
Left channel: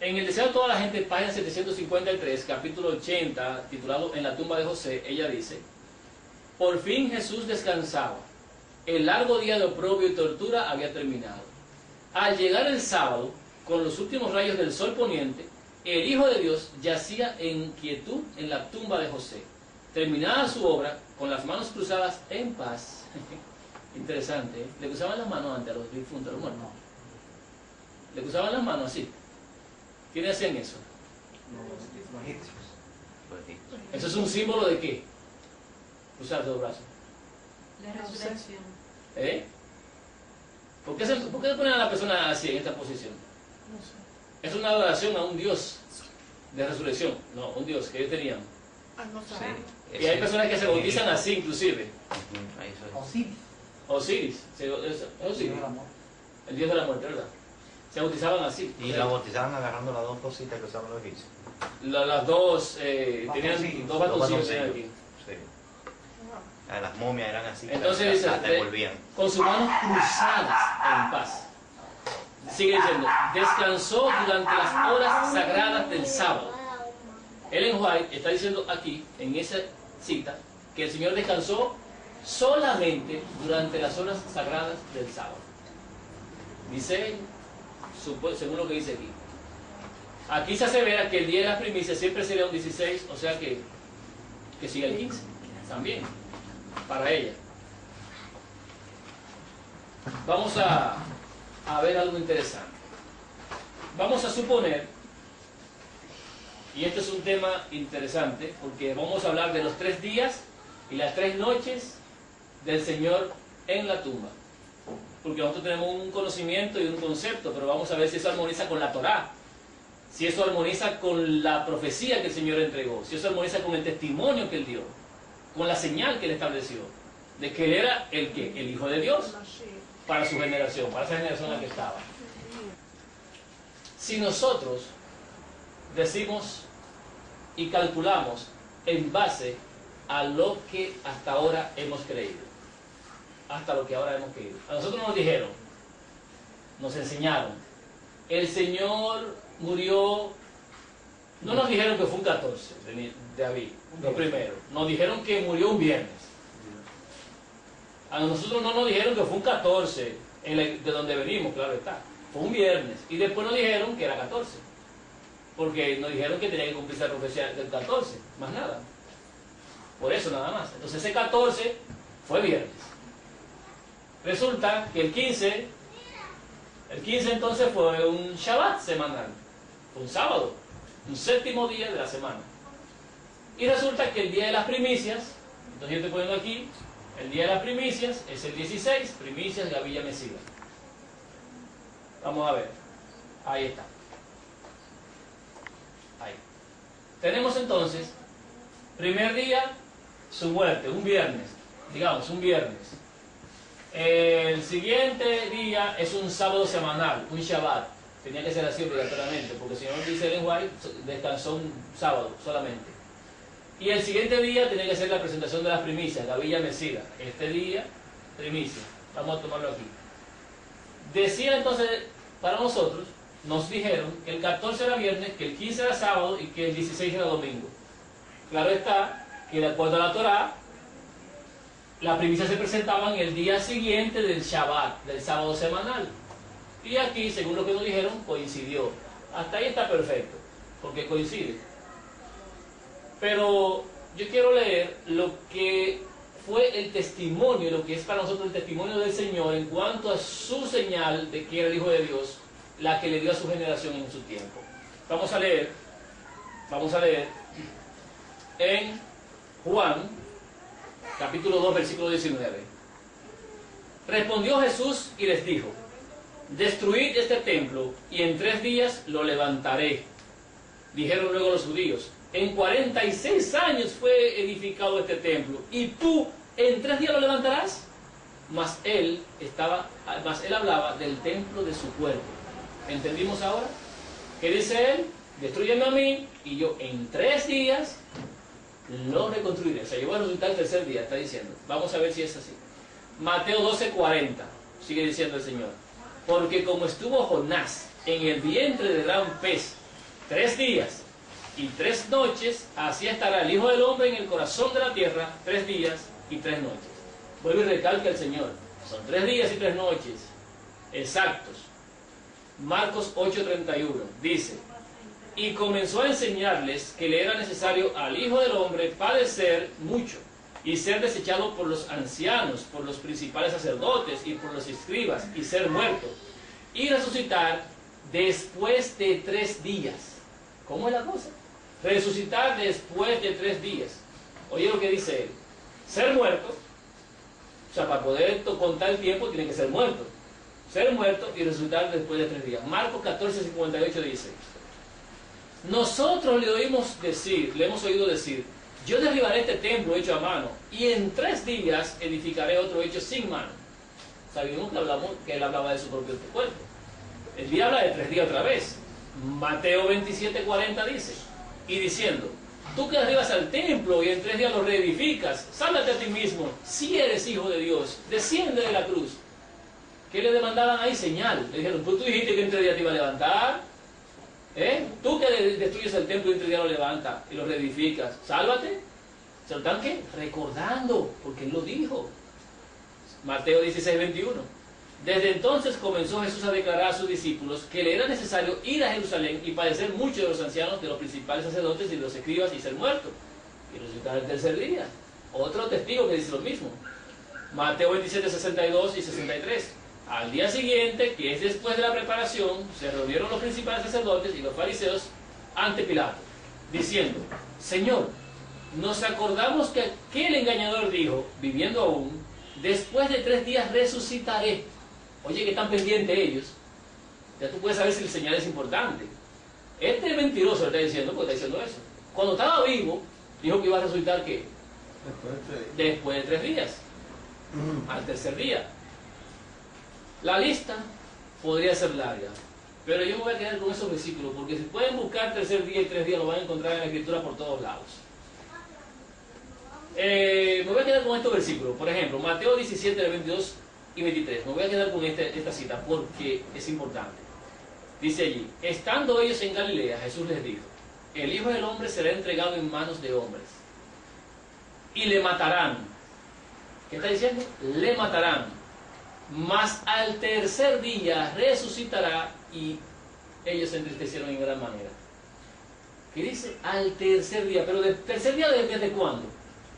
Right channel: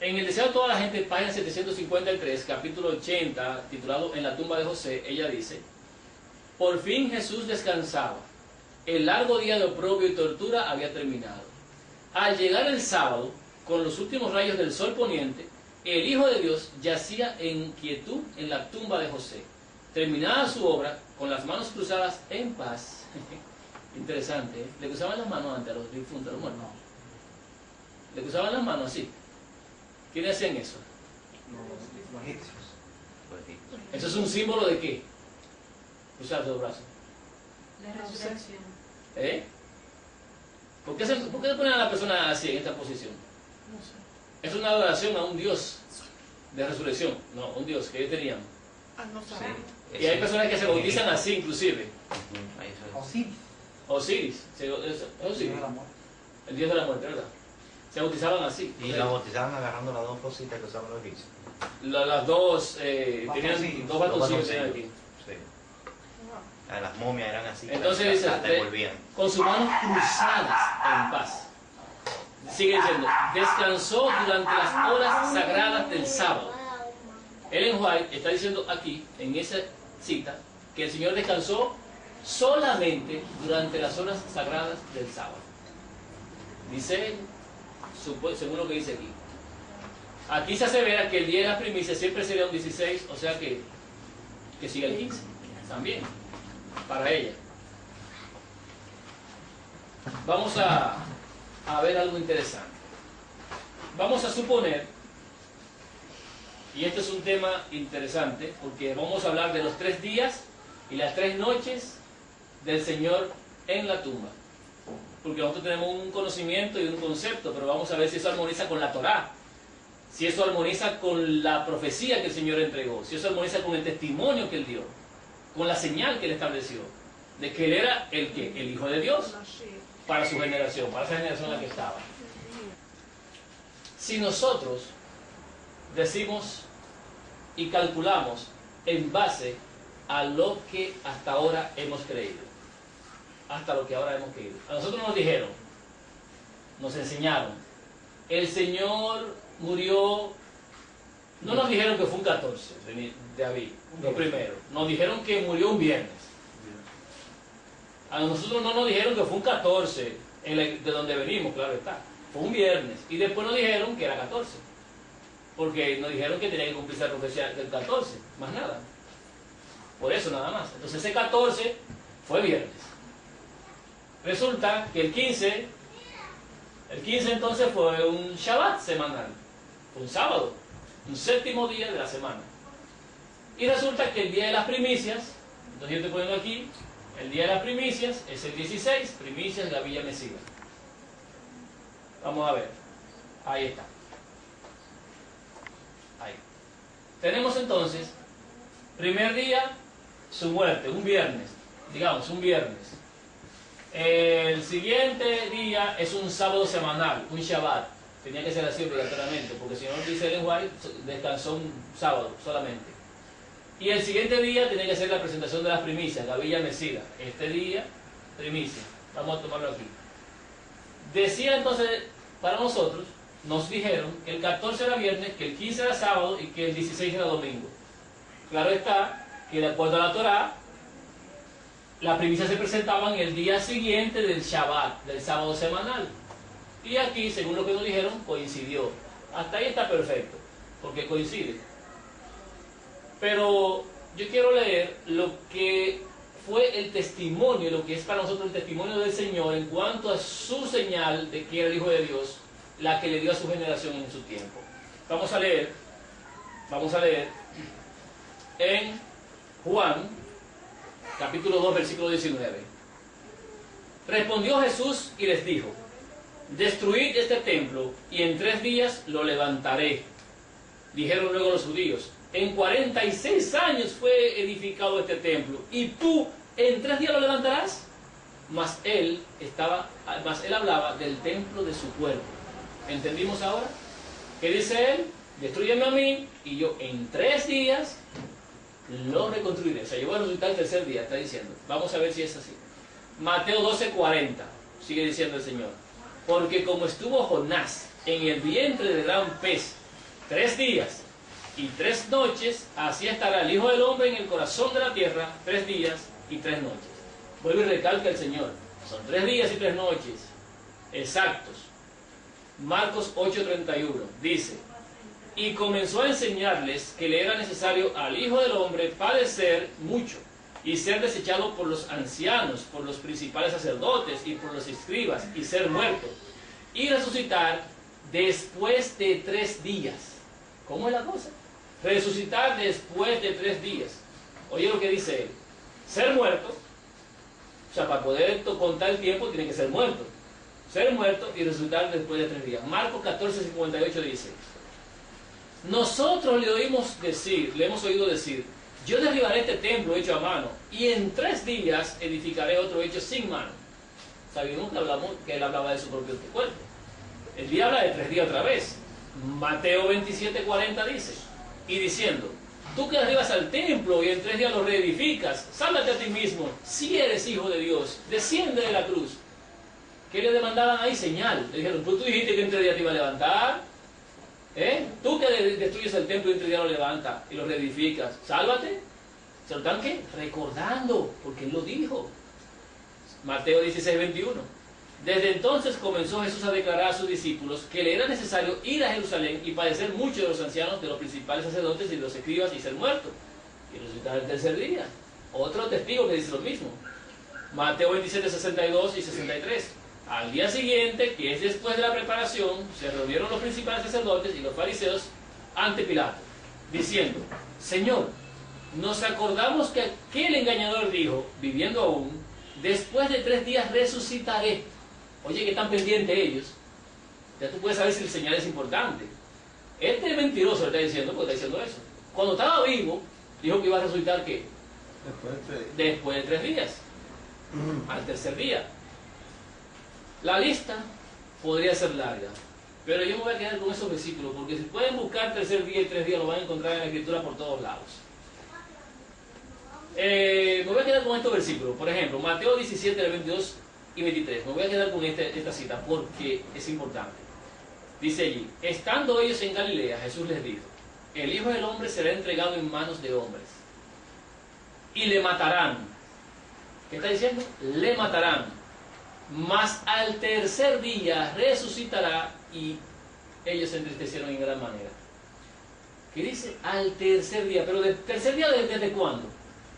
En el deseo de toda la gente, página 753, capítulo 80, titulado En la tumba de José, ella dice: por fin Jesús descansaba. El largo día de oprobio y tortura había terminado. Al llegar el sábado, con los últimos rayos del sol poniente, el Hijo de Dios yacía en quietud en la tumba de José. Terminada su obra, con las manos cruzadas en paz. Interesante, ¿eh? Le cruzaban las manos antes a los difuntos, a los muertos. Le cruzaban las manos así. ¿Quiénes hacían eso? Los egipcios. ¿Eso es un símbolo de qué? Cruzarse los brazos. La resurrección. ¿Eh? ¿Por qué ponen a la persona así, en esta posición? No sé. Es una adoración a un Dios de resurrección, no, un Dios que ellos tenían. Ah, no sé. Y hay personas que se bautizan así, inclusive. Osiris. Osiris, es Dios Osiris, del amor. el Dios de la muerte, ¿verdad? Se bautizaban así. Y la bautizaban agarrando las 2 cositas que usaban los egipcios. Las dos, tenían Bastoncillos. 2 bastoncillos tenían aquí. Sí. Las momias eran así. Entonces dice, las devolvían. con sus manos cruzadas en paz. Sigue diciendo, descansó durante las horas sagradas del sábado. Ellen White está diciendo aquí, en esa cita, que el Señor descansó solamente durante las horas sagradas del sábado. Dice él, según lo que dice aquí. Aquí se asevera que el día de las primicias siempre sería un 16, o sea que siga el 15 también, para ella. Vamos a ver algo interesante. Vamos a suponer, y este es un tema interesante, porque vamos a hablar de los 3 días y las 3 noches del Señor en la tumba. Porque nosotros tenemos un conocimiento y un concepto, pero vamos a ver si eso armoniza con la Torá, si eso armoniza con la profecía que el Señor entregó, si eso armoniza con el testimonio que Él dio, con la señal que Él estableció, de que Él era el Hijo de Dios para su generación, para esa generación en la que estaba. Si nosotros decimos y calculamos en base a lo que hasta ahora hemos creído, hasta lo que ahora hemos creído. A nosotros nos dijeron, nos enseñaron, el Señor murió, no nos dijeron que fue un 14 de abril, lo primero, nos dijeron que murió un viernes. A nosotros no nos dijeron que fue un 14, de donde venimos, claro está. Fue un viernes. Y después nos dijeron que era 14. Porque nos dijeron que tenía que cumplirse la profecía del 14. Más nada. Por eso nada más. Entonces ese 14 fue viernes. Resulta que el 15 entonces fue un Shabbat semanal. Un sábado. Un séptimo día de la semana. Y resulta que el día de las primicias, entonces yo estoy poniendo aquí, el día de las primicias es el 16, primicias Gavilla Mesiva. Vamos a ver. Ahí está. Ahí. Tenemos entonces, primer día, su muerte, un viernes. Digamos, un viernes. El siguiente día es un sábado semanal, un Shabbat. Tenía que ser así obligatoriamente, porque si no, dice Ellen White, descansó un sábado solamente. Y el siguiente día tenía que ser la presentación de las primicias, Gavilla Mesiva. Este día, primicia. Vamos a tomarlo aquí. Decía entonces, para nosotros, nos dijeron que el 14 era viernes, que el 15 era sábado y que el 16 era domingo. Claro está que de acuerdo a la Torá, las primicias se presentaban el día siguiente del Shabbat, del sábado semanal. Y aquí, según lo que nos dijeron, coincidió. Hasta ahí está perfecto, porque coincide. Pero yo quiero leer lo que fue el testimonio, lo que es para nosotros el testimonio del Señor en cuanto a su señal de que era el Hijo de Dios, la que le dio a su generación en su tiempo. Vamos a leer en Juan, capítulo 2, versículo 19. Respondió Jesús y les dijo: destruid este templo y en 3 días lo levantaré. Dijeron luego los judíos: en 46 años fue edificado este templo, y tú en 3 días lo levantarás. Mas él hablaba del templo de su cuerpo. ¿Entendimos ahora? ¿Qué dice él? Destrúyeme a mí y yo en 3 días lo reconstruiré. O sea, yo voy a resucitar el tercer día, está diciendo. Vamos a ver si es así. Mateo 12:40, sigue diciendo el Señor: porque como estuvo Jonás en el vientre del gran pez 3 días y 3 noches, así estará el Hijo del Hombre en el corazón de la tierra 3 días y 3 noches. Vuelve y recalca el Señor: son 3 días y 3 noches exactos. Marcos 8:31 dice: y comenzó a enseñarles que le era necesario al Hijo del Hombre padecer mucho y ser desechado por los ancianos, por los principales sacerdotes y por los escribas, y ser muerto y resucitar después de 3 días. ¿Cómo es la cosa? Resucitar después de 3 días. Oye lo que dice él: ser muerto, o sea, para poder contar el tiempo tiene que ser muerto. Ser muerto y resucitar después de 3 días. Marcos 14:58 dice: nosotros le hemos oído decir, yo derribaré este templo hecho a mano, y en 3 días edificaré otro hecho sin mano. Sabemos que él hablaba de su propio cuerpo. El día habla de 3 días otra vez. Mateo 27:40 dice: y diciendo, tú que arribas al templo y en 3 días lo reedificas, sálvate a ti mismo, si eres hijo de Dios, desciende de la cruz. ¿Qué le demandaban ahí? Señal. Le dijeron: pues tú dijiste que en 3 días te iba a levantar. Tú que destruyes el templo y en 3 días lo levantas y lo reedificas, sálvate. ¿Se lo están qué? Recordando, porque él lo dijo. Mateo 16:21. Desde entonces comenzó Jesús a declarar a sus discípulos que le era necesario ir a Jerusalén y padecer mucho de los ancianos, de los principales sacerdotes y de los escribas, y ser muerto y resucitar el tercer día. Otro testigo que dice lo mismo. Mateo 27:62 y 63. Al día siguiente, que es después de la preparación, se reunieron los principales sacerdotes y los fariseos ante Pilato, diciendo: Señor, nos acordamos que aquel engañador dijo, viviendo aún, después de 3 días resucitaré. Oye, que están pendientes ellos. Ya tú puedes saber si el señal es importante. Este mentiroso le está diciendo, porque está diciendo eso. Cuando estaba vivo, dijo que iba a resucitar ¿qué? Después de 3 días. Al tercer día. La lista podría ser larga, pero yo me voy a quedar con esos versículos, porque si pueden buscar tercer día y 3 días, lo van a encontrar en la Escritura por todos lados. Me voy a quedar con estos versículos. Por ejemplo, Mateo 17, 22 y 23. Me voy a quedar con esta cita porque es importante. Dice allí: estando ellos en Galilea, Jesús les dijo: el Hijo del Hombre será entregado en manos de hombres y le matarán. ¿Qué está diciendo? Le matarán. mas al tercer día resucitará, y ellos se entristecieron en gran manera. ¿Qué dice? Al tercer día. ¿Pero del tercer día desde cuándo?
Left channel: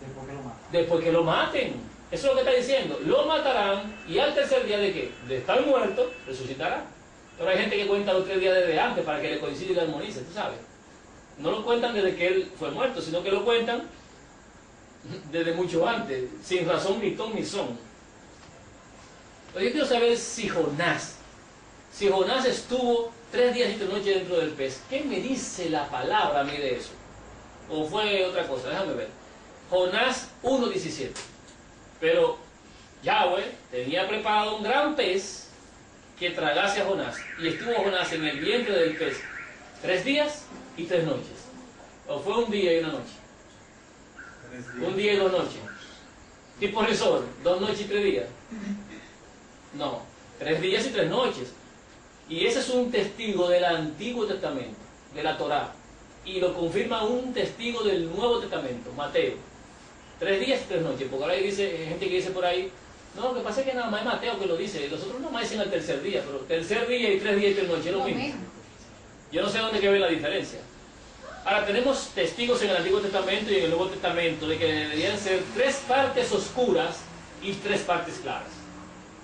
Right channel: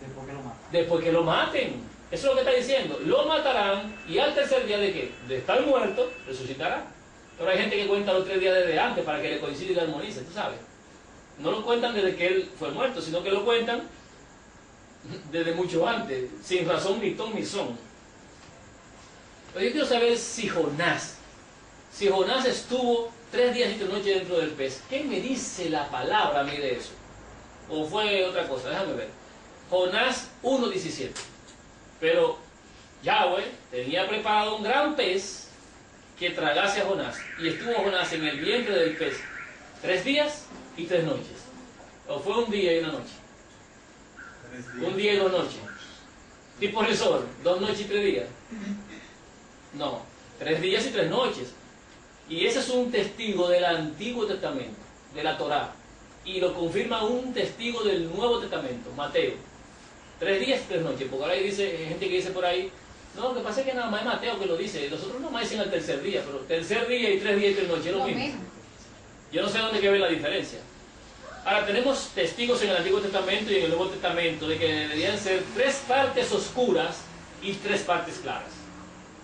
Después que lo matan. Después que lo maten. Eso es lo que está diciendo. Lo matarán, y al tercer día ¿de qué? De estar muerto, resucitará. Pero hay gente que cuenta los 3 días desde antes para que le coincida y le armonice, tú sabes. No lo cuentan desde que él fue muerto, sino que lo cuentan desde mucho antes, sin razón ni ton ni son. Pero yo quiero saber si Jonás estuvo 3 días y 3 noches dentro del pez. ¿Qué me dice la palabra a mí de eso? ¿O fue otra cosa? Déjame ver. Jonás 1:17. Pero Yahweh tenía preparado un gran pez que tragase a Jonás. Y estuvo Jonás en el vientre del pez 3 días y 3 noches. ¿O fue un día y una noche? Un día y 2 noches. Tipo resort, 2 noches y 3 días. No, 3 días y 3 noches. Y ese es un testigo del Antiguo Testamento, de la Torá. Y lo confirma un testigo del Nuevo Testamento, Mateo. 3 días y 3 noches. Porque ahora hay gente que dice por ahí, no, lo que pasa es que nada más es Mateo que lo dice. Los otros nada más dicen al tercer día, pero tercer día y 3 días y 3 noches es lo mismo. Yo no sé dónde que ve la diferencia. Ahora, tenemos testigos en el Antiguo Testamento y en el Nuevo Testamento de que deberían ser 3 partes oscuras y 3 partes claras.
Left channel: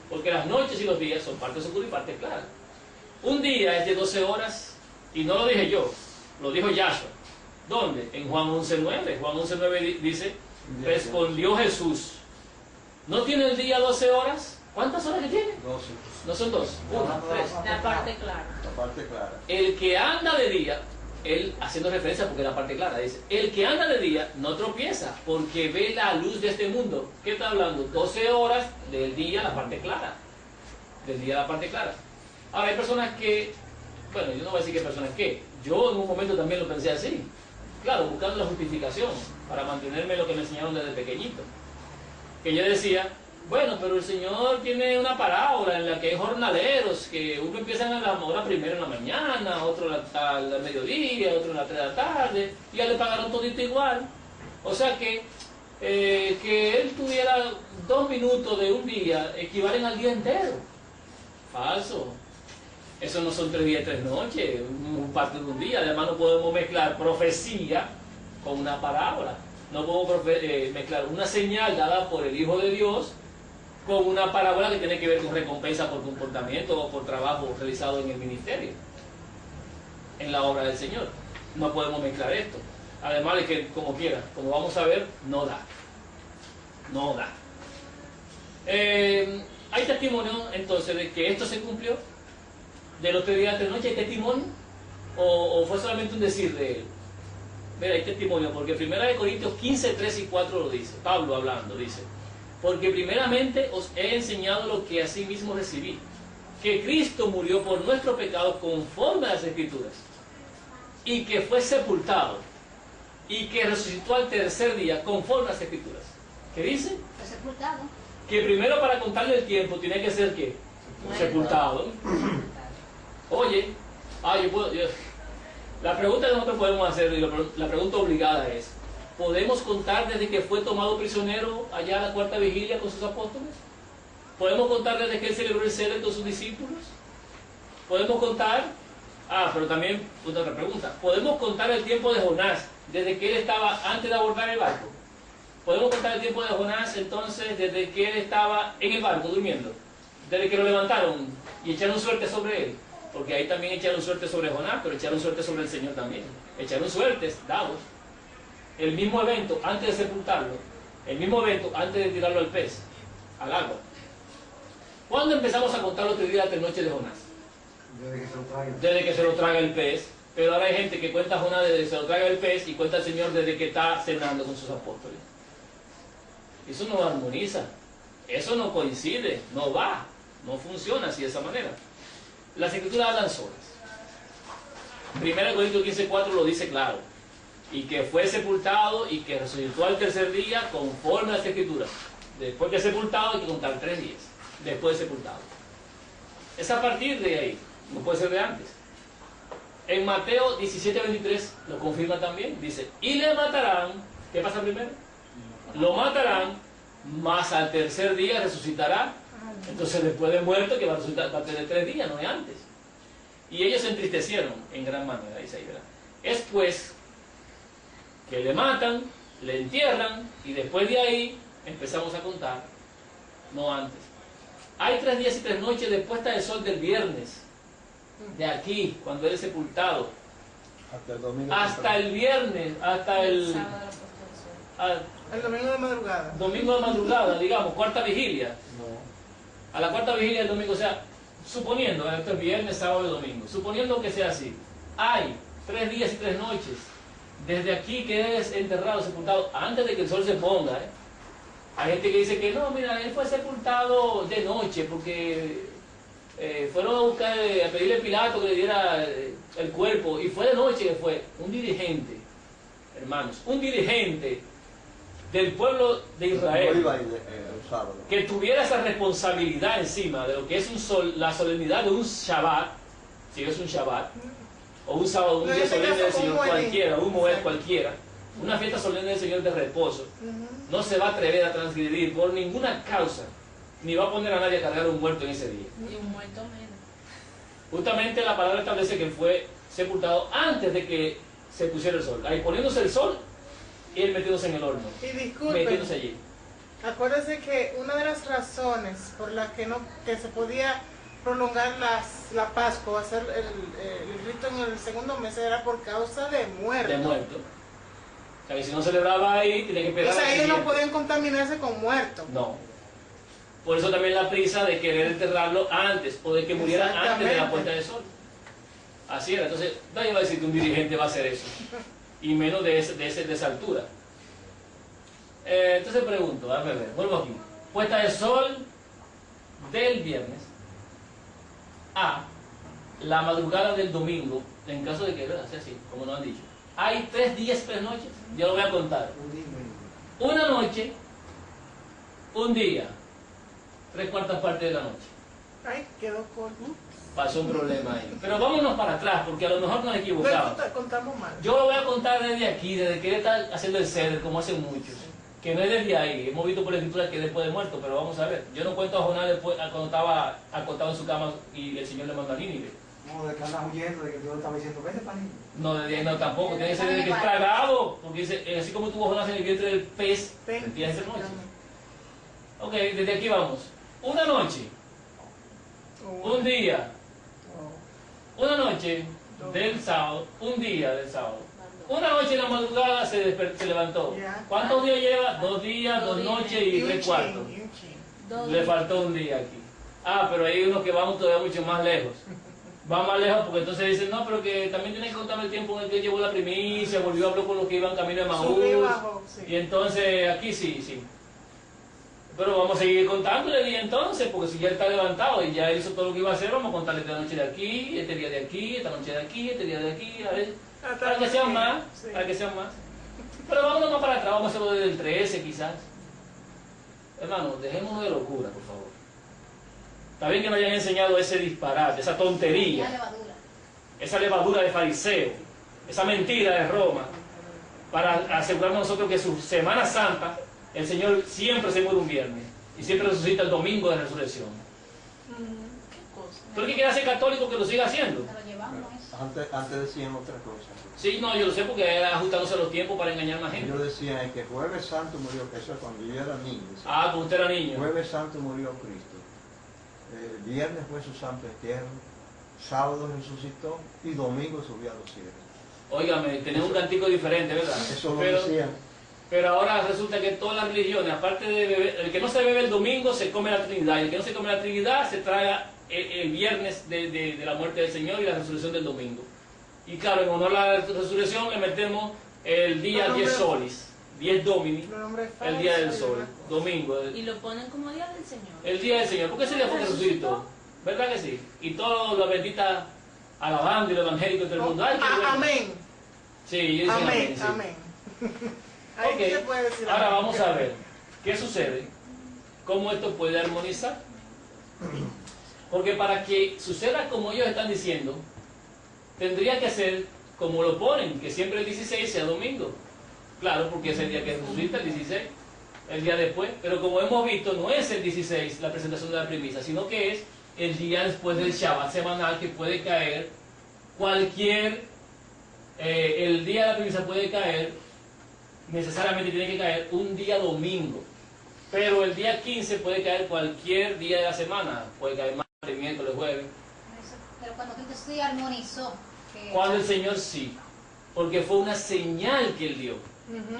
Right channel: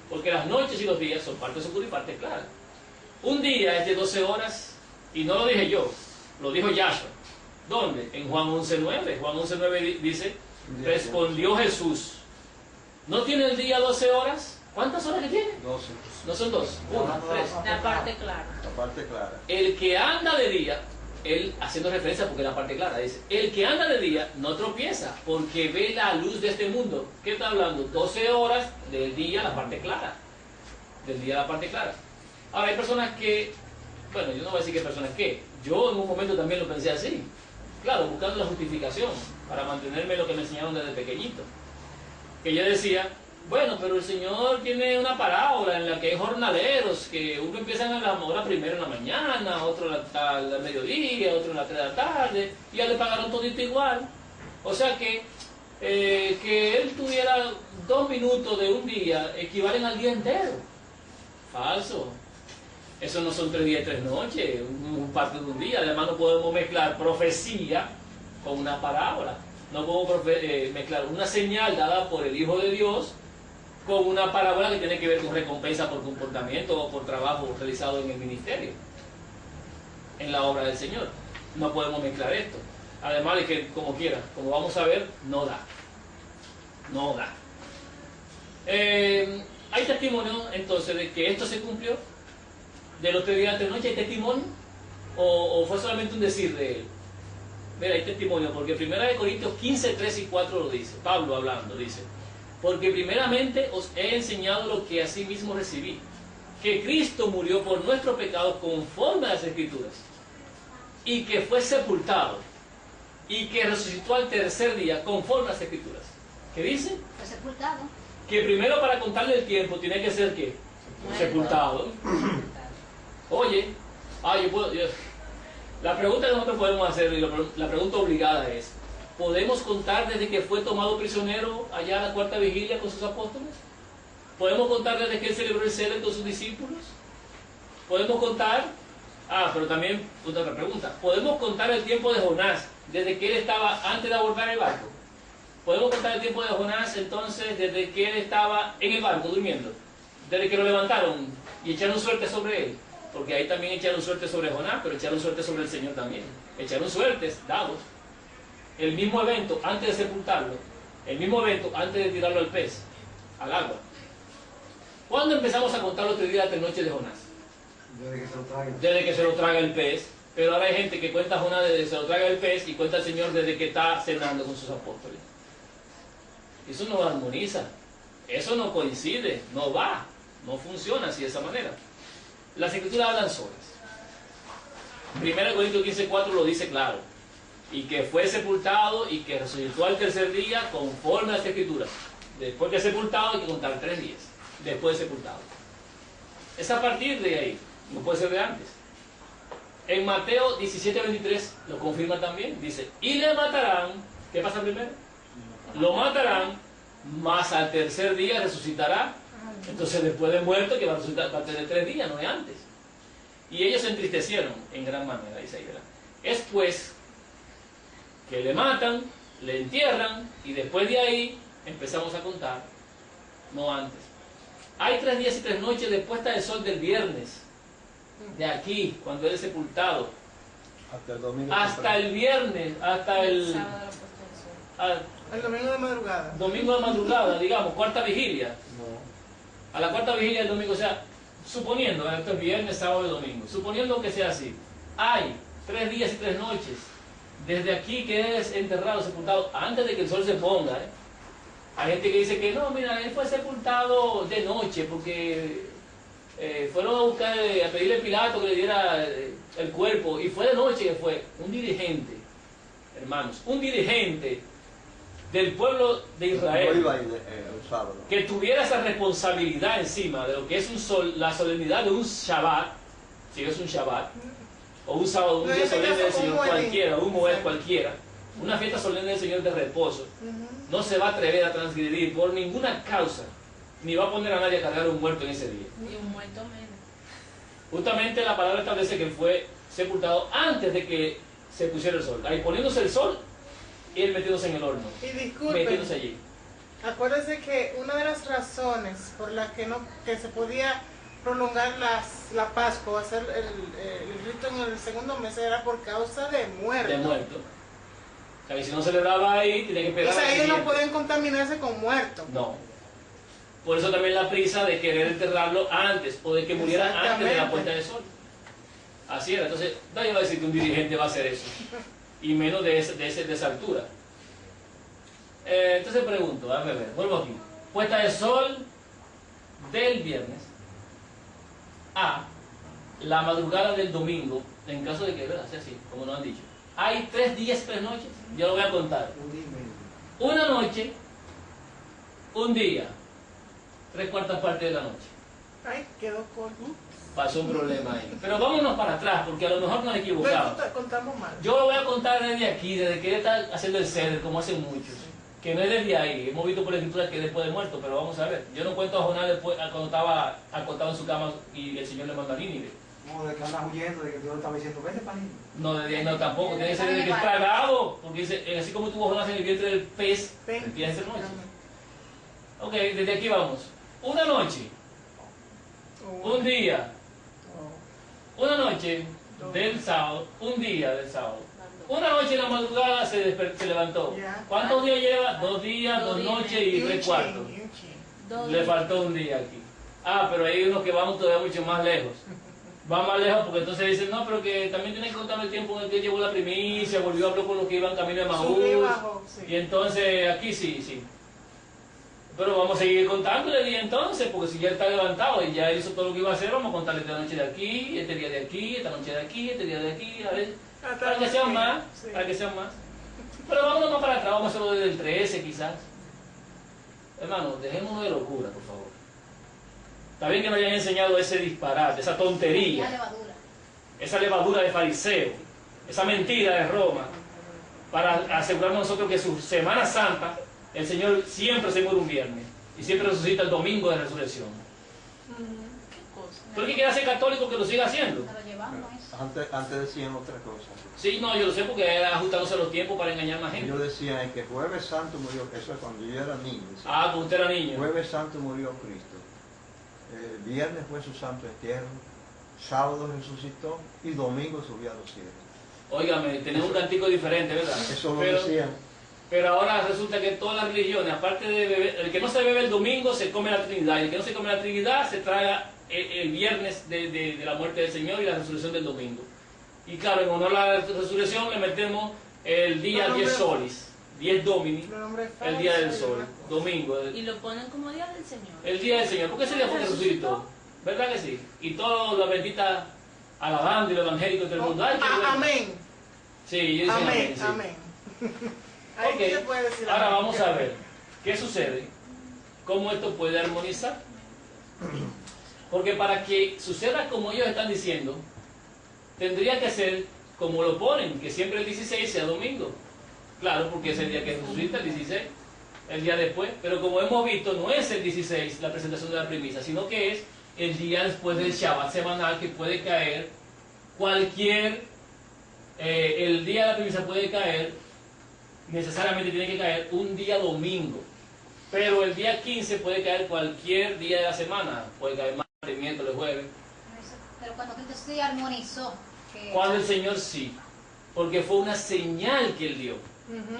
Porque las noches y los días son partes oscuras y partes claras. Un día es de 12 horas, y no lo dije yo, lo dijo Yahshua. ¿Dónde? En Juan 11:9. Juan 11:9 dice, respondió Jesús, ¿no tiene el día 12 horas? ¿Cuántas horas que tiene? 12. No son 2, 1, 3. La parte clara. La parte clara. El que anda de día, él haciendo referencia porque la parte clara dice, el que anda de día no tropieza porque ve la luz de este mundo. ¿Qué está hablando? 12 horas del día, la parte clara. Del día, la parte clara. Ahora hay personas que, bueno, yo no voy a decir que hay personas que, yo en un momento también lo pensé así. Claro, buscando la justificación para mantenerme lo que me enseñaron desde pequeñito. Que yo decía, bueno, pero el Señor tiene una parábola en la que hay jornaleros, que uno empieza a la hora primero en la mañana, otro al mediodía, otro en la 3 de la tarde, y ya le pagaron todito igual. O sea que él tuviera 2 minutos de un día equivalen al día entero. Falso. Eso no son 3 días y 3 noches, un parte de un día. Además no podemos mezclar profecía con una parábola. No podemos mezclar una señal dada por el Hijo de Dios con una parábola que tiene que ver con recompensa por comportamiento o por trabajo realizado en el ministerio, en la obra del Señor. No podemos mezclar esto. Además de que, como quiera, como vamos a ver, no da. No da. Hay testimonio entonces de que esto se cumplió, de los 3 días y 3 noches. ¿Hay testimonio? ¿O fue solamente un decir de él? Mira, hay testimonio, porque 1 Corintios 15, 3 y 4 lo dice, Pablo hablando, dice, porque primeramente os he enseñado lo que asimismo recibí, que Cristo murió por nuestros pecados conforme a las Escrituras, y que fue sepultado, y que resucitó al tercer día conforme a las Escrituras. ¿Qué dice? Fue sepultado. Que primero para contarle el tiempo tiene que ser ¿qué? Sepultado. Oye, la pregunta que nosotros podemos hacer, y la pregunta obligada es, ¿podemos contar desde que fue tomado prisionero allá a la 4ª vigilia con sus apóstoles? ¿Podemos contar desde que él celebró el ceder con sus discípulos? ¿Podemos contar? Pero también otra pregunta, ¿podemos contar el tiempo de Jonás desde que él estaba antes de abordar el barco? ¿Podemos contar el tiempo de Jonás entonces desde que él estaba en el barco durmiendo? Desde que lo levantaron y echaron suerte sobre él. Porque ahí también echaron suerte sobre Jonás, pero echaron suerte sobre el Señor también. Echaron suertes, dados. El mismo evento antes de sepultarlo, el mismo evento antes de tirarlo al pez, al agua. ¿Cuándo empezamos a contar los 3 días y 3 noches de Jonás? Desde que se lo traigan. Desde que se lo traga el pez. Pero ahora hay gente que cuenta a Jonás desde que se lo traga el pez y cuenta al Señor desde que está cenando con sus apóstoles. Eso no armoniza, eso no coincide, no va, no funciona así de esa manera. Las Escrituras hablan solas. 1 Corintios 15:4 lo dice claro. Y que fue sepultado y que resucitó al tercer día conforme a las Escrituras. Después de sepultado hay que contar 3 días. Después de sepultado. Es a partir de ahí, no puede ser de antes. En Mateo 17:23 lo confirma también. Dice, y le matarán. ¿Qué pasa primero? Lo matarán, mas al tercer día resucitará. Entonces después de muerto, que va a resultar parte de 3 días, no es antes. Y ellos se entristecieron en gran manera, dice ahí, ¿verdad? Es pues que le matan, le entierran, y después de ahí empezamos a contar, no antes. Hay 3 días y 3 noches de puesta del sol del viernes, de aquí, cuando él es sepultado, Hasta el domingo. hasta el viernes, hasta el El domingo de madrugada. domingo de madrugada, digamos, cuarta vigilia. No. A la cuarta vigilia del domingo, o sea, suponiendo, esto es viernes, sábado y domingo, suponiendo que sea así, hay 3 días y 3 noches, desde aquí que es enterrado, sepultado, antes de que el sol se ponga, ¿eh? Hay gente que dice que no, mira, él fue sepultado de noche, porque fueron a buscar, a pedirle a Pilato que le diera el cuerpo, y fue de noche que fue un dirigente, hermanos, un dirigente del pueblo de No Israel, iba a ir el sábado. que tuviera esa responsabilidad encima de lo que es la solemnidad de un Shabbat, si es un Shabbat, o un sábado, un No, día en este solemne del caso, un Señor Moed. cualquiera, un Moed Sí. cualquiera, una fiesta solemne del Señor de reposo, Ujú. no se va a atrever a transgredir por ninguna causa, ni va a poner a nadie a cargar un muerto en ese día. Y un muerto menos. Justamente la palabra establece que fue sepultado antes de que se pusiera el sol, ahí poniéndose el sol y él metiéndose en el horno, Y disculpen, metiéndose allí. acuérdense que una de las razones por las que se podía prolongar la Pascua, hacer el rito en el segundo mes, era por causa de muerte. De muerto. O sea, que si no celebraba ahí, tenía que O esperar sea, al ellos no siguiente. podían contaminarse con muertos. No. Por eso también la prisa de querer enterrarlo antes, o de que muriera antes de la Exactamente. puesta del sol. Así era. Entonces, nadie va a decir que un dirigente va a hacer eso. Y menos de esa altura. Entonces pregunto, déjame ver, vuelvo aquí. Puesta del sol del viernes a la madrugada del domingo, en caso de que, ¿verdad? Sea así, como nos han dicho. Hay 3 días, 3 noches. Yo lo voy a contar. Un día y medio. Una noche, un día, 3/4 partes de la noche. Ay, quedó corto. Pasó un problema ahí. Pero vámonos para atrás, porque a lo mejor nos equivocamos. Contamos mal. Yo lo voy a contar desde aquí, desde que él está haciendo el ceder, como hacen muchos. Que no es desde ahí. Hemos visto por la escritura que es después de muerto, pero vamos a ver. Yo no cuento a Jonás después, cuando estaba acostado en su cama y el Señor le mandó a Nínive. No, de que andas huyendo, de que Dios estaba diciendo, vete para allí. No, desde ahí no tampoco. Tiene que ser desde que es tragado. Porque dice, así como tuvo Jonás en el vientre del pez, empieza a ser noche. Ok, desde aquí vamos. Una noche, un día, una noche del sábado, un día del sábado. Una noche en la madrugada se levantó. Ya. ¿Cuántos días lleva? 2 días, 2 noches y 3/4. Le faltó un día aquí. Ah, pero hay unos que vamos todavía mucho más lejos. Va más lejos porque entonces dicen, no, pero que también tienen que contar el tiempo en el que llevó la primicia, volvió a hablar con los que iban camino de Maús. Sube y bajó, sí. Y entonces aquí sí. Pero vamos a seguir contándole y entonces, porque si ya está levantado y ya hizo todo lo que iba a hacer, vamos a contarle esta noche de aquí, este día de aquí, esta noche de aquí, este día de aquí, a ver, para que sean más, Sí. para que sean más. Pero vámonos más para atrás, vamos a hacerlo desde el 13 quizás. Hermano, dejémonos de locura, por favor. Está bien que nos hayan enseñado ese disparate, esa La tontería, levadura. esa levadura de fariseo, esa mentira de Roma, para asegurarnos nosotros que su Semana Santa, el Señor siempre se muere un viernes y siempre resucita el domingo de resurrección. ¿Qué cosa? ¿Tú el que quiere ser católico que lo siga haciendo? Pero llevamos eso. Antes decían otra cosa. Sí, no, yo lo sé porque era ajustándose a los tiempos para engañar más gente. Ellos decían que Jueves Santo murió, eso es cuando yo era niño. decían, Ah, cuando usted era niño. Jueves Santo murió Cristo. Viernes fue su santo entierro. Sábado resucitó y domingo subió a los cielos. Óigame, tenía un cantico diferente, ¿verdad? Eso lo Pero, decían. pero ahora resulta que todas las religiones, aparte de beber, el que no se bebe el domingo se come la Trinidad, y el que no se come la Trinidad se traga el viernes de la muerte del Señor y la resurrección del domingo. Y claro, en honor a la resurrección le metemos el día 10 solis, 10 domini, el día del sol, domingo, Y lo ponen como día del Señor. el día del Señor. ¿Por qué ese día fue que resucitó? ¿Verdad que sí? Y toda la bendita alabando y el evangélico de todo el mundo. Ay, qué bueno. Amén. Sí, ellos dicen Amén. sí. Amén. Ahí Ok, se puede decir ahora amén. vamos a ver qué sucede, cómo esto puede armonizar. Porque para que suceda como ellos están diciendo, tendría que ser como lo ponen, que siempre el 16 sea domingo. Claro, porque es el día que resucita el 16. el día después, pero como hemos visto, no es el 16 la presentación de la primicia, sino que es el día después del Shabbat semanal, que puede caer el día de la primicia puede caer, necesariamente tiene que caer un día domingo, pero el día 15 puede caer cualquier día de la semana, puede caer martes, miércoles, jueves. Pero cuando Cristo sí armonizó. Cuando el Señor sí, porque fue una señal que Él dio,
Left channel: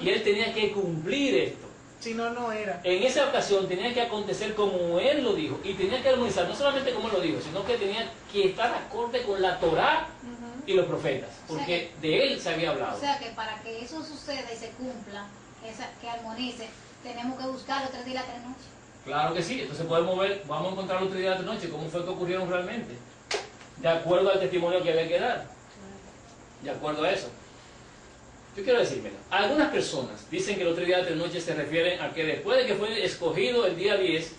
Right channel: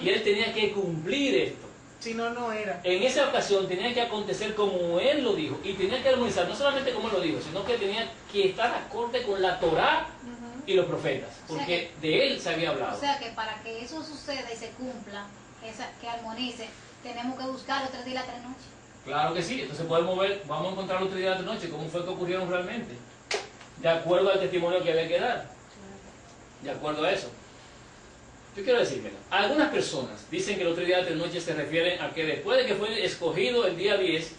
y Él tenía que cumplir esto. Si no, no era. En esa ocasión tenía que acontecer como Él lo dijo, y tenía que armonizar, no solamente como Él lo dijo, sino que tenía que estar acorde con la Torá y los profetas, porque de Él se había hablado. O sea que para que eso suceda y se cumpla, que armonice, tenemos que buscar los 3 días y las 3 noches. Claro que sí, entonces vamos a encontrar otro día de la noche, cómo fue que ocurrieron realmente, de acuerdo al testimonio que había que dar, de acuerdo a eso. Yo quiero decir, mira, algunas personas dicen que los 3 días de la noche se refieren a que después de que fue escogido el día 10,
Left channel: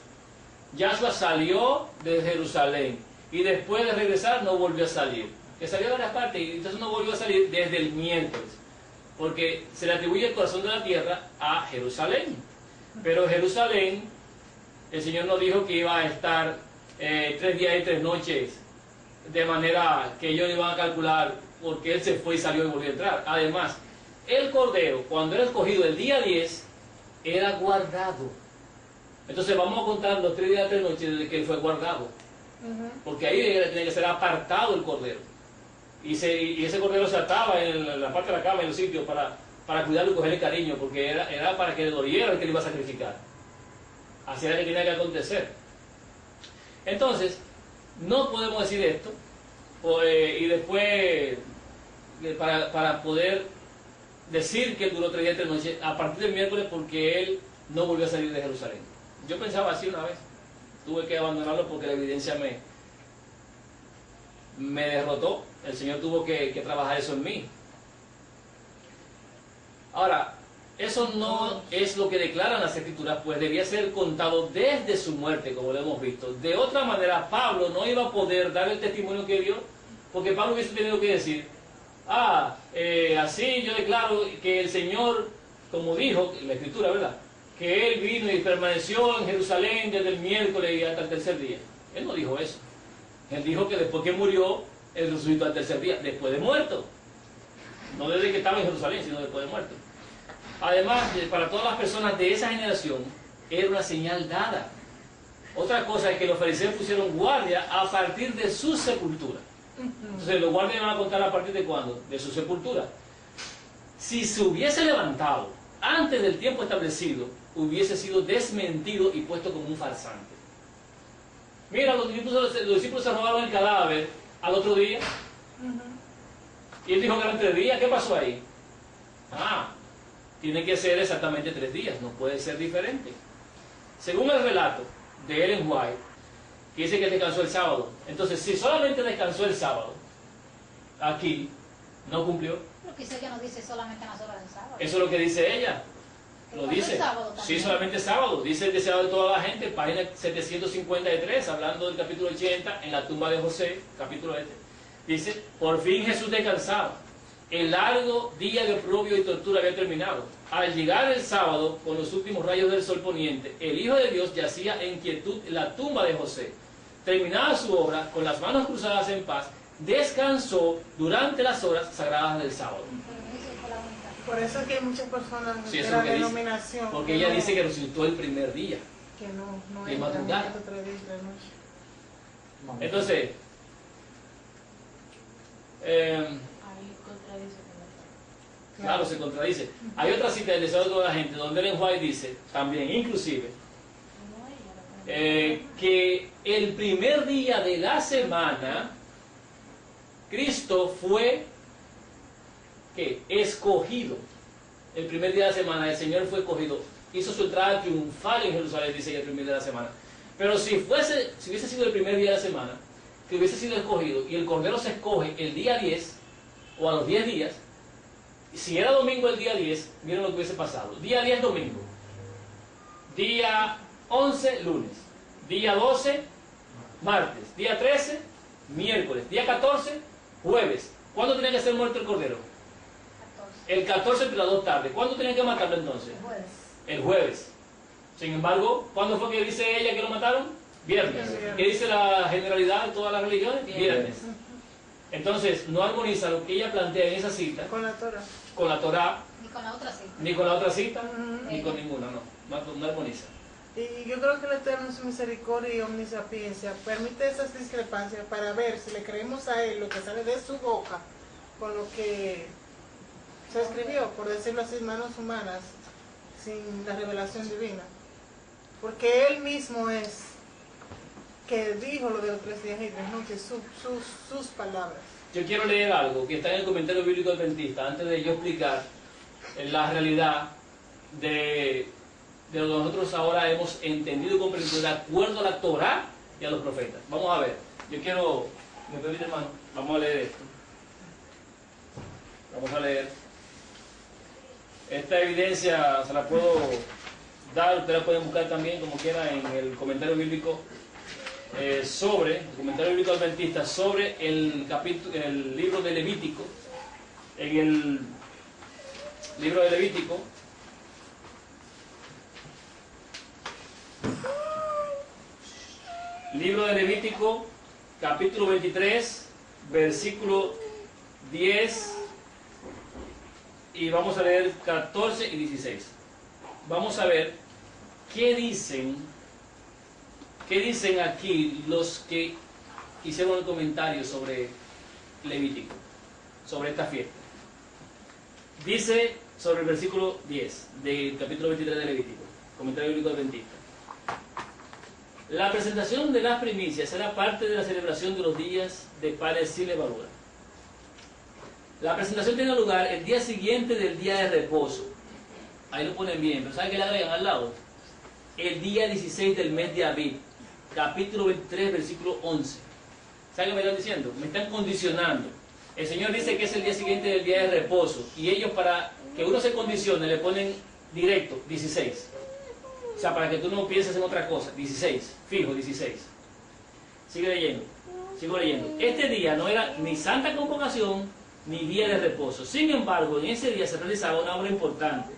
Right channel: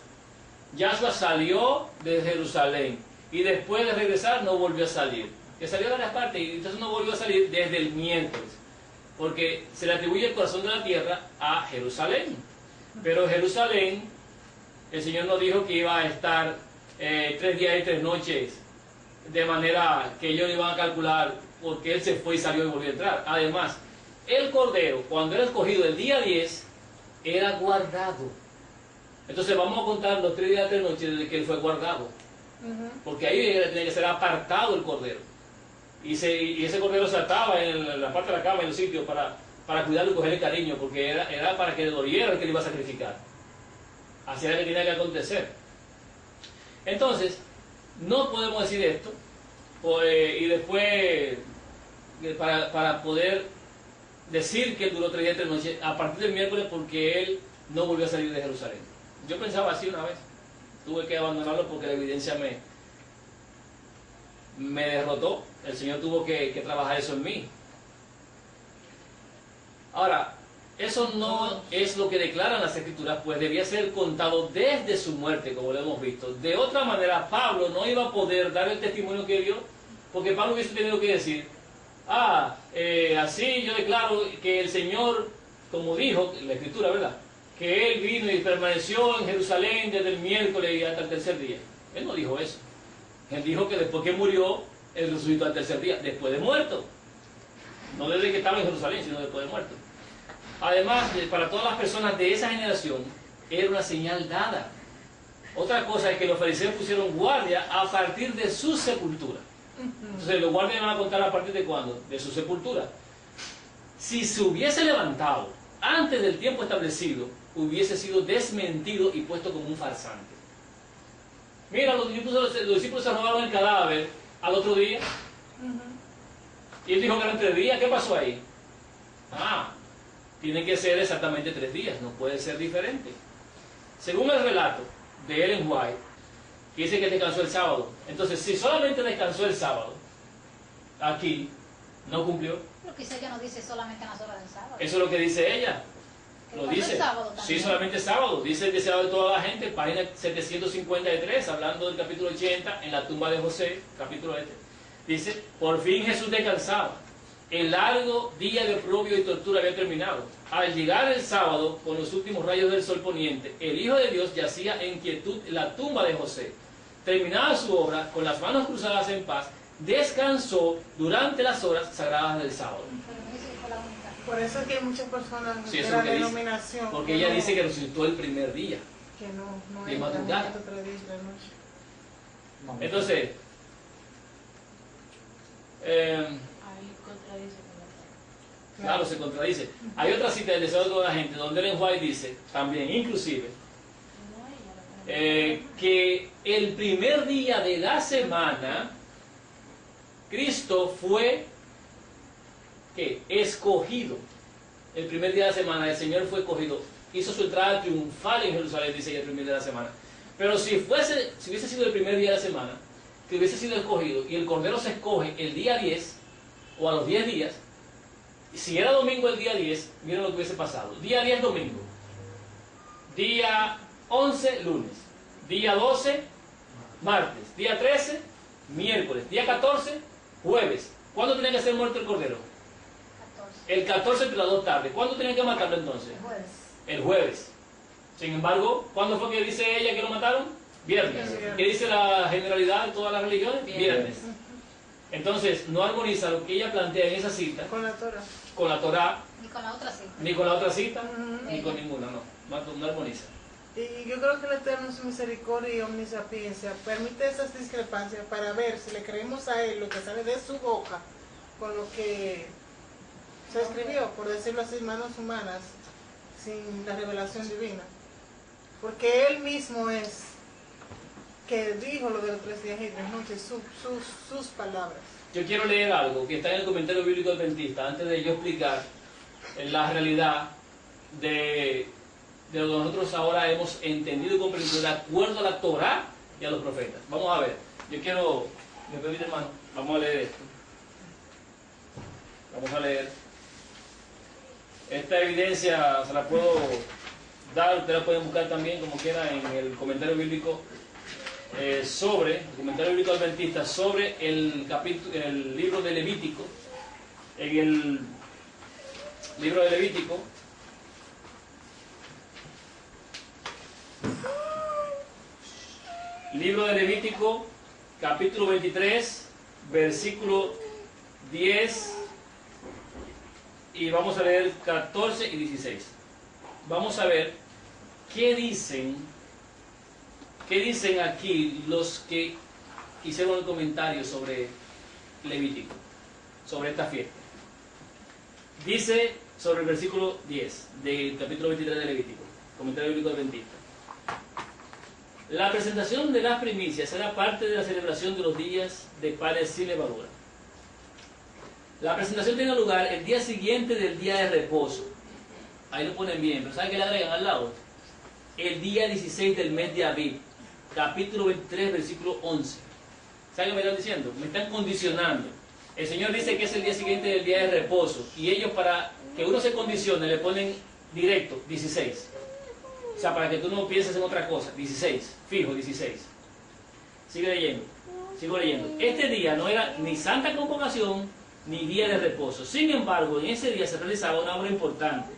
Yahshua salió de Jerusalén y después de regresar no volvió a salir, que salió de varias partes y entonces no volvió a salir desde el miércoles, porque se le atribuye el corazón de la tierra a Jerusalén, pero Jerusalén, el Señor nos dijo que iba a estar 3 días y 3 noches, de manera que ellos iban a calcular porque Él se fue y salió y volvió a entrar. Además, el Cordero, cuando era escogido el día 10, era guardado. Entonces vamos a contar los 3 días y 3 noches desde que Él fue guardado, porque ahí tenía que ser apartado el Cordero. Y ese Cordero se ataba en la parte de la cama, en los sitios, para cuidarlo y cogerle cariño, porque era para que le doliera el que le iba a sacrificar. Así era que tenía que acontecer. Entonces, no podemos decir esto, y después, para poder decir que él duró 3 días y 3 noches, a partir del miércoles, porque él no volvió a salir de Jerusalén. Yo pensaba así una vez, tuve que abandonarlo porque la evidencia me derrotó. El Señor tuvo que trabajar eso en mí. Ahora, eso no es lo que declaran las Escrituras, pues debía ser contado desde su muerte, como lo hemos visto. De otra manera, Pablo no iba a poder dar el testimonio que dio, porque Pablo hubiese tenido que decir, así yo declaro que el Señor, como dijo la Escritura, ¿verdad?, que Él vino y permaneció en Jerusalén desde el miércoles y hasta el tercer día. Él no dijo eso. Él dijo que después que murió, Él resucitó al tercer día, después de muerto. No desde que estaba en Jerusalén, sino después de muerto. Además, para todas las personas de esa generación, era una señal dada. Otra cosa es que los fariseos pusieron guardia a partir de su sepultura. Entonces, los guardias van a contar a partir de ¿cuándo? De su sepultura. Si se hubiese levantado antes del tiempo establecido, hubiese sido desmentido y puesto como un farsante. Mira, los discípulos se robaron el cadáver al otro día. Y él dijo que eran 3 días. ¿Qué pasó ahí? Tiene que ser exactamente 3 días, no puede ser diferente. Según el relato de Ellen White, que dice que descansó el sábado. Entonces, si solamente descansó el sábado, aquí no cumplió. Pero quizá ella no dice solamente en las horas del sábado. Eso es lo que dice ella. Que Lo dice. sábado Sí, solamente sábado. Dice el deseado de toda la gente, página 753, hablando del capítulo 80, en la tumba de José, capítulo Dice, por fin Jesús descansaba. El largo día de oprobio y tortura había terminado. Al llegar el sábado, con los últimos rayos del sol poniente, el Hijo de Dios yacía en quietud en la tumba de José. Terminada su obra, con las manos cruzadas en paz, descansó durante las horas sagradas del sábado. Por eso es que hay muchas personas Sí, de eso la es lo que denominación. dice. Porque ella dice que resucitó el primer día. Que no de hay madrugada. 3 días y 3 noches. Entonces, Ahí contradice. claro, se contradice. Hay otra cita del deseo de toda la gente, donde Ellen White dice, también, inclusive, que el primer día de la semana, Cristo fue escogido. El primer día de la semana, el Señor fue escogido. Hizo su entrada triunfal en Jerusalén, dice ella, el primer día de la semana. Pero si hubiese sido el primer día de la semana, que hubiese sido escogido, y el Cordero se escoge el día 10, o a los 10 días, si era domingo el día 10, miren lo que hubiese pasado. Día 10, domingo. Día 11, lunes. Día 12, martes. Día 13, miércoles. Día 14, jueves. ¿Cuándo tenía que ser muerto el Cordero? 14. El 14 entre las 2 tardes. ¿Cuándo tenían que matarlo entonces? El jueves. El jueves. Sin embargo, ¿cuándo fue que dice ella que lo mataron? Viernes. ¿Qué dice la generalidad de todas las religiones? Viernes. Entonces, no armoniza lo que ella plantea en esa cita Con la Torah. con la Torá, Ni con la otra sí. ni con la otra cita, ni con ninguna, no armoniza. Y yo creo que el Eterno en su misericordia y omnisapiencia permite esas discrepancias para ver si le creemos a Él lo que sale de su boca con lo que se escribió, por decirlo así, manos humanas, sin la revelación divina. Porque Él mismo es que dijo lo de los 3 días y 3 noches, sus palabras. Yo quiero leer algo que está en el comentario bíblico adventista, antes de yo explicar la realidad de lo que nosotros ahora hemos entendido y comprendido de acuerdo a la Torá y a los profetas. Vamos a ver, yo quiero, ¿me permite, hermano? Vamos a leer esto. Vamos a leer. Esta evidencia se la puedo dar, ustedes la pueden buscar también como quiera en el comentario bíblico el comentario bíblico adventista sobre el libro de Levítico. En el libro de Levítico, capítulo 23, versículo 10, y vamos a leer 14 y 16. Vamos a ver qué dicen aquí los que hicieron el comentario sobre Levítico, sobre esta fiesta. Dice sobre el versículo 10 del capítulo 23 de Levítico, comentario bíblico adventista. La presentación de las primicias era parte de la celebración de los días de panes sin levadura. La presentación tiene lugar el día siguiente del día de reposo. Ahí lo ponen bien, pero ¿saben qué le agregan al lado? El día 16 del mes de Abib, capítulo 23, versículo 11. ¿Saben qué me están diciendo? Me están condicionando. El Señor dice que es el día siguiente del día de reposo, y ellos, para que uno se condicione, le ponen directo 16. O sea, para que tú no pienses en otra cosa, 16, fijo 16. Sigue leyendo, sigo leyendo. Este día no era ni santa convocación ni día de reposo. Sin embargo, en ese día se realizaba una obra importante.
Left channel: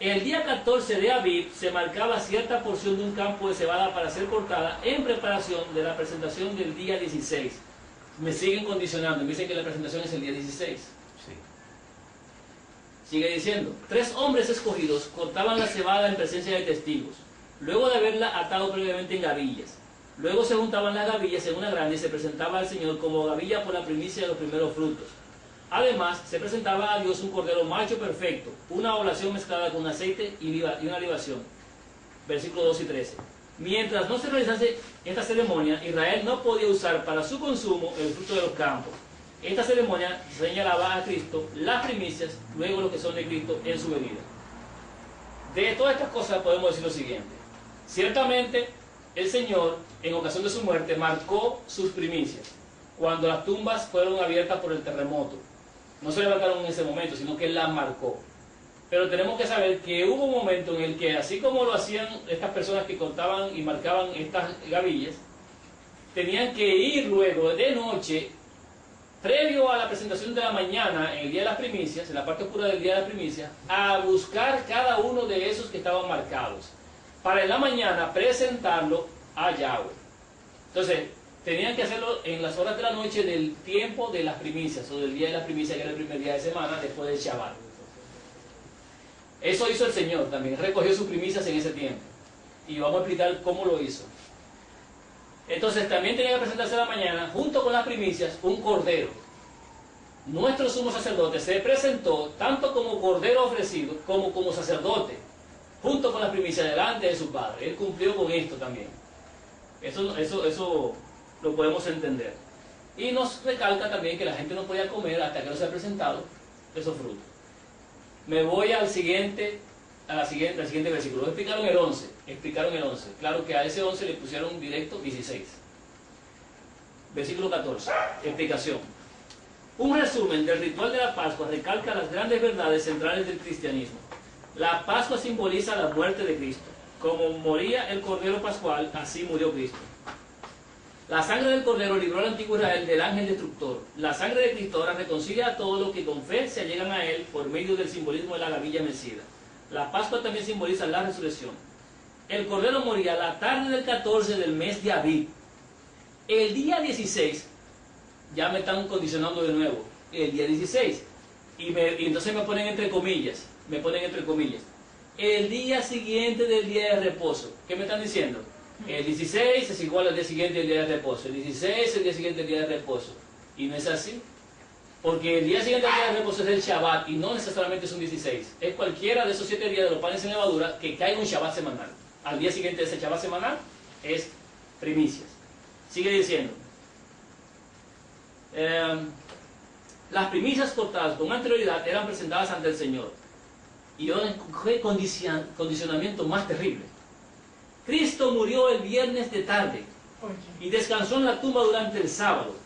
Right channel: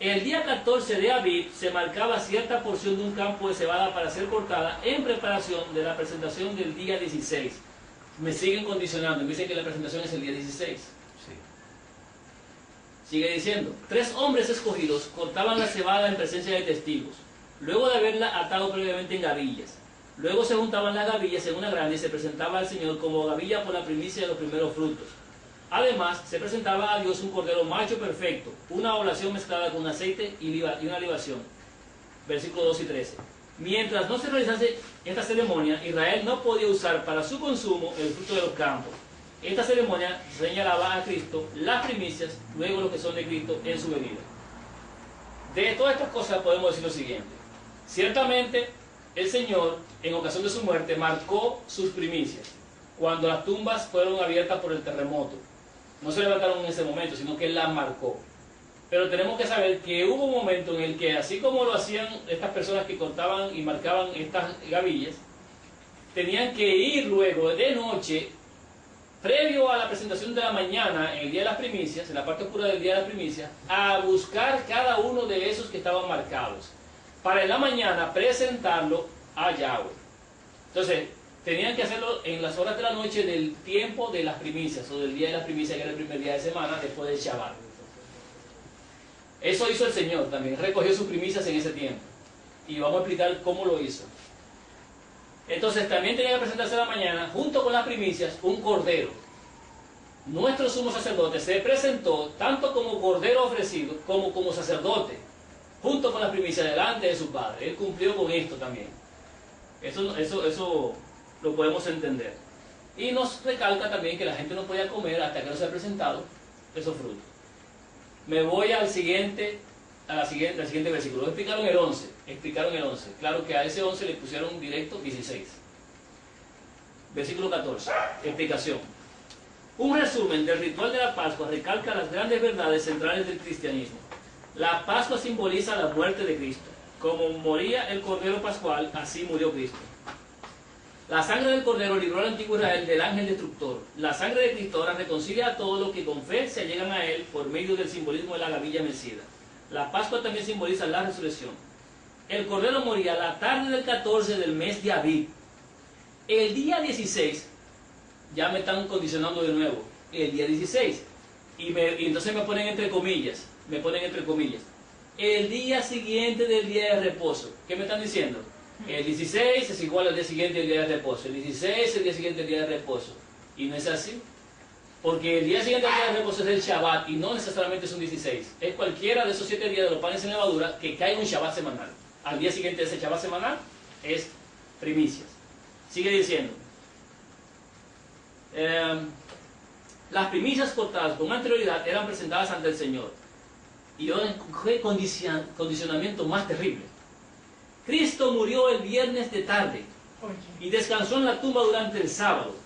El día 14 de Abib se marcaba cierta porción de un campo de cebada para ser cortada en preparación de la presentación del día 16. Me siguen condicionando, me dicen que la presentación es el día 16. Sigue diciendo, 3 hombres escogidos cortaban la cebada en presencia de testigos, luego de haberla atado previamente en gavillas. Luego se juntaban las gavillas en una grande y se presentaba al Señor como gavilla por la primicia de los primeros frutos. Además, se presentaba a Dios un cordero macho perfecto, una oblación mezclada con aceite y una libación. Versículos 2 y 13. Mientras no se realizase esta ceremonia, Israel no podía usar para su consumo el fruto de los campos. Esta ceremonia señalaba a Cristo las primicias, luego lo que son de Cristo en su venida. De todas estas cosas podemos decir lo siguiente. Ciertamente, el Señor, en ocasión de su muerte, marcó sus primicias, cuando las tumbas fueron abiertas por el terremoto. No se levantaron en ese momento, sino que Él las marcó. Pero tenemos que saber que hubo un momento en el que, así como lo hacían estas personas que cortaban y marcaban estas gavillas, tenían que ir luego de noche, previo a la presentación de la mañana, en el día de las primicias, en la parte oscura del día de las primicias, a buscar cada uno de esos que estaban marcados, para en la mañana presentarlo a Yahweh. Entonces, tenían que hacerlo en las horas de la noche del tiempo de las primicias, o del día de las primicias, que era el primer día de semana, después del Shabbat. Eso hizo el Señor también, recogió sus primicias en ese tiempo. Y vamos a explicar cómo lo hizo. Entonces también tenía que presentarse a la mañana, junto con las primicias, un cordero. Nuestro sumo sacerdote se presentó tanto como cordero ofrecido, como sacerdote, junto con las primicias delante de su Padre. Él cumplió con esto también. Eso lo podemos entender. Y nos recalca también que la gente no podía comer hasta que no se haya presentado esos frutos. Me voy al siguiente versículo. Explicaron el 11. Claro que a ese 11 le pusieron directo 16. Versículo 14. Explicación. Un resumen del ritual de la Pascua recalca las grandes verdades centrales del cristianismo. La Pascua simboliza la muerte de Cristo. Como moría el Cordero Pascual, así murió Cristo. La sangre del Cordero libró al antiguo Israel del ángel destructor. La sangre de Cristo ahora reconcilia a todos los que con fe se allegan a Él por medio del simbolismo de la gavilla mecida. La Pascua también simboliza la resurrección. el cordero moría la tarde del 14 del mes de Abib. El día 16, ya me están condicionando de nuevo, el día 16, y entonces me ponen entre comillas, el día siguiente del día de reposo. ¿Qué me están diciendo? El 16 es igual al día siguiente del día de reposo, el 16 es el día siguiente del día de reposo, y no es así. Porque el día siguiente del día de reposo es el Shabbat y no necesariamente es un 16. Es cualquiera de esos 7 días de los panes sin levadura que caiga un Shabbat semanal. Al día siguiente de ese Shabbat semanal es primicias. Sigue diciendo. Las primicias cortadas con anterioridad eran presentadas ante el Señor. Y ahora qué condicionamiento más terrible. Cristo murió el viernes de tarde y descansó en la tumba durante el sábado.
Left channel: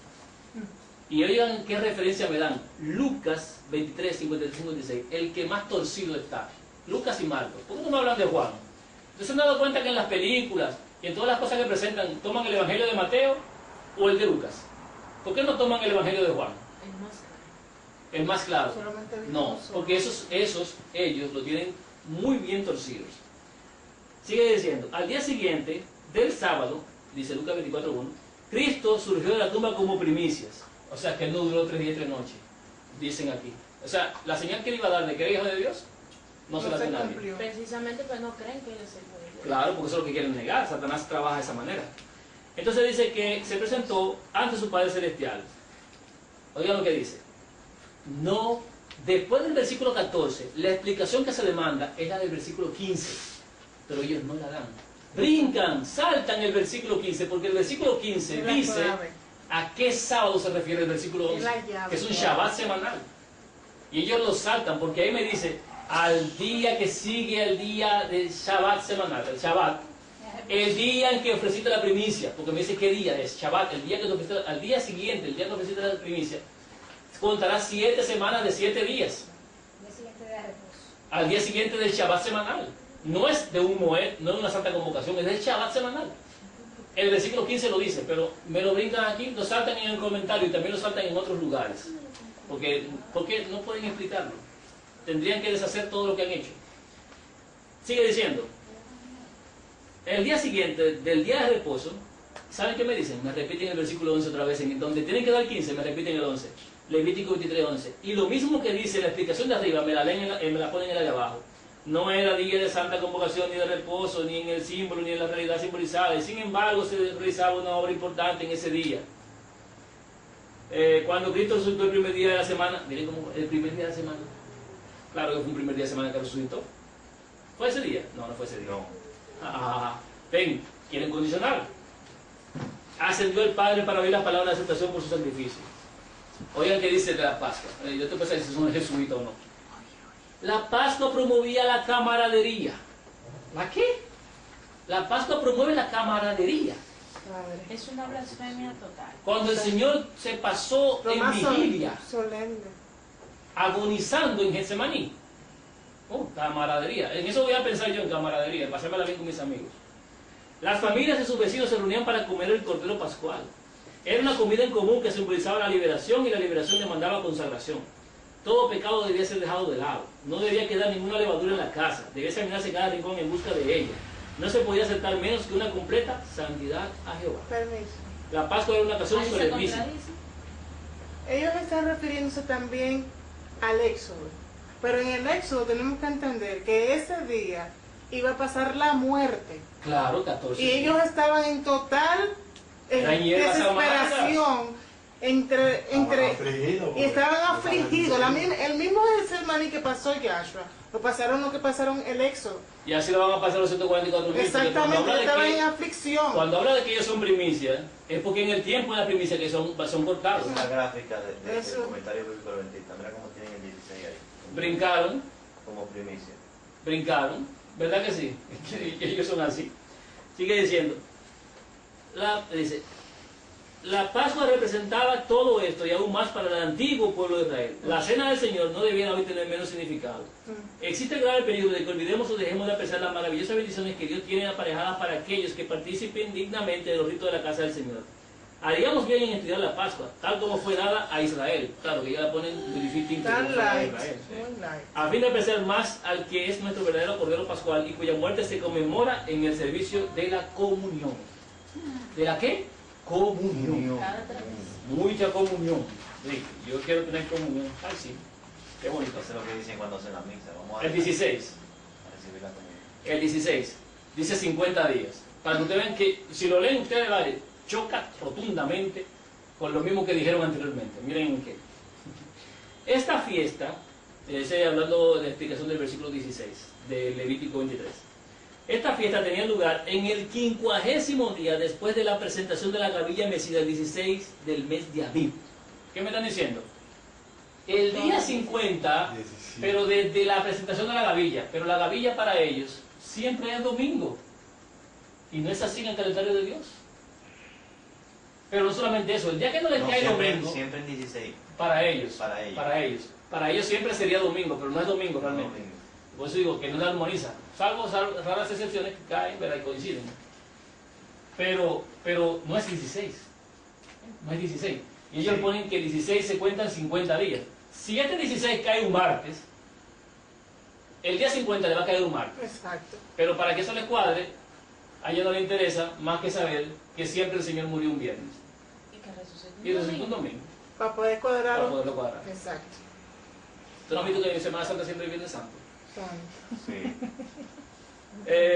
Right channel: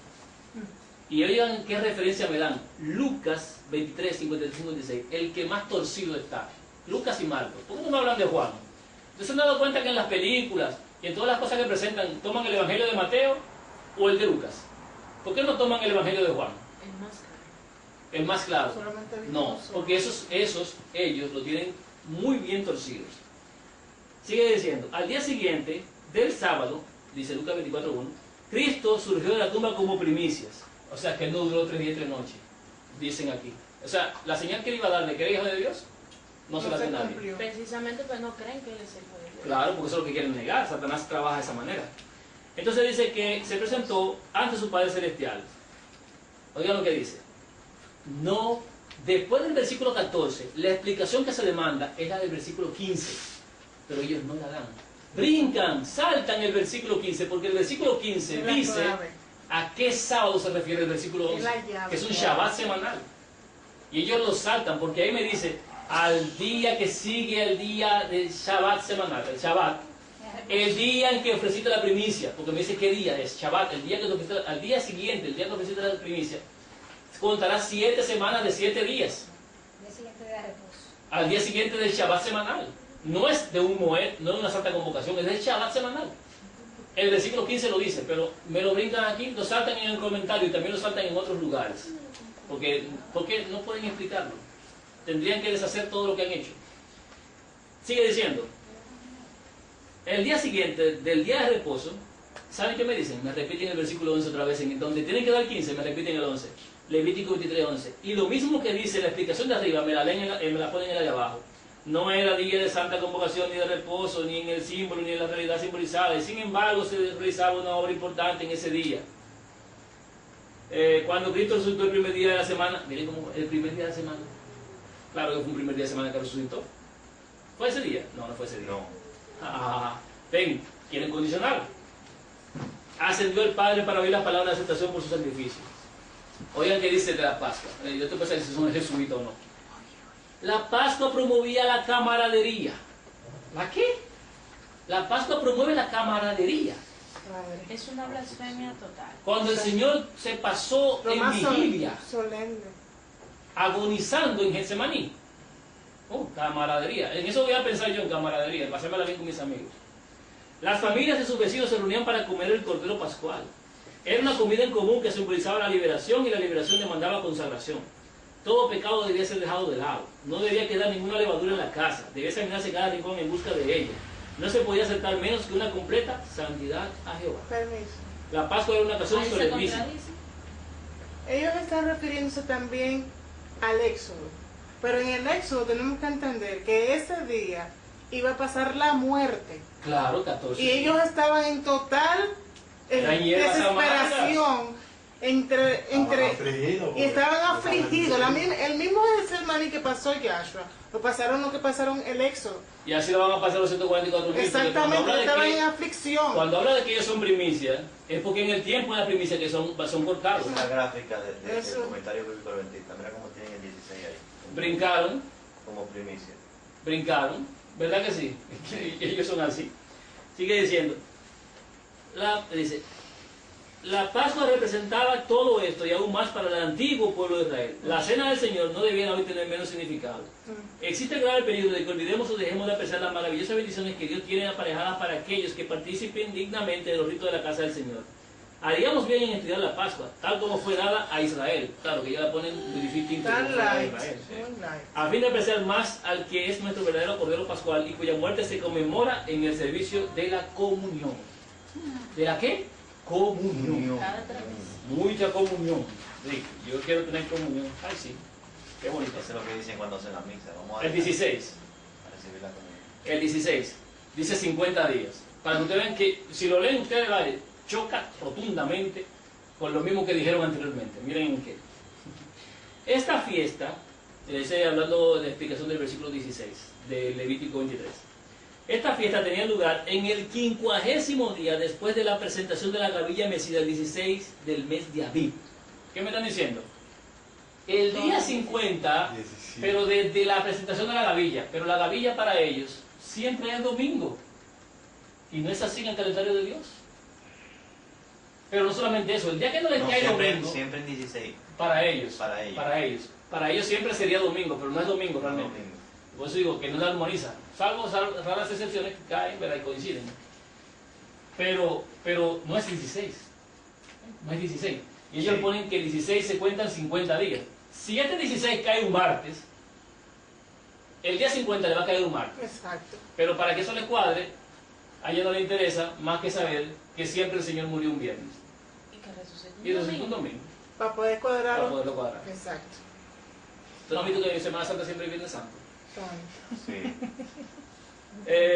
Y oigan qué referencia me dan. Lucas 23, 55, 56. El que más torcido está. Lucas y Marcos. ¿Por qué no me hablan de Juan? ¿Ustedes se han dado cuenta que en las películas y en todas las cosas que presentan toman el Evangelio de Mateo o el de Lucas? ¿Por qué no toman el Evangelio de Juan? El más claro. No, porque ellos lo tienen muy bien torcidos. Sigue diciendo. Al día siguiente del sábado, dice Lucas 24:1, Cristo surgió de la tumba como primicias. O sea, que él no duró 3 días y 3 noches, dicen aquí. O sea, la señal que él iba a dar de que era hijo de Dios, no se la da nadie. Precisamente pues no creen que él es hijo de Dios. Claro, porque eso es lo que quieren negar. Satanás trabaja de esa manera. Entonces dice que se presentó ante su Padre Celestial. Oigan lo que dice. No, después del versículo 14, la explicación que se le manda es la del versículo 15. Pero ellos no la dan. Brincan, saltan el versículo 15, porque el versículo 15 dice... ¿A qué sábado se refiere el versículo 11? Que es un Shabbat semanal. Y ellos lo saltan porque ahí me dice, al día que sigue el día del Shabbat semanal, el Shabbat, el día en que ofreciste la primicia, porque me dice qué día es, Shabbat, el día que te ofreciste, al día siguiente, el día que ofreciste la primicia, contarás 7 semanas de 7 días. Al día siguiente del Shabbat semanal. No es de un Moed, no es una santa convocación, es del Shabbat semanal. El versículo 15 lo dice, pero me lo brindan aquí, lo saltan en el comentario y también lo saltan en otros lugares. Porque no pueden explicarlo. Tendrían que deshacer todo lo que han hecho. Sigue diciendo. El día siguiente del día de reposo, ¿saben qué me dicen? Me repiten el versículo 11 otra vez. En donde tienen que dar 15, me repiten el 11. Levítico 23, 11. Y lo mismo que dice la explicación de arriba, me la ponen en la de abajo. No era día de santa convocación, ni de reposo, ni en el símbolo, ni en la realidad simbolizada. Y sin embargo se realizaba una obra importante en ese día. Cuando Cristo resucitó el primer día de la semana, miren cómo el primer día de la semana. Claro que fue un primer día de semana que resucitó. ¿Fue ese día? No, no fue ese día. No. Ven, quieren condicionar. Ascendió el Padre para oír la palabra de aceptación por su sacrificio. Oigan qué dice de la Pascua. Yo te pensé si son jesuitas o no. La Pascua promovía la camaradería. ¿La qué? La Pascua promueve la camaradería. Es una blasfemia total. Cuando el Señor se pasó en vigilia, agonizando en Getsemaní. Camaradería. En eso voy a pensar yo, en camaradería, en pasármela bien con mis amigos. Las familias y sus vecinos se reunían para comer el cordero pascual. Era una comida en común que simbolizaba la liberación y la liberación demandaba consagración. Todo pecado debía ser dejado de lado. No debía quedar ninguna levadura en la casa. Debía examinarse cada rincón en busca de ella. No se podía aceptar menos que una completa santidad a Jehová. Permiso. La Pascua era una ocasión solemnísima. Ellos están refiriéndose también al Éxodo. Pero en el Éxodo tenemos que entender que ese día iba a pasar la muerte. Claro, 14. Y ellos estaban en total desesperación. Y estaban afligidos. El mismo Getsemaní que pasó Yahshua, lo pasaron lo que pasaron el Éxodo. Y así lo van a pasar los 144.000. Exactamente, estaban en aflicción. Cuando habla de que ellos son primicias, es porque en el tiempo de la primicia que son cortados. Una gráfica del comentario bíblico adventista. Mira cómo tienen el 16 ahí. Brincaron. Como primicia. Brincaron. ¿Verdad que sí? Ellos son así. Sigue diciendo. Dice. La Pascua representaba todo esto y aún más para el antiguo pueblo de Israel. La cena del Señor no debía hoy tener menos significado. Existe el grave peligro de que olvidemos o dejemos de apreciar las maravillosas bendiciones que Dios tiene aparejadas para aquellos que participen dignamente de los ritos de la casa del Señor. Haríamos bien en estudiar la Pascua, tal como fue dada a Israel. Claro que ya la ponen de distinto como Tan fue a light, Israel. muy light. A fin de apreciar más al que es nuestro verdadero Cordero Pascual y cuya muerte se conmemora en el servicio de la comunión. ¿De la qué? Comunión. Cada 3 meses. Mucha comunión. Sí, yo quiero tener comunión. Ay, sí. Qué bonito. Eso es lo que dicen cuando hacen la misa. Vamos a El 16. a recibir la comunión. El 16. Dice 50 días. Para que ustedes vean que, si lo leen ustedes, vale, choca rotundamente con lo mismo que dijeron anteriormente. Miren en qué. Esta fiesta, hablando de la explicación del versículo 16 de Levítico 23. Esta fiesta tenía lugar en el 50º día después de la presentación de la gavilla mecida, el 16 del mes de Abib. ¿Qué me están diciendo? El día 50, pero desde la presentación de la gavilla. Pero la gavilla para ellos siempre es domingo. Y no es así en el calendario de Dios. Pero no solamente eso, el día que no les cae domingo, siempre en 16. para ellos, Para ellos. para ellos siempre sería domingo, pero no es domingo realmente. Domingo. Por eso digo que no se armoniza, salvo raras excepciones que caen, ¿verdad? Y coinciden. Pero no es 16, no es 16. Y ellos Sí. ponen que el 16 se cuentan 50 días. Si este 16 cae un martes, el día 50 le va a caer un martes. Exacto. Pero para que eso les cuadre, a ella no le interesa más que saber que siempre el Señor murió un viernes. Y que resucitó Y resucitó un domingo, Para poder para cuadrarlo. poderlo cuadrar. Exacto. ¿Tú no has visto que en Semana Santa siempre hay Viernes Santo? Santo. Sí.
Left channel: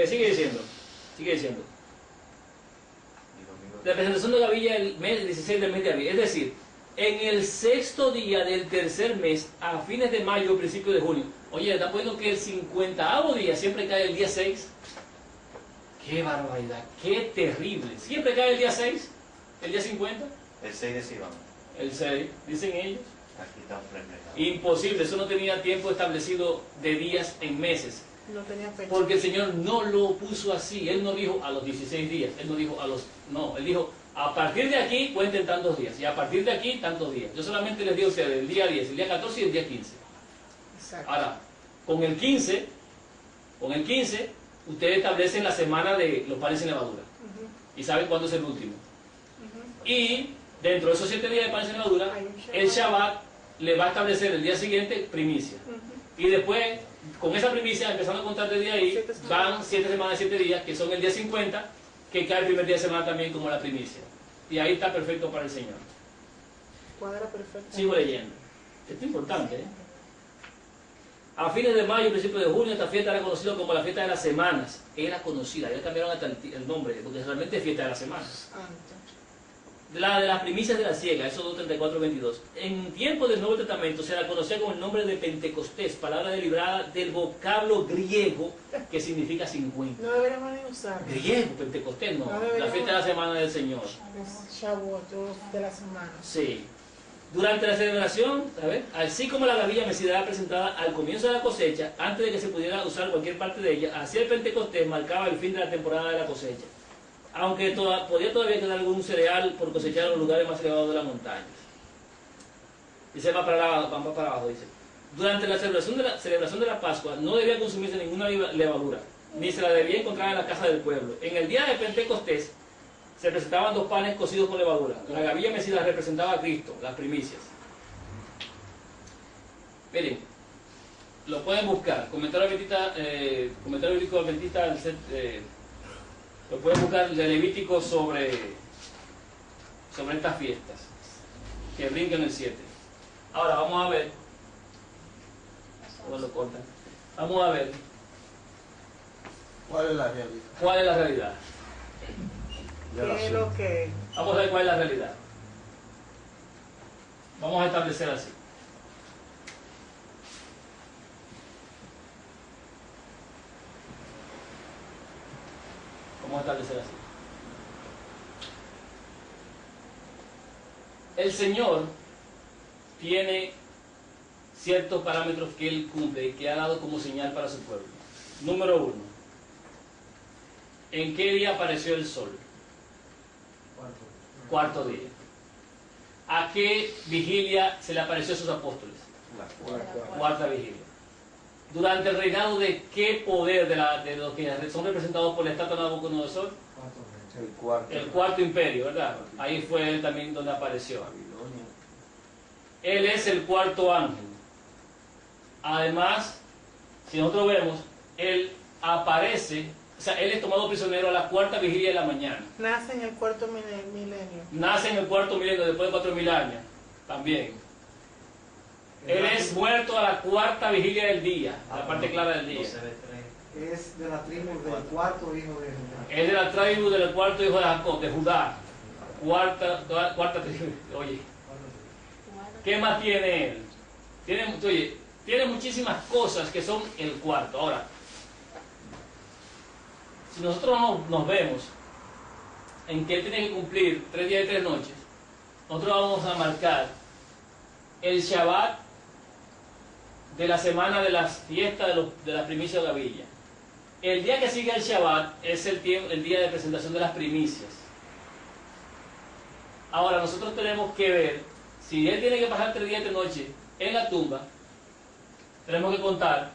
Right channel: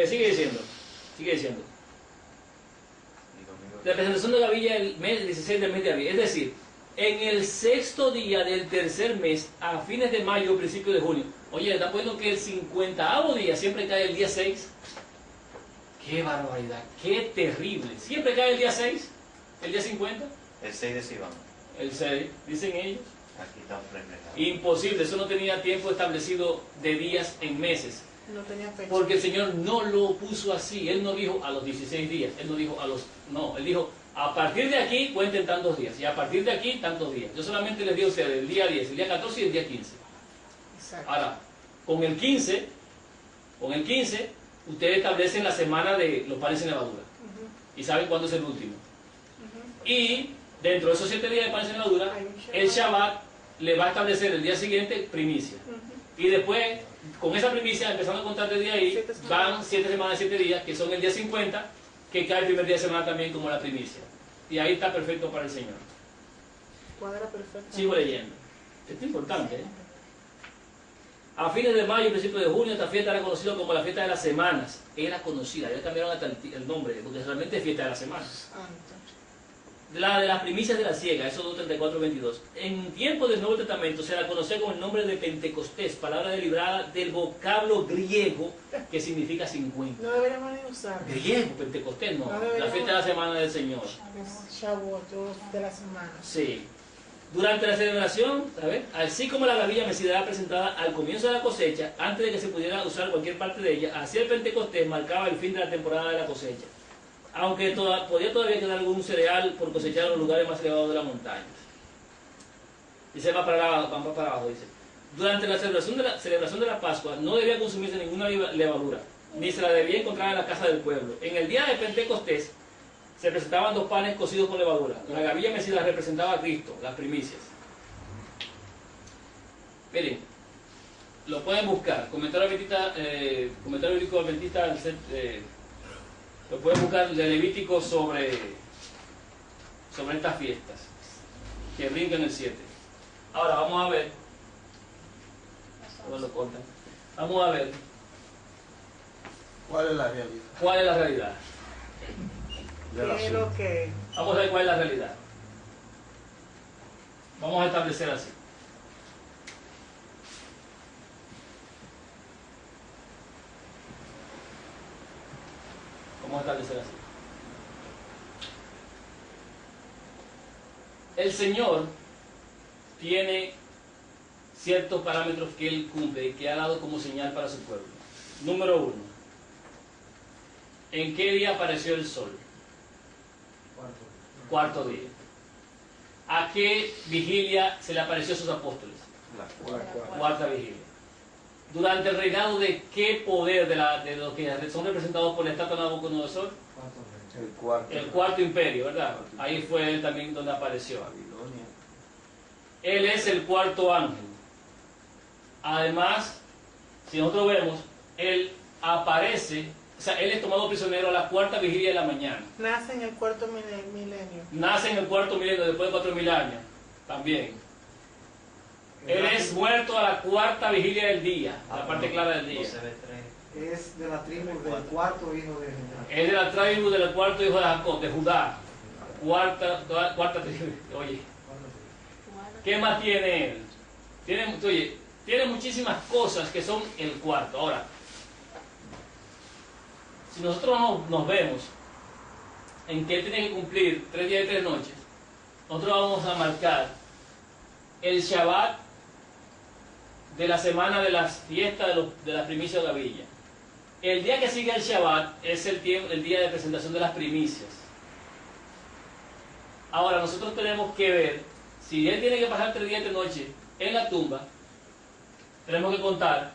Sigue diciendo. Y domingo. La presentación de gavilla el mes 16 del mes de abril, es decir, en el 6º día del tercer mes, a fines de mayo o principios de junio. Oye, ¿está poniendo que el 50º día siempre cae el día 6? ¡Qué barbaridad! ¡Qué terrible! ¿Siempre cae el día 6? ¿El día 50? El 6 de Sivan. El 6, dicen ellos. Aquí está reflejado. Imposible, eso no tenía tiempo establecido de días en meses. No tenía fecha. Porque el Señor no lo puso así. Él no dijo a los 16 días. Él no dijo a los... No, Él dijo, a partir de aquí cuenten tantos días. Y a partir de aquí tantos días. Yo solamente les digo a ustedes el día 10, el día 14 y el día 15. Exacto. Ahora, con el 15, ustedes establecen la semana de los panes sin levadura. Ujú, Y saben cuándo es el último. ujú. Y dentro de esos 7 días de panes sin levadura, Hay un Shabbat. el Shabbat le va a establecer el día siguiente primicia. Ujú. Y después, con esa primicia, empezando a contar desde ahí, 7 semanas. van 7 semanas, 7 días, que son el día 50, que cae el primer día de semana también como la primicia. Y ahí está perfecto para el Señor. Cuadra perfecto. Sigo leyendo. Esto es importante, ¿eh? A fines de mayo y principios de junio, esta fiesta era conocida como la fiesta de las semanas. Era conocida, ya cambiaron hasta el nombre, porque realmente es fiesta de las semanas. Santo. La de las primicias de la siega, eso 2:34-22. En tiempo del Nuevo Testamento se la conocía con el nombre de Pentecostés, palabra derivada del vocablo griego que significa 50. No deberíamos ni usar. Griego, Pentecostés, no. No La deberíamos. fiesta de la semana del Señor. Es Shavuot, de la semana. Sí. Durante la celebración, ¿sabes? Así como la gavilla mecida era presentada al comienzo de la cosecha, antes de que se pudiera usar cualquier parte de ella, así el Pentecostés marcaba el fin de la temporada de la cosecha. Aunque podía todavía quedar algún cereal por cosechar en los lugares más elevados de las montañas. Dice, va para abajo, dice. Durante la celebración de la Pascua no debía consumirse ninguna levadura, ni se la debía encontrar en la casa del pueblo. En el día de Pentecostés se presentaban 2 panes cocidos con levadura. La gavilla mecida representaba a Cristo, las primicias. Miren, lo pueden buscar. Comentario bíblico adventista, lo pueden buscar de Levítico sobre estas fiestas, que brincan el 7. Ahora vamos a ver, ¿cómo lo cortan? Vamos a ver ¿Cuál es la realidad? cuál es la realidad. De la ¿Qué es lo que? Vamos a ver cuál es la realidad. Vamos a establecer así. Vamos a establecer así. El Señor tiene ciertos parámetros que Él cumple y que ha dado como señal para su pueblo. Número 1. ¿En qué día apareció el sol? Cuarto día. ¿A qué vigilia se le apareció a sus apóstoles? Cuarta vigilia. ¿Durante el reinado de qué poder de los que son representados por la estatua de Nabucodonosor? El cuarto. El cuarto imperio, ¿verdad? Ahí fue él también donde apareció. Babilonia. Él es el cuarto ángel. Además, si nosotros vemos, él aparece, o sea, él es tomado prisionero a la cuarta vigilia de la mañana. Nace en el cuarto milenio. Nace en el cuarto milenio después de 4000 años, también. Él es muerto a la cuarta vigilia del día, la parte clara del día. Es de la tribu del cuarto hijo de Judá. Es de la tribu del cuarto hijo de Jacob, de Judá. Cuarta tribu. Oye, ¿qué más tiene él? Tiene muchísimas cosas que son el cuarto. Ahora, si nosotros nos vemos en que él tiene que cumplir 3 días y 3 noches, nosotros vamos a marcar el Shabbat de la semana de las fiestas de las primicias de Gavilla. El día que sigue el Shabbat es el día de presentación de las primicias. Ahora, nosotros tenemos que ver, si él tiene que pasar 3 días y 3 noches en la tumba, tenemos que contar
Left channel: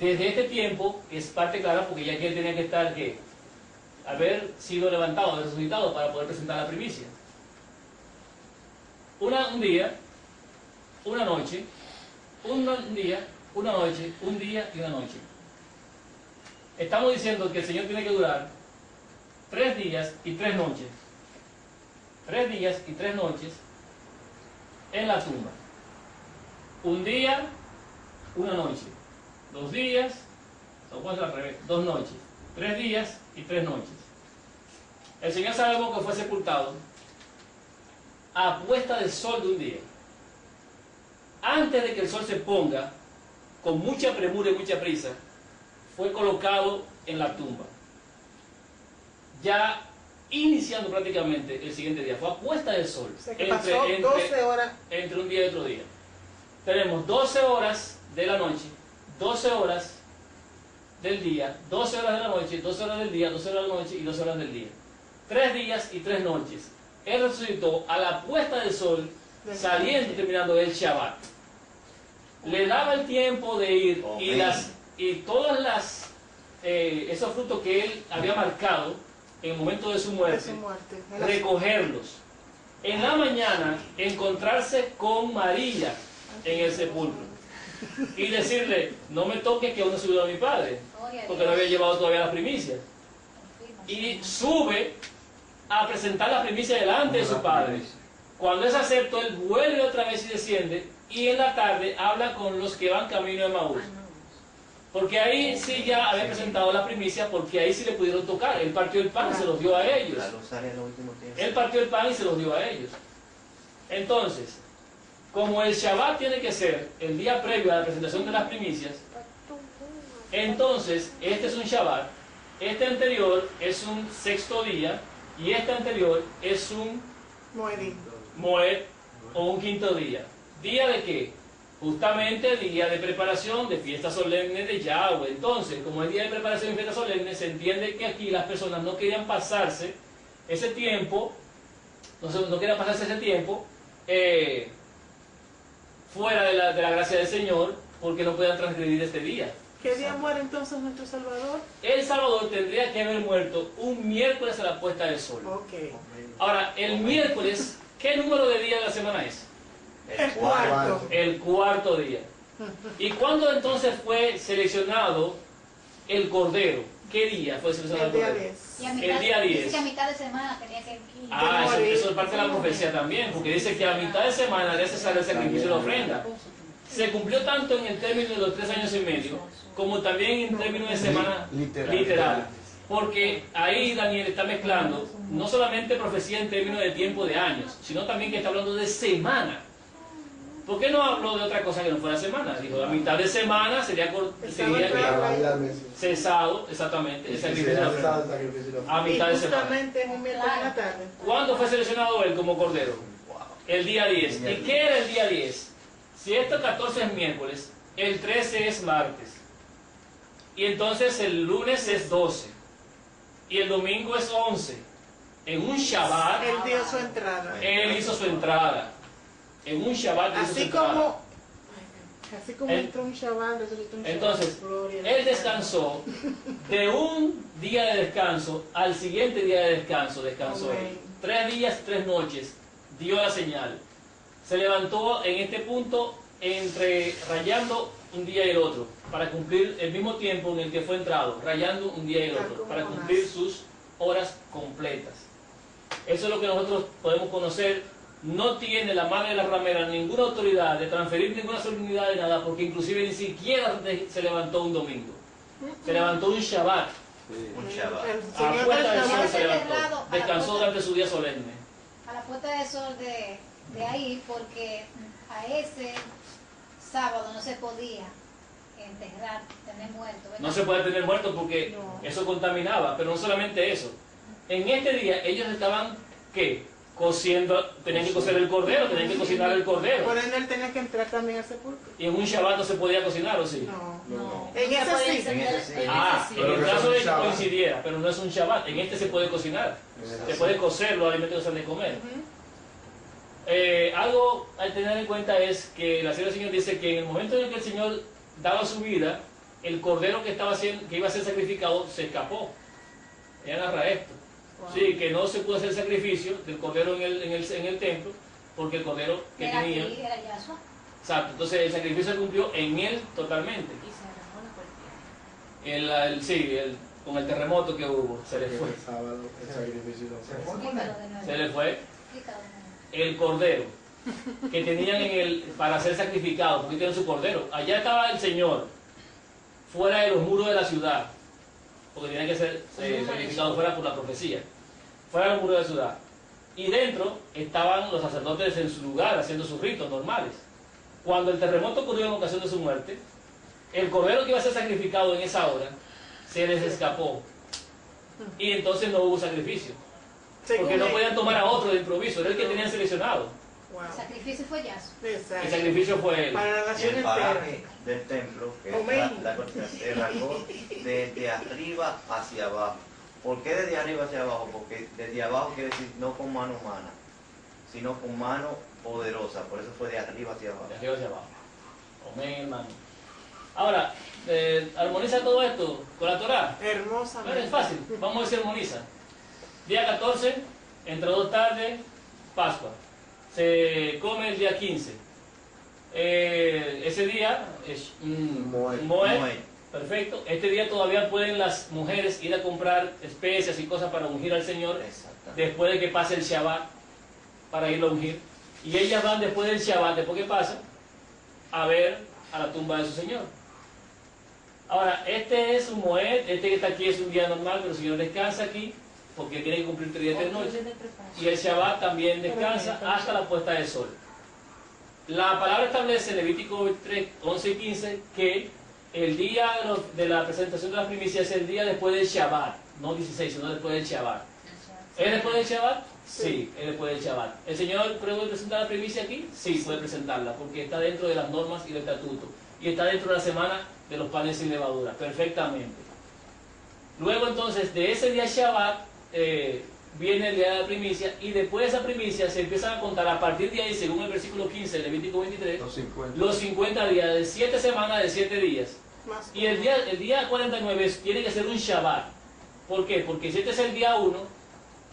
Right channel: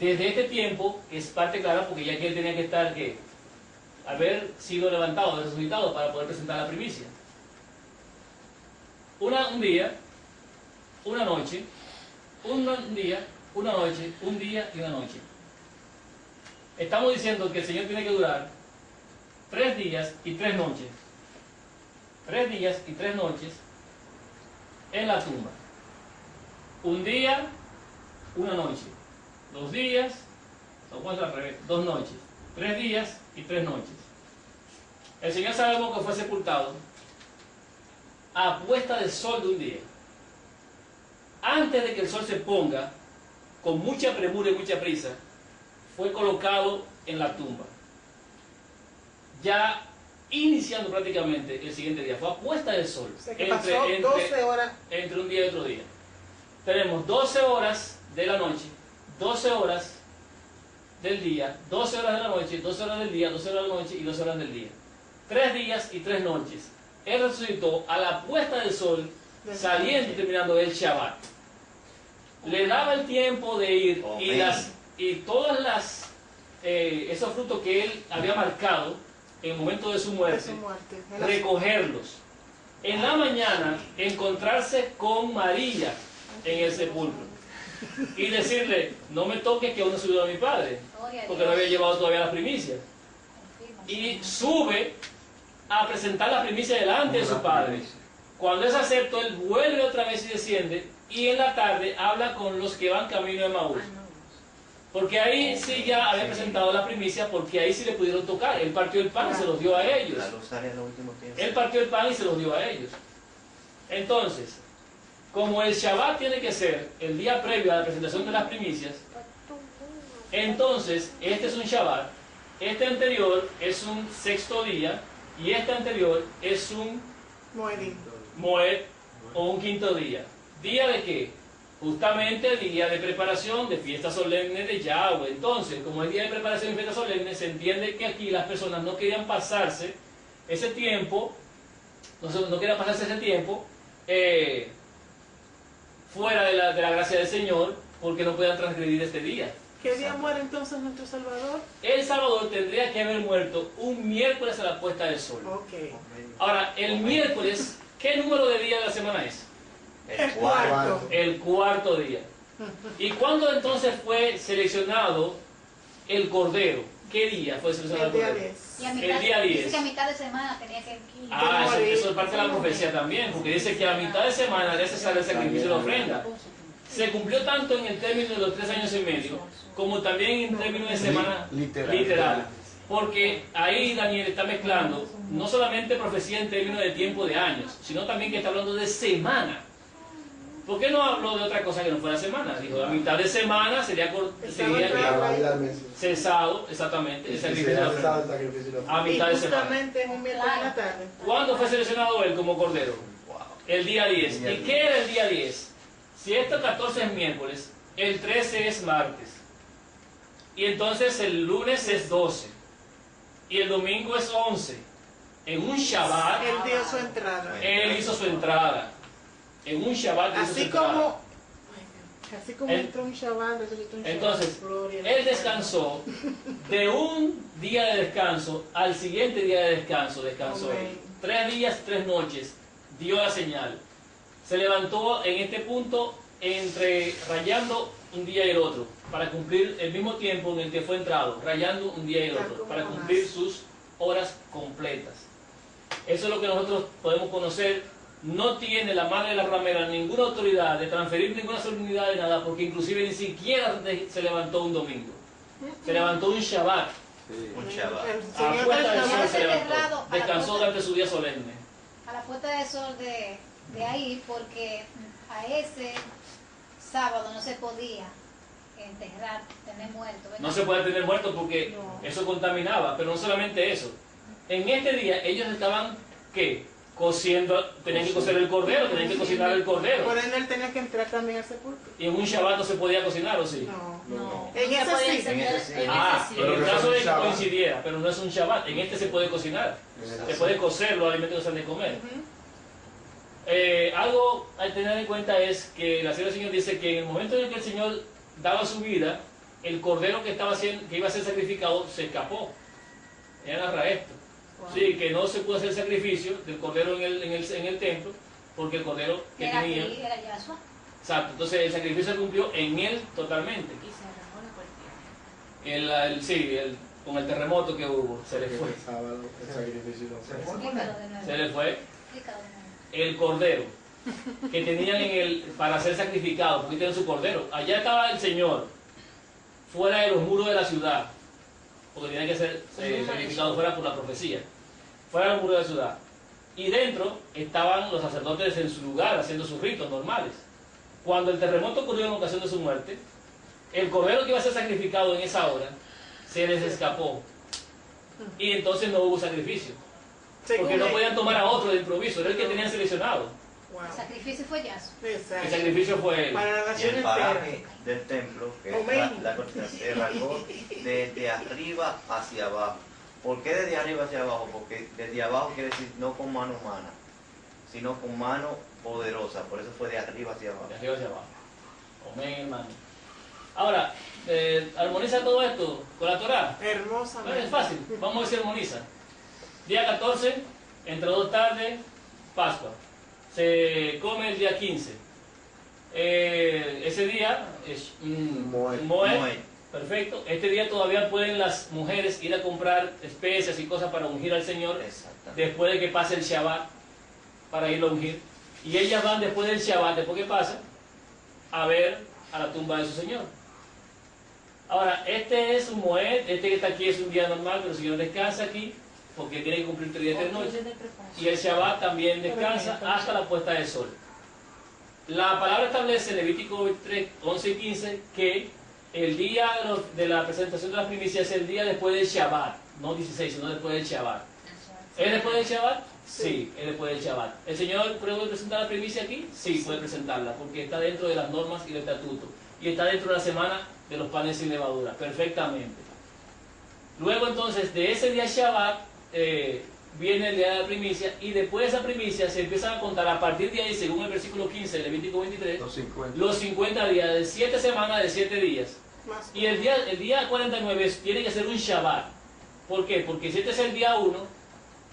desde este tiempo, es parte clara, porque ya que él tenía que estar, ¿qué? Haber sido levantado, resucitado para poder presentar la primicia. Un día, una noche, un día, una noche, un día y una noche. Estamos diciendo que el Señor tiene que durar 3 días y 3 noches. 3 días y 3 noches en la tumba. Un día, una noche. 2 días, son cuatro al revés, 2 noches. 3 días y 3 noches. El Señor sabemos que fue sepultado a puesta del sol de un día. Antes de que el sol se ponga, con mucha premura y mucha prisa, fue colocado en la tumba. Ya iniciando prácticamente el siguiente día, fue a puesta del sol. O sea que pasó 12 horas. Entre un día y otro día. Tenemos 12 horas de la noche, 12 horas del día, 12 horas de la noche, 12 horas del día, 12 horas de la noche y 12 horas del día. 3 días y 3 noches. Él resucitó a la puesta del sol, saliendo y terminando el Shabbat. Le daba el tiempo de ir y todas esos frutos que él había marcado en el momento de su muerte, recogerlos. En la mañana encontrarse con María en el sepulcro y decirle: no me toques, que aún no he subido a mi padre, porque no había llevado todavía las primicias. Y sube a presentar la primicia delante de su padre. Cuando es acepto, él vuelve otra vez y desciende, y en la tarde habla con los que van camino de Maús. Porque ahí sí ya había presentado la primicia, porque ahí sí le pudieron tocar. Él partió el pan y se los dio a ellos. Él partió el pan y se los dio a ellos. Entonces, como el Shabbat tiene que ser el día previo a la presentación de las primicias, entonces este es un Shabbat, este anterior es un 6º día, y este anterior es un Moed o un 5.º día. ¿Día de qué? Justamente el día de preparación de fiesta solemne de Yahweh. Entonces, como el día de preparación de fiesta solemne, se entiende que aquí las personas no querían pasarse ese tiempo, no querían pasarse ese tiempo fuera de la gracia del Señor, porque no podían transgredir este día. ¿Qué día muere entonces nuestro Salvador? El Salvador tendría que haber muerto un miércoles a la puesta del sol. Okay. Ahora, el miércoles, ¿qué número de día de la semana es? El cuarto. El 4.º día. ¿Y cuándo entonces fue seleccionado el Cordero? ¿Qué día fue seleccionado el Cordero? El día 10. Dice que a mitad de semana tenía que... Eso es parte de la profecía también, porque dice que a mitad de semana era necesario el sacrificio de la ofrenda. Se cumplió tanto en el término de los 3 años y medio, como también en términos de semana literal. Porque ahí Daniel está mezclando no solamente profecía en términos de tiempo de años, sino también que está hablando de semana. ¿Por qué no habló de otra cosa que no fuera semana? Dijo, a mitad de semana sería cesado, exactamente, el sacrificio de la ofrenda. A mitad de semana. Justamente es un miércoles en la tarde. ¿Cuándo fue seleccionado él como Cordero? El día 10. ¿Y qué era el día 10? Si este 14 es miércoles, el 13 es martes. Y entonces el lunes es 12. Y el domingo es 11. En un Shabbat, Él dio su entrada. él hizo su entrada. En un Shabbat hizo su Así entrada. como Así como El- entró un Shabbat, resucitó un Shabbat. Entonces, Gloria a él Dios. descansó de un día de descanso al siguiente día de descanso, descansó él. Amén. 3 días, 3 noches, dio la señal. Se levantó en este punto entre rayando un día y el otro, para cumplir el mismo tiempo en el que fue entrado, rayando un día y el otro, para cumplir sus horas completas. Eso es lo que nosotros podemos conocer. No tiene la madre de la ramera ninguna autoridad de transferir ninguna solemnidad de nada, porque inclusive ni siquiera se levantó un domingo. Se levantó un Shabbat. Sí. Un Shabbat. El A Señor puesta del sol descansó. se Cerrado levantó. a la Descansó puerta. durante su día solemne. A la puerta del sol de ahí, porque a ese sábado no se podía enterrar, tener muerto. ¿verdad? No se puede tener muertos porque No. eso contaminaba, pero no solamente eso. En este día ellos estaban, ¿qué? Cociendo, tenían que cocer el cordero, tenían que cocinar el cordero. Por ende, él tenía que entrar también al sepulcro. Y en un Shabbat no se podía cocinar, ¿o sí? No. No. En ese sí. En ese sí. Ah, sí. en el Pero caso no de es que un Shabbat. coincidiera, pero no es un Shabbat. En este se puede cocinar. Se puede cocer los alimentos que se han de comer. Ujú. Algo a tener en cuenta es que la Señora Señor dice que en el momento en el que el Señor daba su vida, el cordero que iba a ser sacrificado se escapó. Ella narra esto. Sí, que no se pudo hacer sacrificio del cordero en el templo, porque el cordero que Era tenía. aquí, era Yahshua. Exacto, entonces el sacrificio se cumplió en él totalmente. Y se arrancó la puerta. Sí, con el terremoto que hubo, se le fue. El sábado, el sacrificio no Se fue. fue con Explícalo él. de nuevo. Se le fue Explícalo de nuevo. el cordero que tenían para ser sacrificado, porque tenían su cordero. Allá estaba el Señor, fuera de los muros de la ciudad, porque tenía que ser sacrificado fuera por la profecía, fuera de los muros de la ciudad. Y dentro estaban los sacerdotes en su lugar, haciendo sus ritos normales. Cuando el terremoto ocurrió en ocasión de su muerte, el cordero que iba a ser sacrificado en esa hora se les escapó. Y entonces no hubo sacrificio. Porque no podían tomar a otro de improviso, era el que tenían seleccionado. Wow. El sacrificio fue Yahshua. El Exacto. sacrificio fue él. Para la Y nación el entera. paraje del templo, que es Amén. se rasgó desde arriba hacia abajo. ¿Por qué desde arriba hacia abajo? Porque desde abajo quiere decir no con mano humana, sino con mano poderosa. Por eso fue de arriba hacia abajo. De arriba hacia abajo. Amén, hermano. Ahora, armoniza todo esto con la Torah. Bueno, Hermosamente. es fácil, vamos a ver si armoniza. Día 14, entre 2 tardes, Pascua. Se come el día 15. Ese día es Moed. Moed. Perfecto. Este día todavía pueden las mujeres ir a comprar especias y cosas para ungir al Señor Exactamente. después de que pase el Shabbat para irlo a ungir. Y ellas van después del Shabbat, después que pasa, a ver a la tumba de su Señor. Ahora, este es un Moed, este que está aquí es un día normal, pero el Señor descansa aquí porque tiene que cumplir 3 días y 3 noches. Y el Shabbat también descansa hasta la puesta del sol. La palabra establece en Levítico 23, 11 y 15 que el día de la presentación de las primicias es el día después del Shabbat, no 16, sino después del Shabbat. ¿Es después del Shabbat? Sí, es después del Shabbat. ¿El Señor puede presentar la primicia aquí? Sí, puede presentarla, porque está dentro de las normas y del estatuto. Y está dentro de la semana de los panes sin levadura, perfectamente. Luego entonces, de ese día Shabbat, viene el día de la primicia, y después de esa primicia se empiezan a contar a partir de ahí, según el versículo 15 de Levítico 23, Los 50. los 50 días, de 7 semanas, de 7 días. Más Y el día 49 tiene que ser un Shabbat. ¿Por qué? Porque si este es el día 1,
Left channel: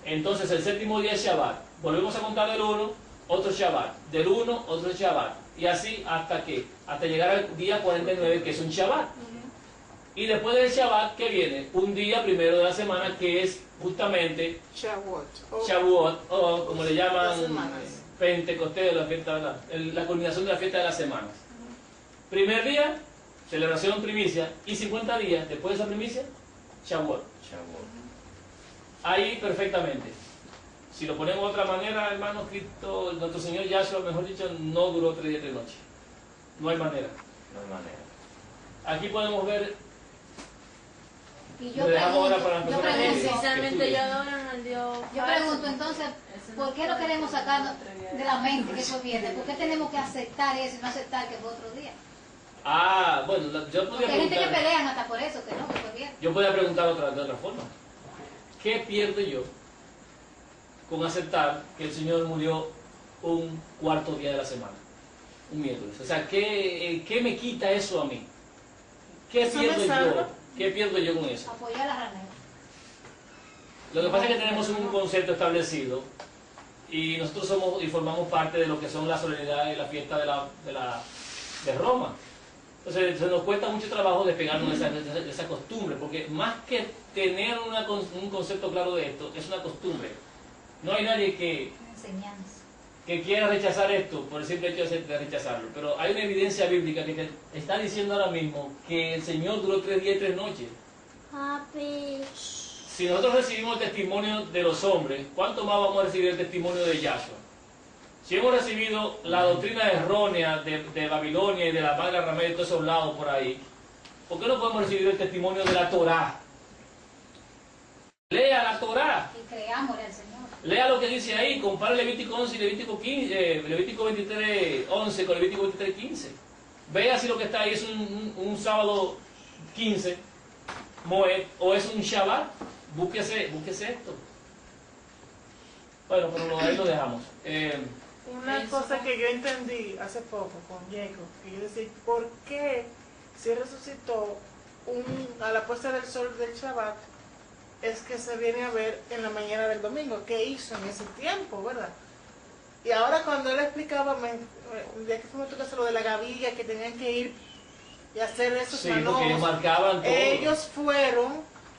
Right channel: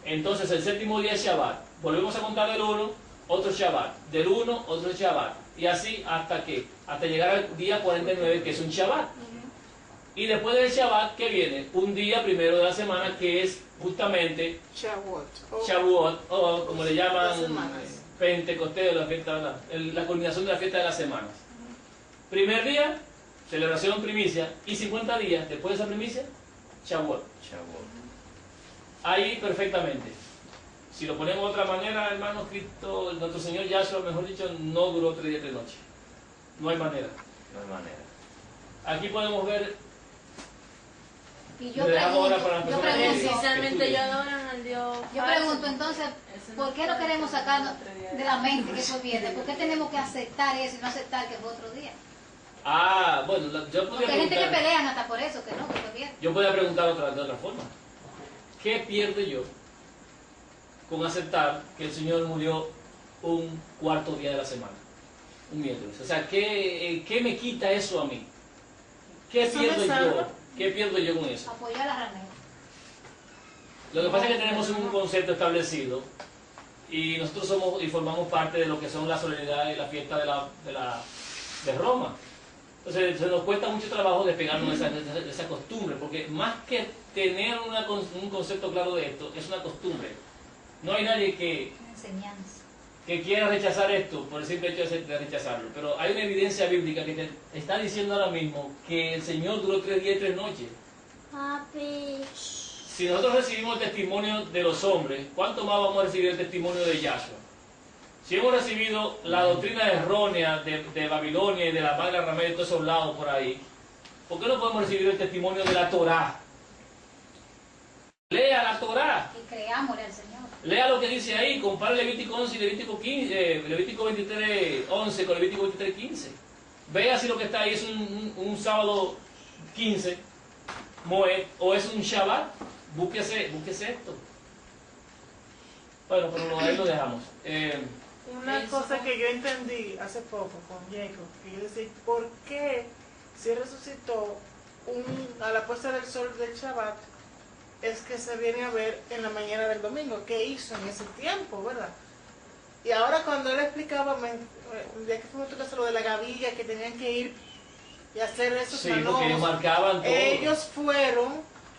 entonces el séptimo día es Shabbat. Volvemos a contar del 1, otro Shabbat. Del 1, otro Shabbat. Y así hasta llegar al día 49, que es un Shabbat. Y después del Shabbat, ¿qué viene? Un día primero de la semana, que es justamente Shavuot. Shavuot, o como le llaman, Las semanas. Pentecostés, la fiesta, la culminación de la fiesta de las semanas. Primer día, celebración primicia, y 50 días después de esa primicia, Shavuot. Shavuot. Ahí perfectamente. Si lo ponemos de otra manera, hermano, Cristo, nuestro Señor Yahshua, mejor dicho, no duró 3 días y 3 noches. No hay manera. No hay manera. Aquí podemos ver, Y yo le dejamos ahora pregunto, para las yo personas que- pregunto, Precisamente ellos adoran al Dios. yo pregunto entonces, ¿por qué no queremos sacar de la mente que eso viene? ¿Por qué tenemos que aceptar eso y no aceptar que fue otro día? bueno, yo Porque podría hay gente que preguntar, pelean hasta por eso, que no, que fue bien. yo podría preguntar de otra forma. ¿Qué pierdo yo con aceptar que el Señor murió un cuarto día de la semana? Un miércoles. O sea, ¿qué me quita eso a mí? ¿Qué Eso pierdo me salva. yo? ¿Qué pierdo yo con eso? Apoyar a la ramera. Lo que pasa es que tenemos un concepto establecido y nosotros somos y formamos parte de lo que son la solemnidad y la fiesta de Roma. Entonces se nos cuesta mucho trabajo despegarnos de esa costumbre, porque más que tener un concepto claro de esto, es una costumbre. No hay nadie que Enseñanza. quiera rechazar esto por el simple hecho de rechazarlo, pero hay una evidencia bíblica que te está diciendo ahora mismo que el Señor duró 3 días y 3 noches. Si nosotros recibimos el testimonio de los hombres, ¿cuánto más vamos a recibir el testimonio de Yahshua? Si hemos recibido la doctrina errónea de Babilonia y de la Madre Ramera y de todos esos lados por ahí, ¿por qué no podemos recibir el testimonio de la Torá? Lea la Torá. Y creámosle al Señor. Lea lo que dice ahí, compara Levítico 11 y Levítico 23, 11 con Levítico 23, 15. Vea si lo que está ahí es un sábado 15, Moed, o es un Shabbat. Búsquese esto. Bueno, pero ahí lo dejamos. Una cosa que yo entendí hace poco con Jacob, que yo decía, ¿por qué si resucitó a la puesta del sol del Shabbat, es que se viene a ver en la mañana del domingo? ¿Qué hizo en ese tiempo, verdad? Y ahora cuando él explicaba, ya que fuimos a tu casa, lo de la gavilla, que tenían que ir y hacer esos Sí, porque ellos marcaban todo. ellos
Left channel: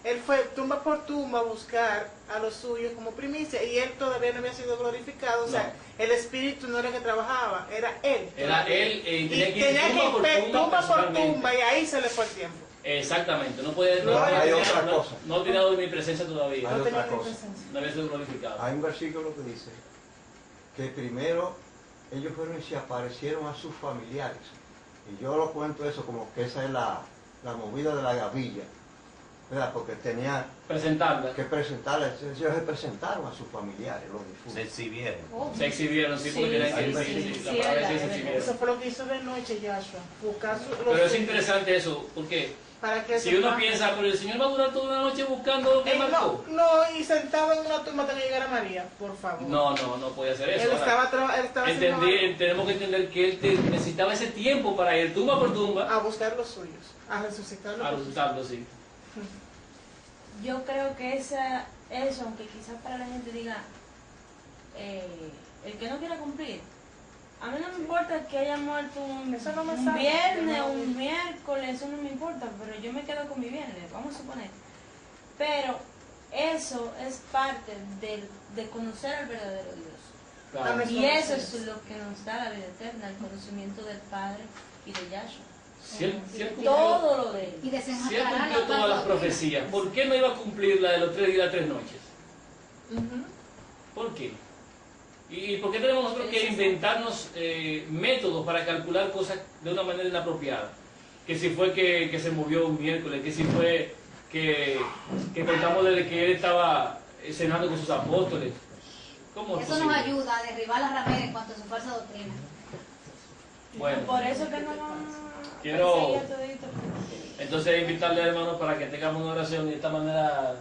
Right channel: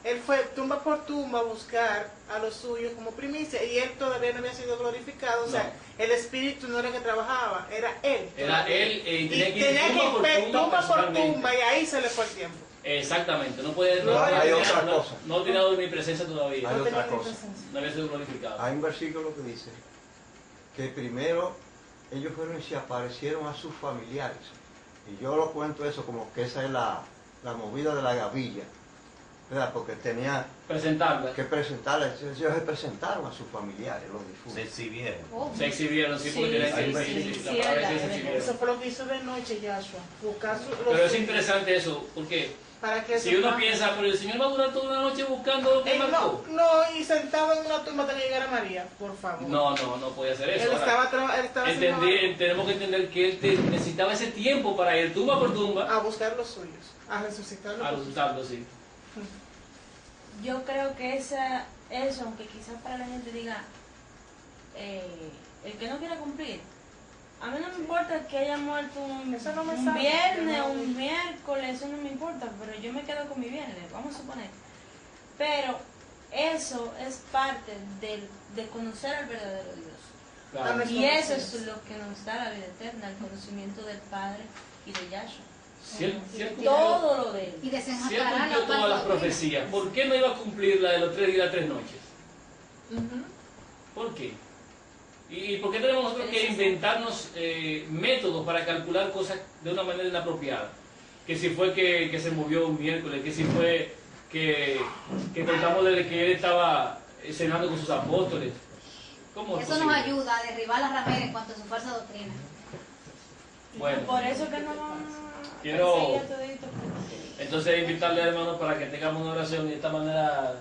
él fue tumba por tumba a buscar a los suyos como primicia, y él todavía no había sido glorificado, o sea, el espíritu no era que trabajaba, era él. Era él y tenía que tenía ir que ir tumba por personalmente. tumba, y ahí se le fue el tiempo. Exactamente, no puede, No, hay otra cosa. no ha tirado de mi presencia todavía, Hay No tenía otra cosa. presencia. no había sido glorificado. Hay un versículo que dice que primero ellos fueron y se aparecieron a sus familiares. Y yo lo cuento eso como que esa es la movida de la gavilla, ¿verdad? Porque tenía Presentarla. que presentarla, ellos se presentaron a sus familiares, los Se difuntos. exhibieron. Oh, Se exhibieron, sí, porque tenían que sí, la sí, palabra sí, dice se sí, exhibieron. Eso fue lo que hizo de noche Yahshua, buscar los Pero es suyos, interesante eso, porque para que si se uno pase. piensa, pero el Señor va a durar toda una noche buscando lo que marcó. No, y sentado en una tumba hasta que llegara María, por favor. No puede hacer eso. Él Ahora, estaba haciendo algo. tenemos que entender que él necesitaba ese tiempo para ir tumba por tumba A buscar los suyos, a resucitarlos. a resultarlo, sí. Yo creo que eso, aunque quizás para la gente diga, el que no quiera cumplir, a mí no me importa que haya muerto Eso no me un sabe, viernes yo o no- un miércoles, eso no me importa, pero yo me quedo con mi viernes, vamos a suponer. Pero eso es parte de conocer al verdadero Dios. Claro. Amén. Y eso es lo que nos da la vida eterna, el conocimiento del Padre y de Yahshua. Si él Todo lo de él. y Si él desenmascarar cumplió todas las profecías, ¿por qué no iba a cumplir la de los 3 días y las 3 noches? Ujú. ¿Por qué? ¿Y por qué tenemos nosotros que inventarnos métodos para calcular cosas de una manera inapropiada? Que si fue que se movió un miércoles, que si fue que contamos desde que él estaba cenando con sus apóstoles. ¿Cómo es Eso nos posible? ayuda a derribar la ramera en cuanto a su falsa doctrina. Bueno, Por eso que no Quiero- perseguía todito. entonces invitarle, hermanos, para que tengamos una oración y de esta manera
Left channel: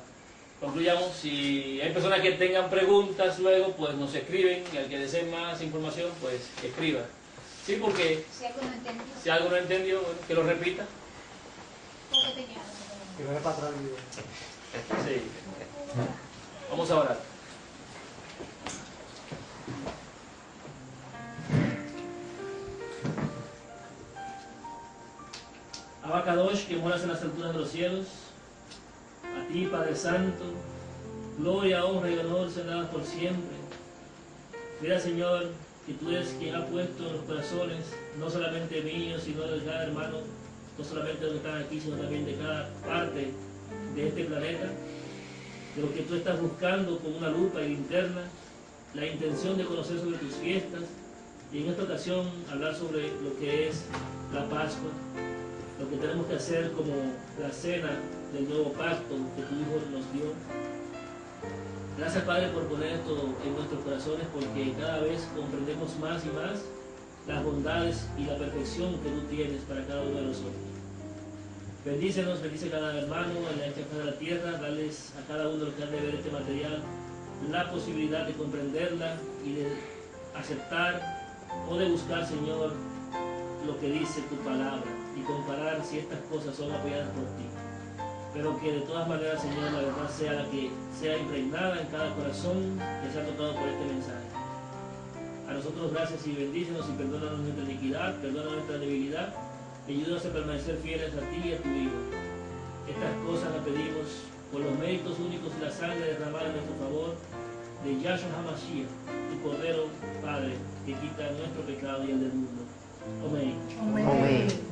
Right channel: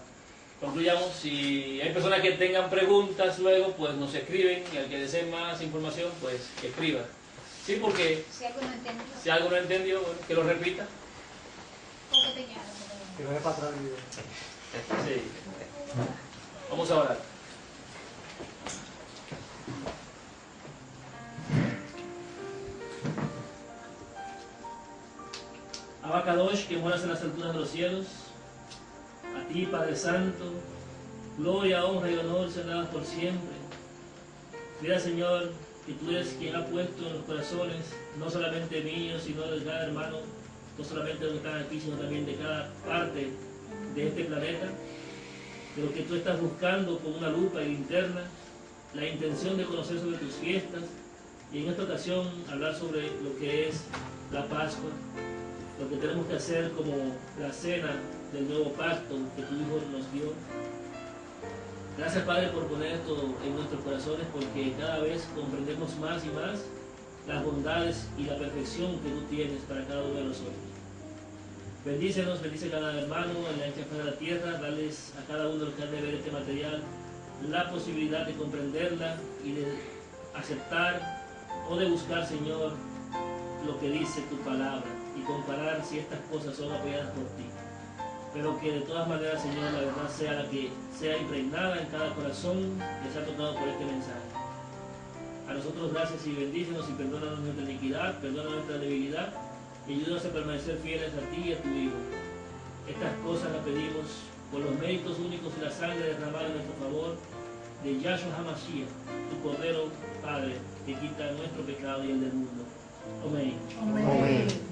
concluyamos. Si hay personas que tengan preguntas luego, pues nos escriben, y al que deseen más información, pues que escriba. Sí, porque Si algo no entiende, si algo no entendió, bueno, que lo repita. porque te llamo. Que vaya para atrás el video. Sí. Vamos a orar. Abacadosh, que moras en las alturas de los cielos, a ti, Padre Santo, gloria, honra y honor sean dadas por siempre. Mira, Señor, que tú eres quien ha puesto en los corazones, no solamente míos, sino de cada hermano, no solamente de los que están aquí, sino también de cada parte de este planeta, de lo que tú estás buscando con una lupa y linterna, la intención de conocer sobre tus fiestas, y en esta ocasión hablar sobre lo que es la Pascua, lo que tenemos que hacer como la cena del nuevo pacto que tu Hijo nos dio. Gracias, Padre, por poner esto en nuestros corazones, porque cada vez comprendemos más y más las bondades y la perfección que tú tienes para cada uno de nosotros. Bendícenos, bendice a cada hermano en la ancha de la tierra, dales a cada uno de los que han de ver este material la posibilidad de comprenderla y de aceptar o de buscar, Señor, lo que dice tu palabra y comparar si estas cosas son apoyadas por ti. Pero que de todas maneras, Señor, la verdad sea la que sea impregnada en cada corazón que sea tocado por este mensaje. A nosotros gracias y bendícenos y perdónanos nuestra iniquidad, perdona nuestra debilidad y ayúdanos a permanecer fieles a ti y a tu Hijo. Estas cosas las pedimos por los méritos únicos y la sangre derramada en nuestro favor de Yahshua HaMashiach, tu Cordero, Padre, que quita nuestro pecado y el del mundo. Amén. Amén.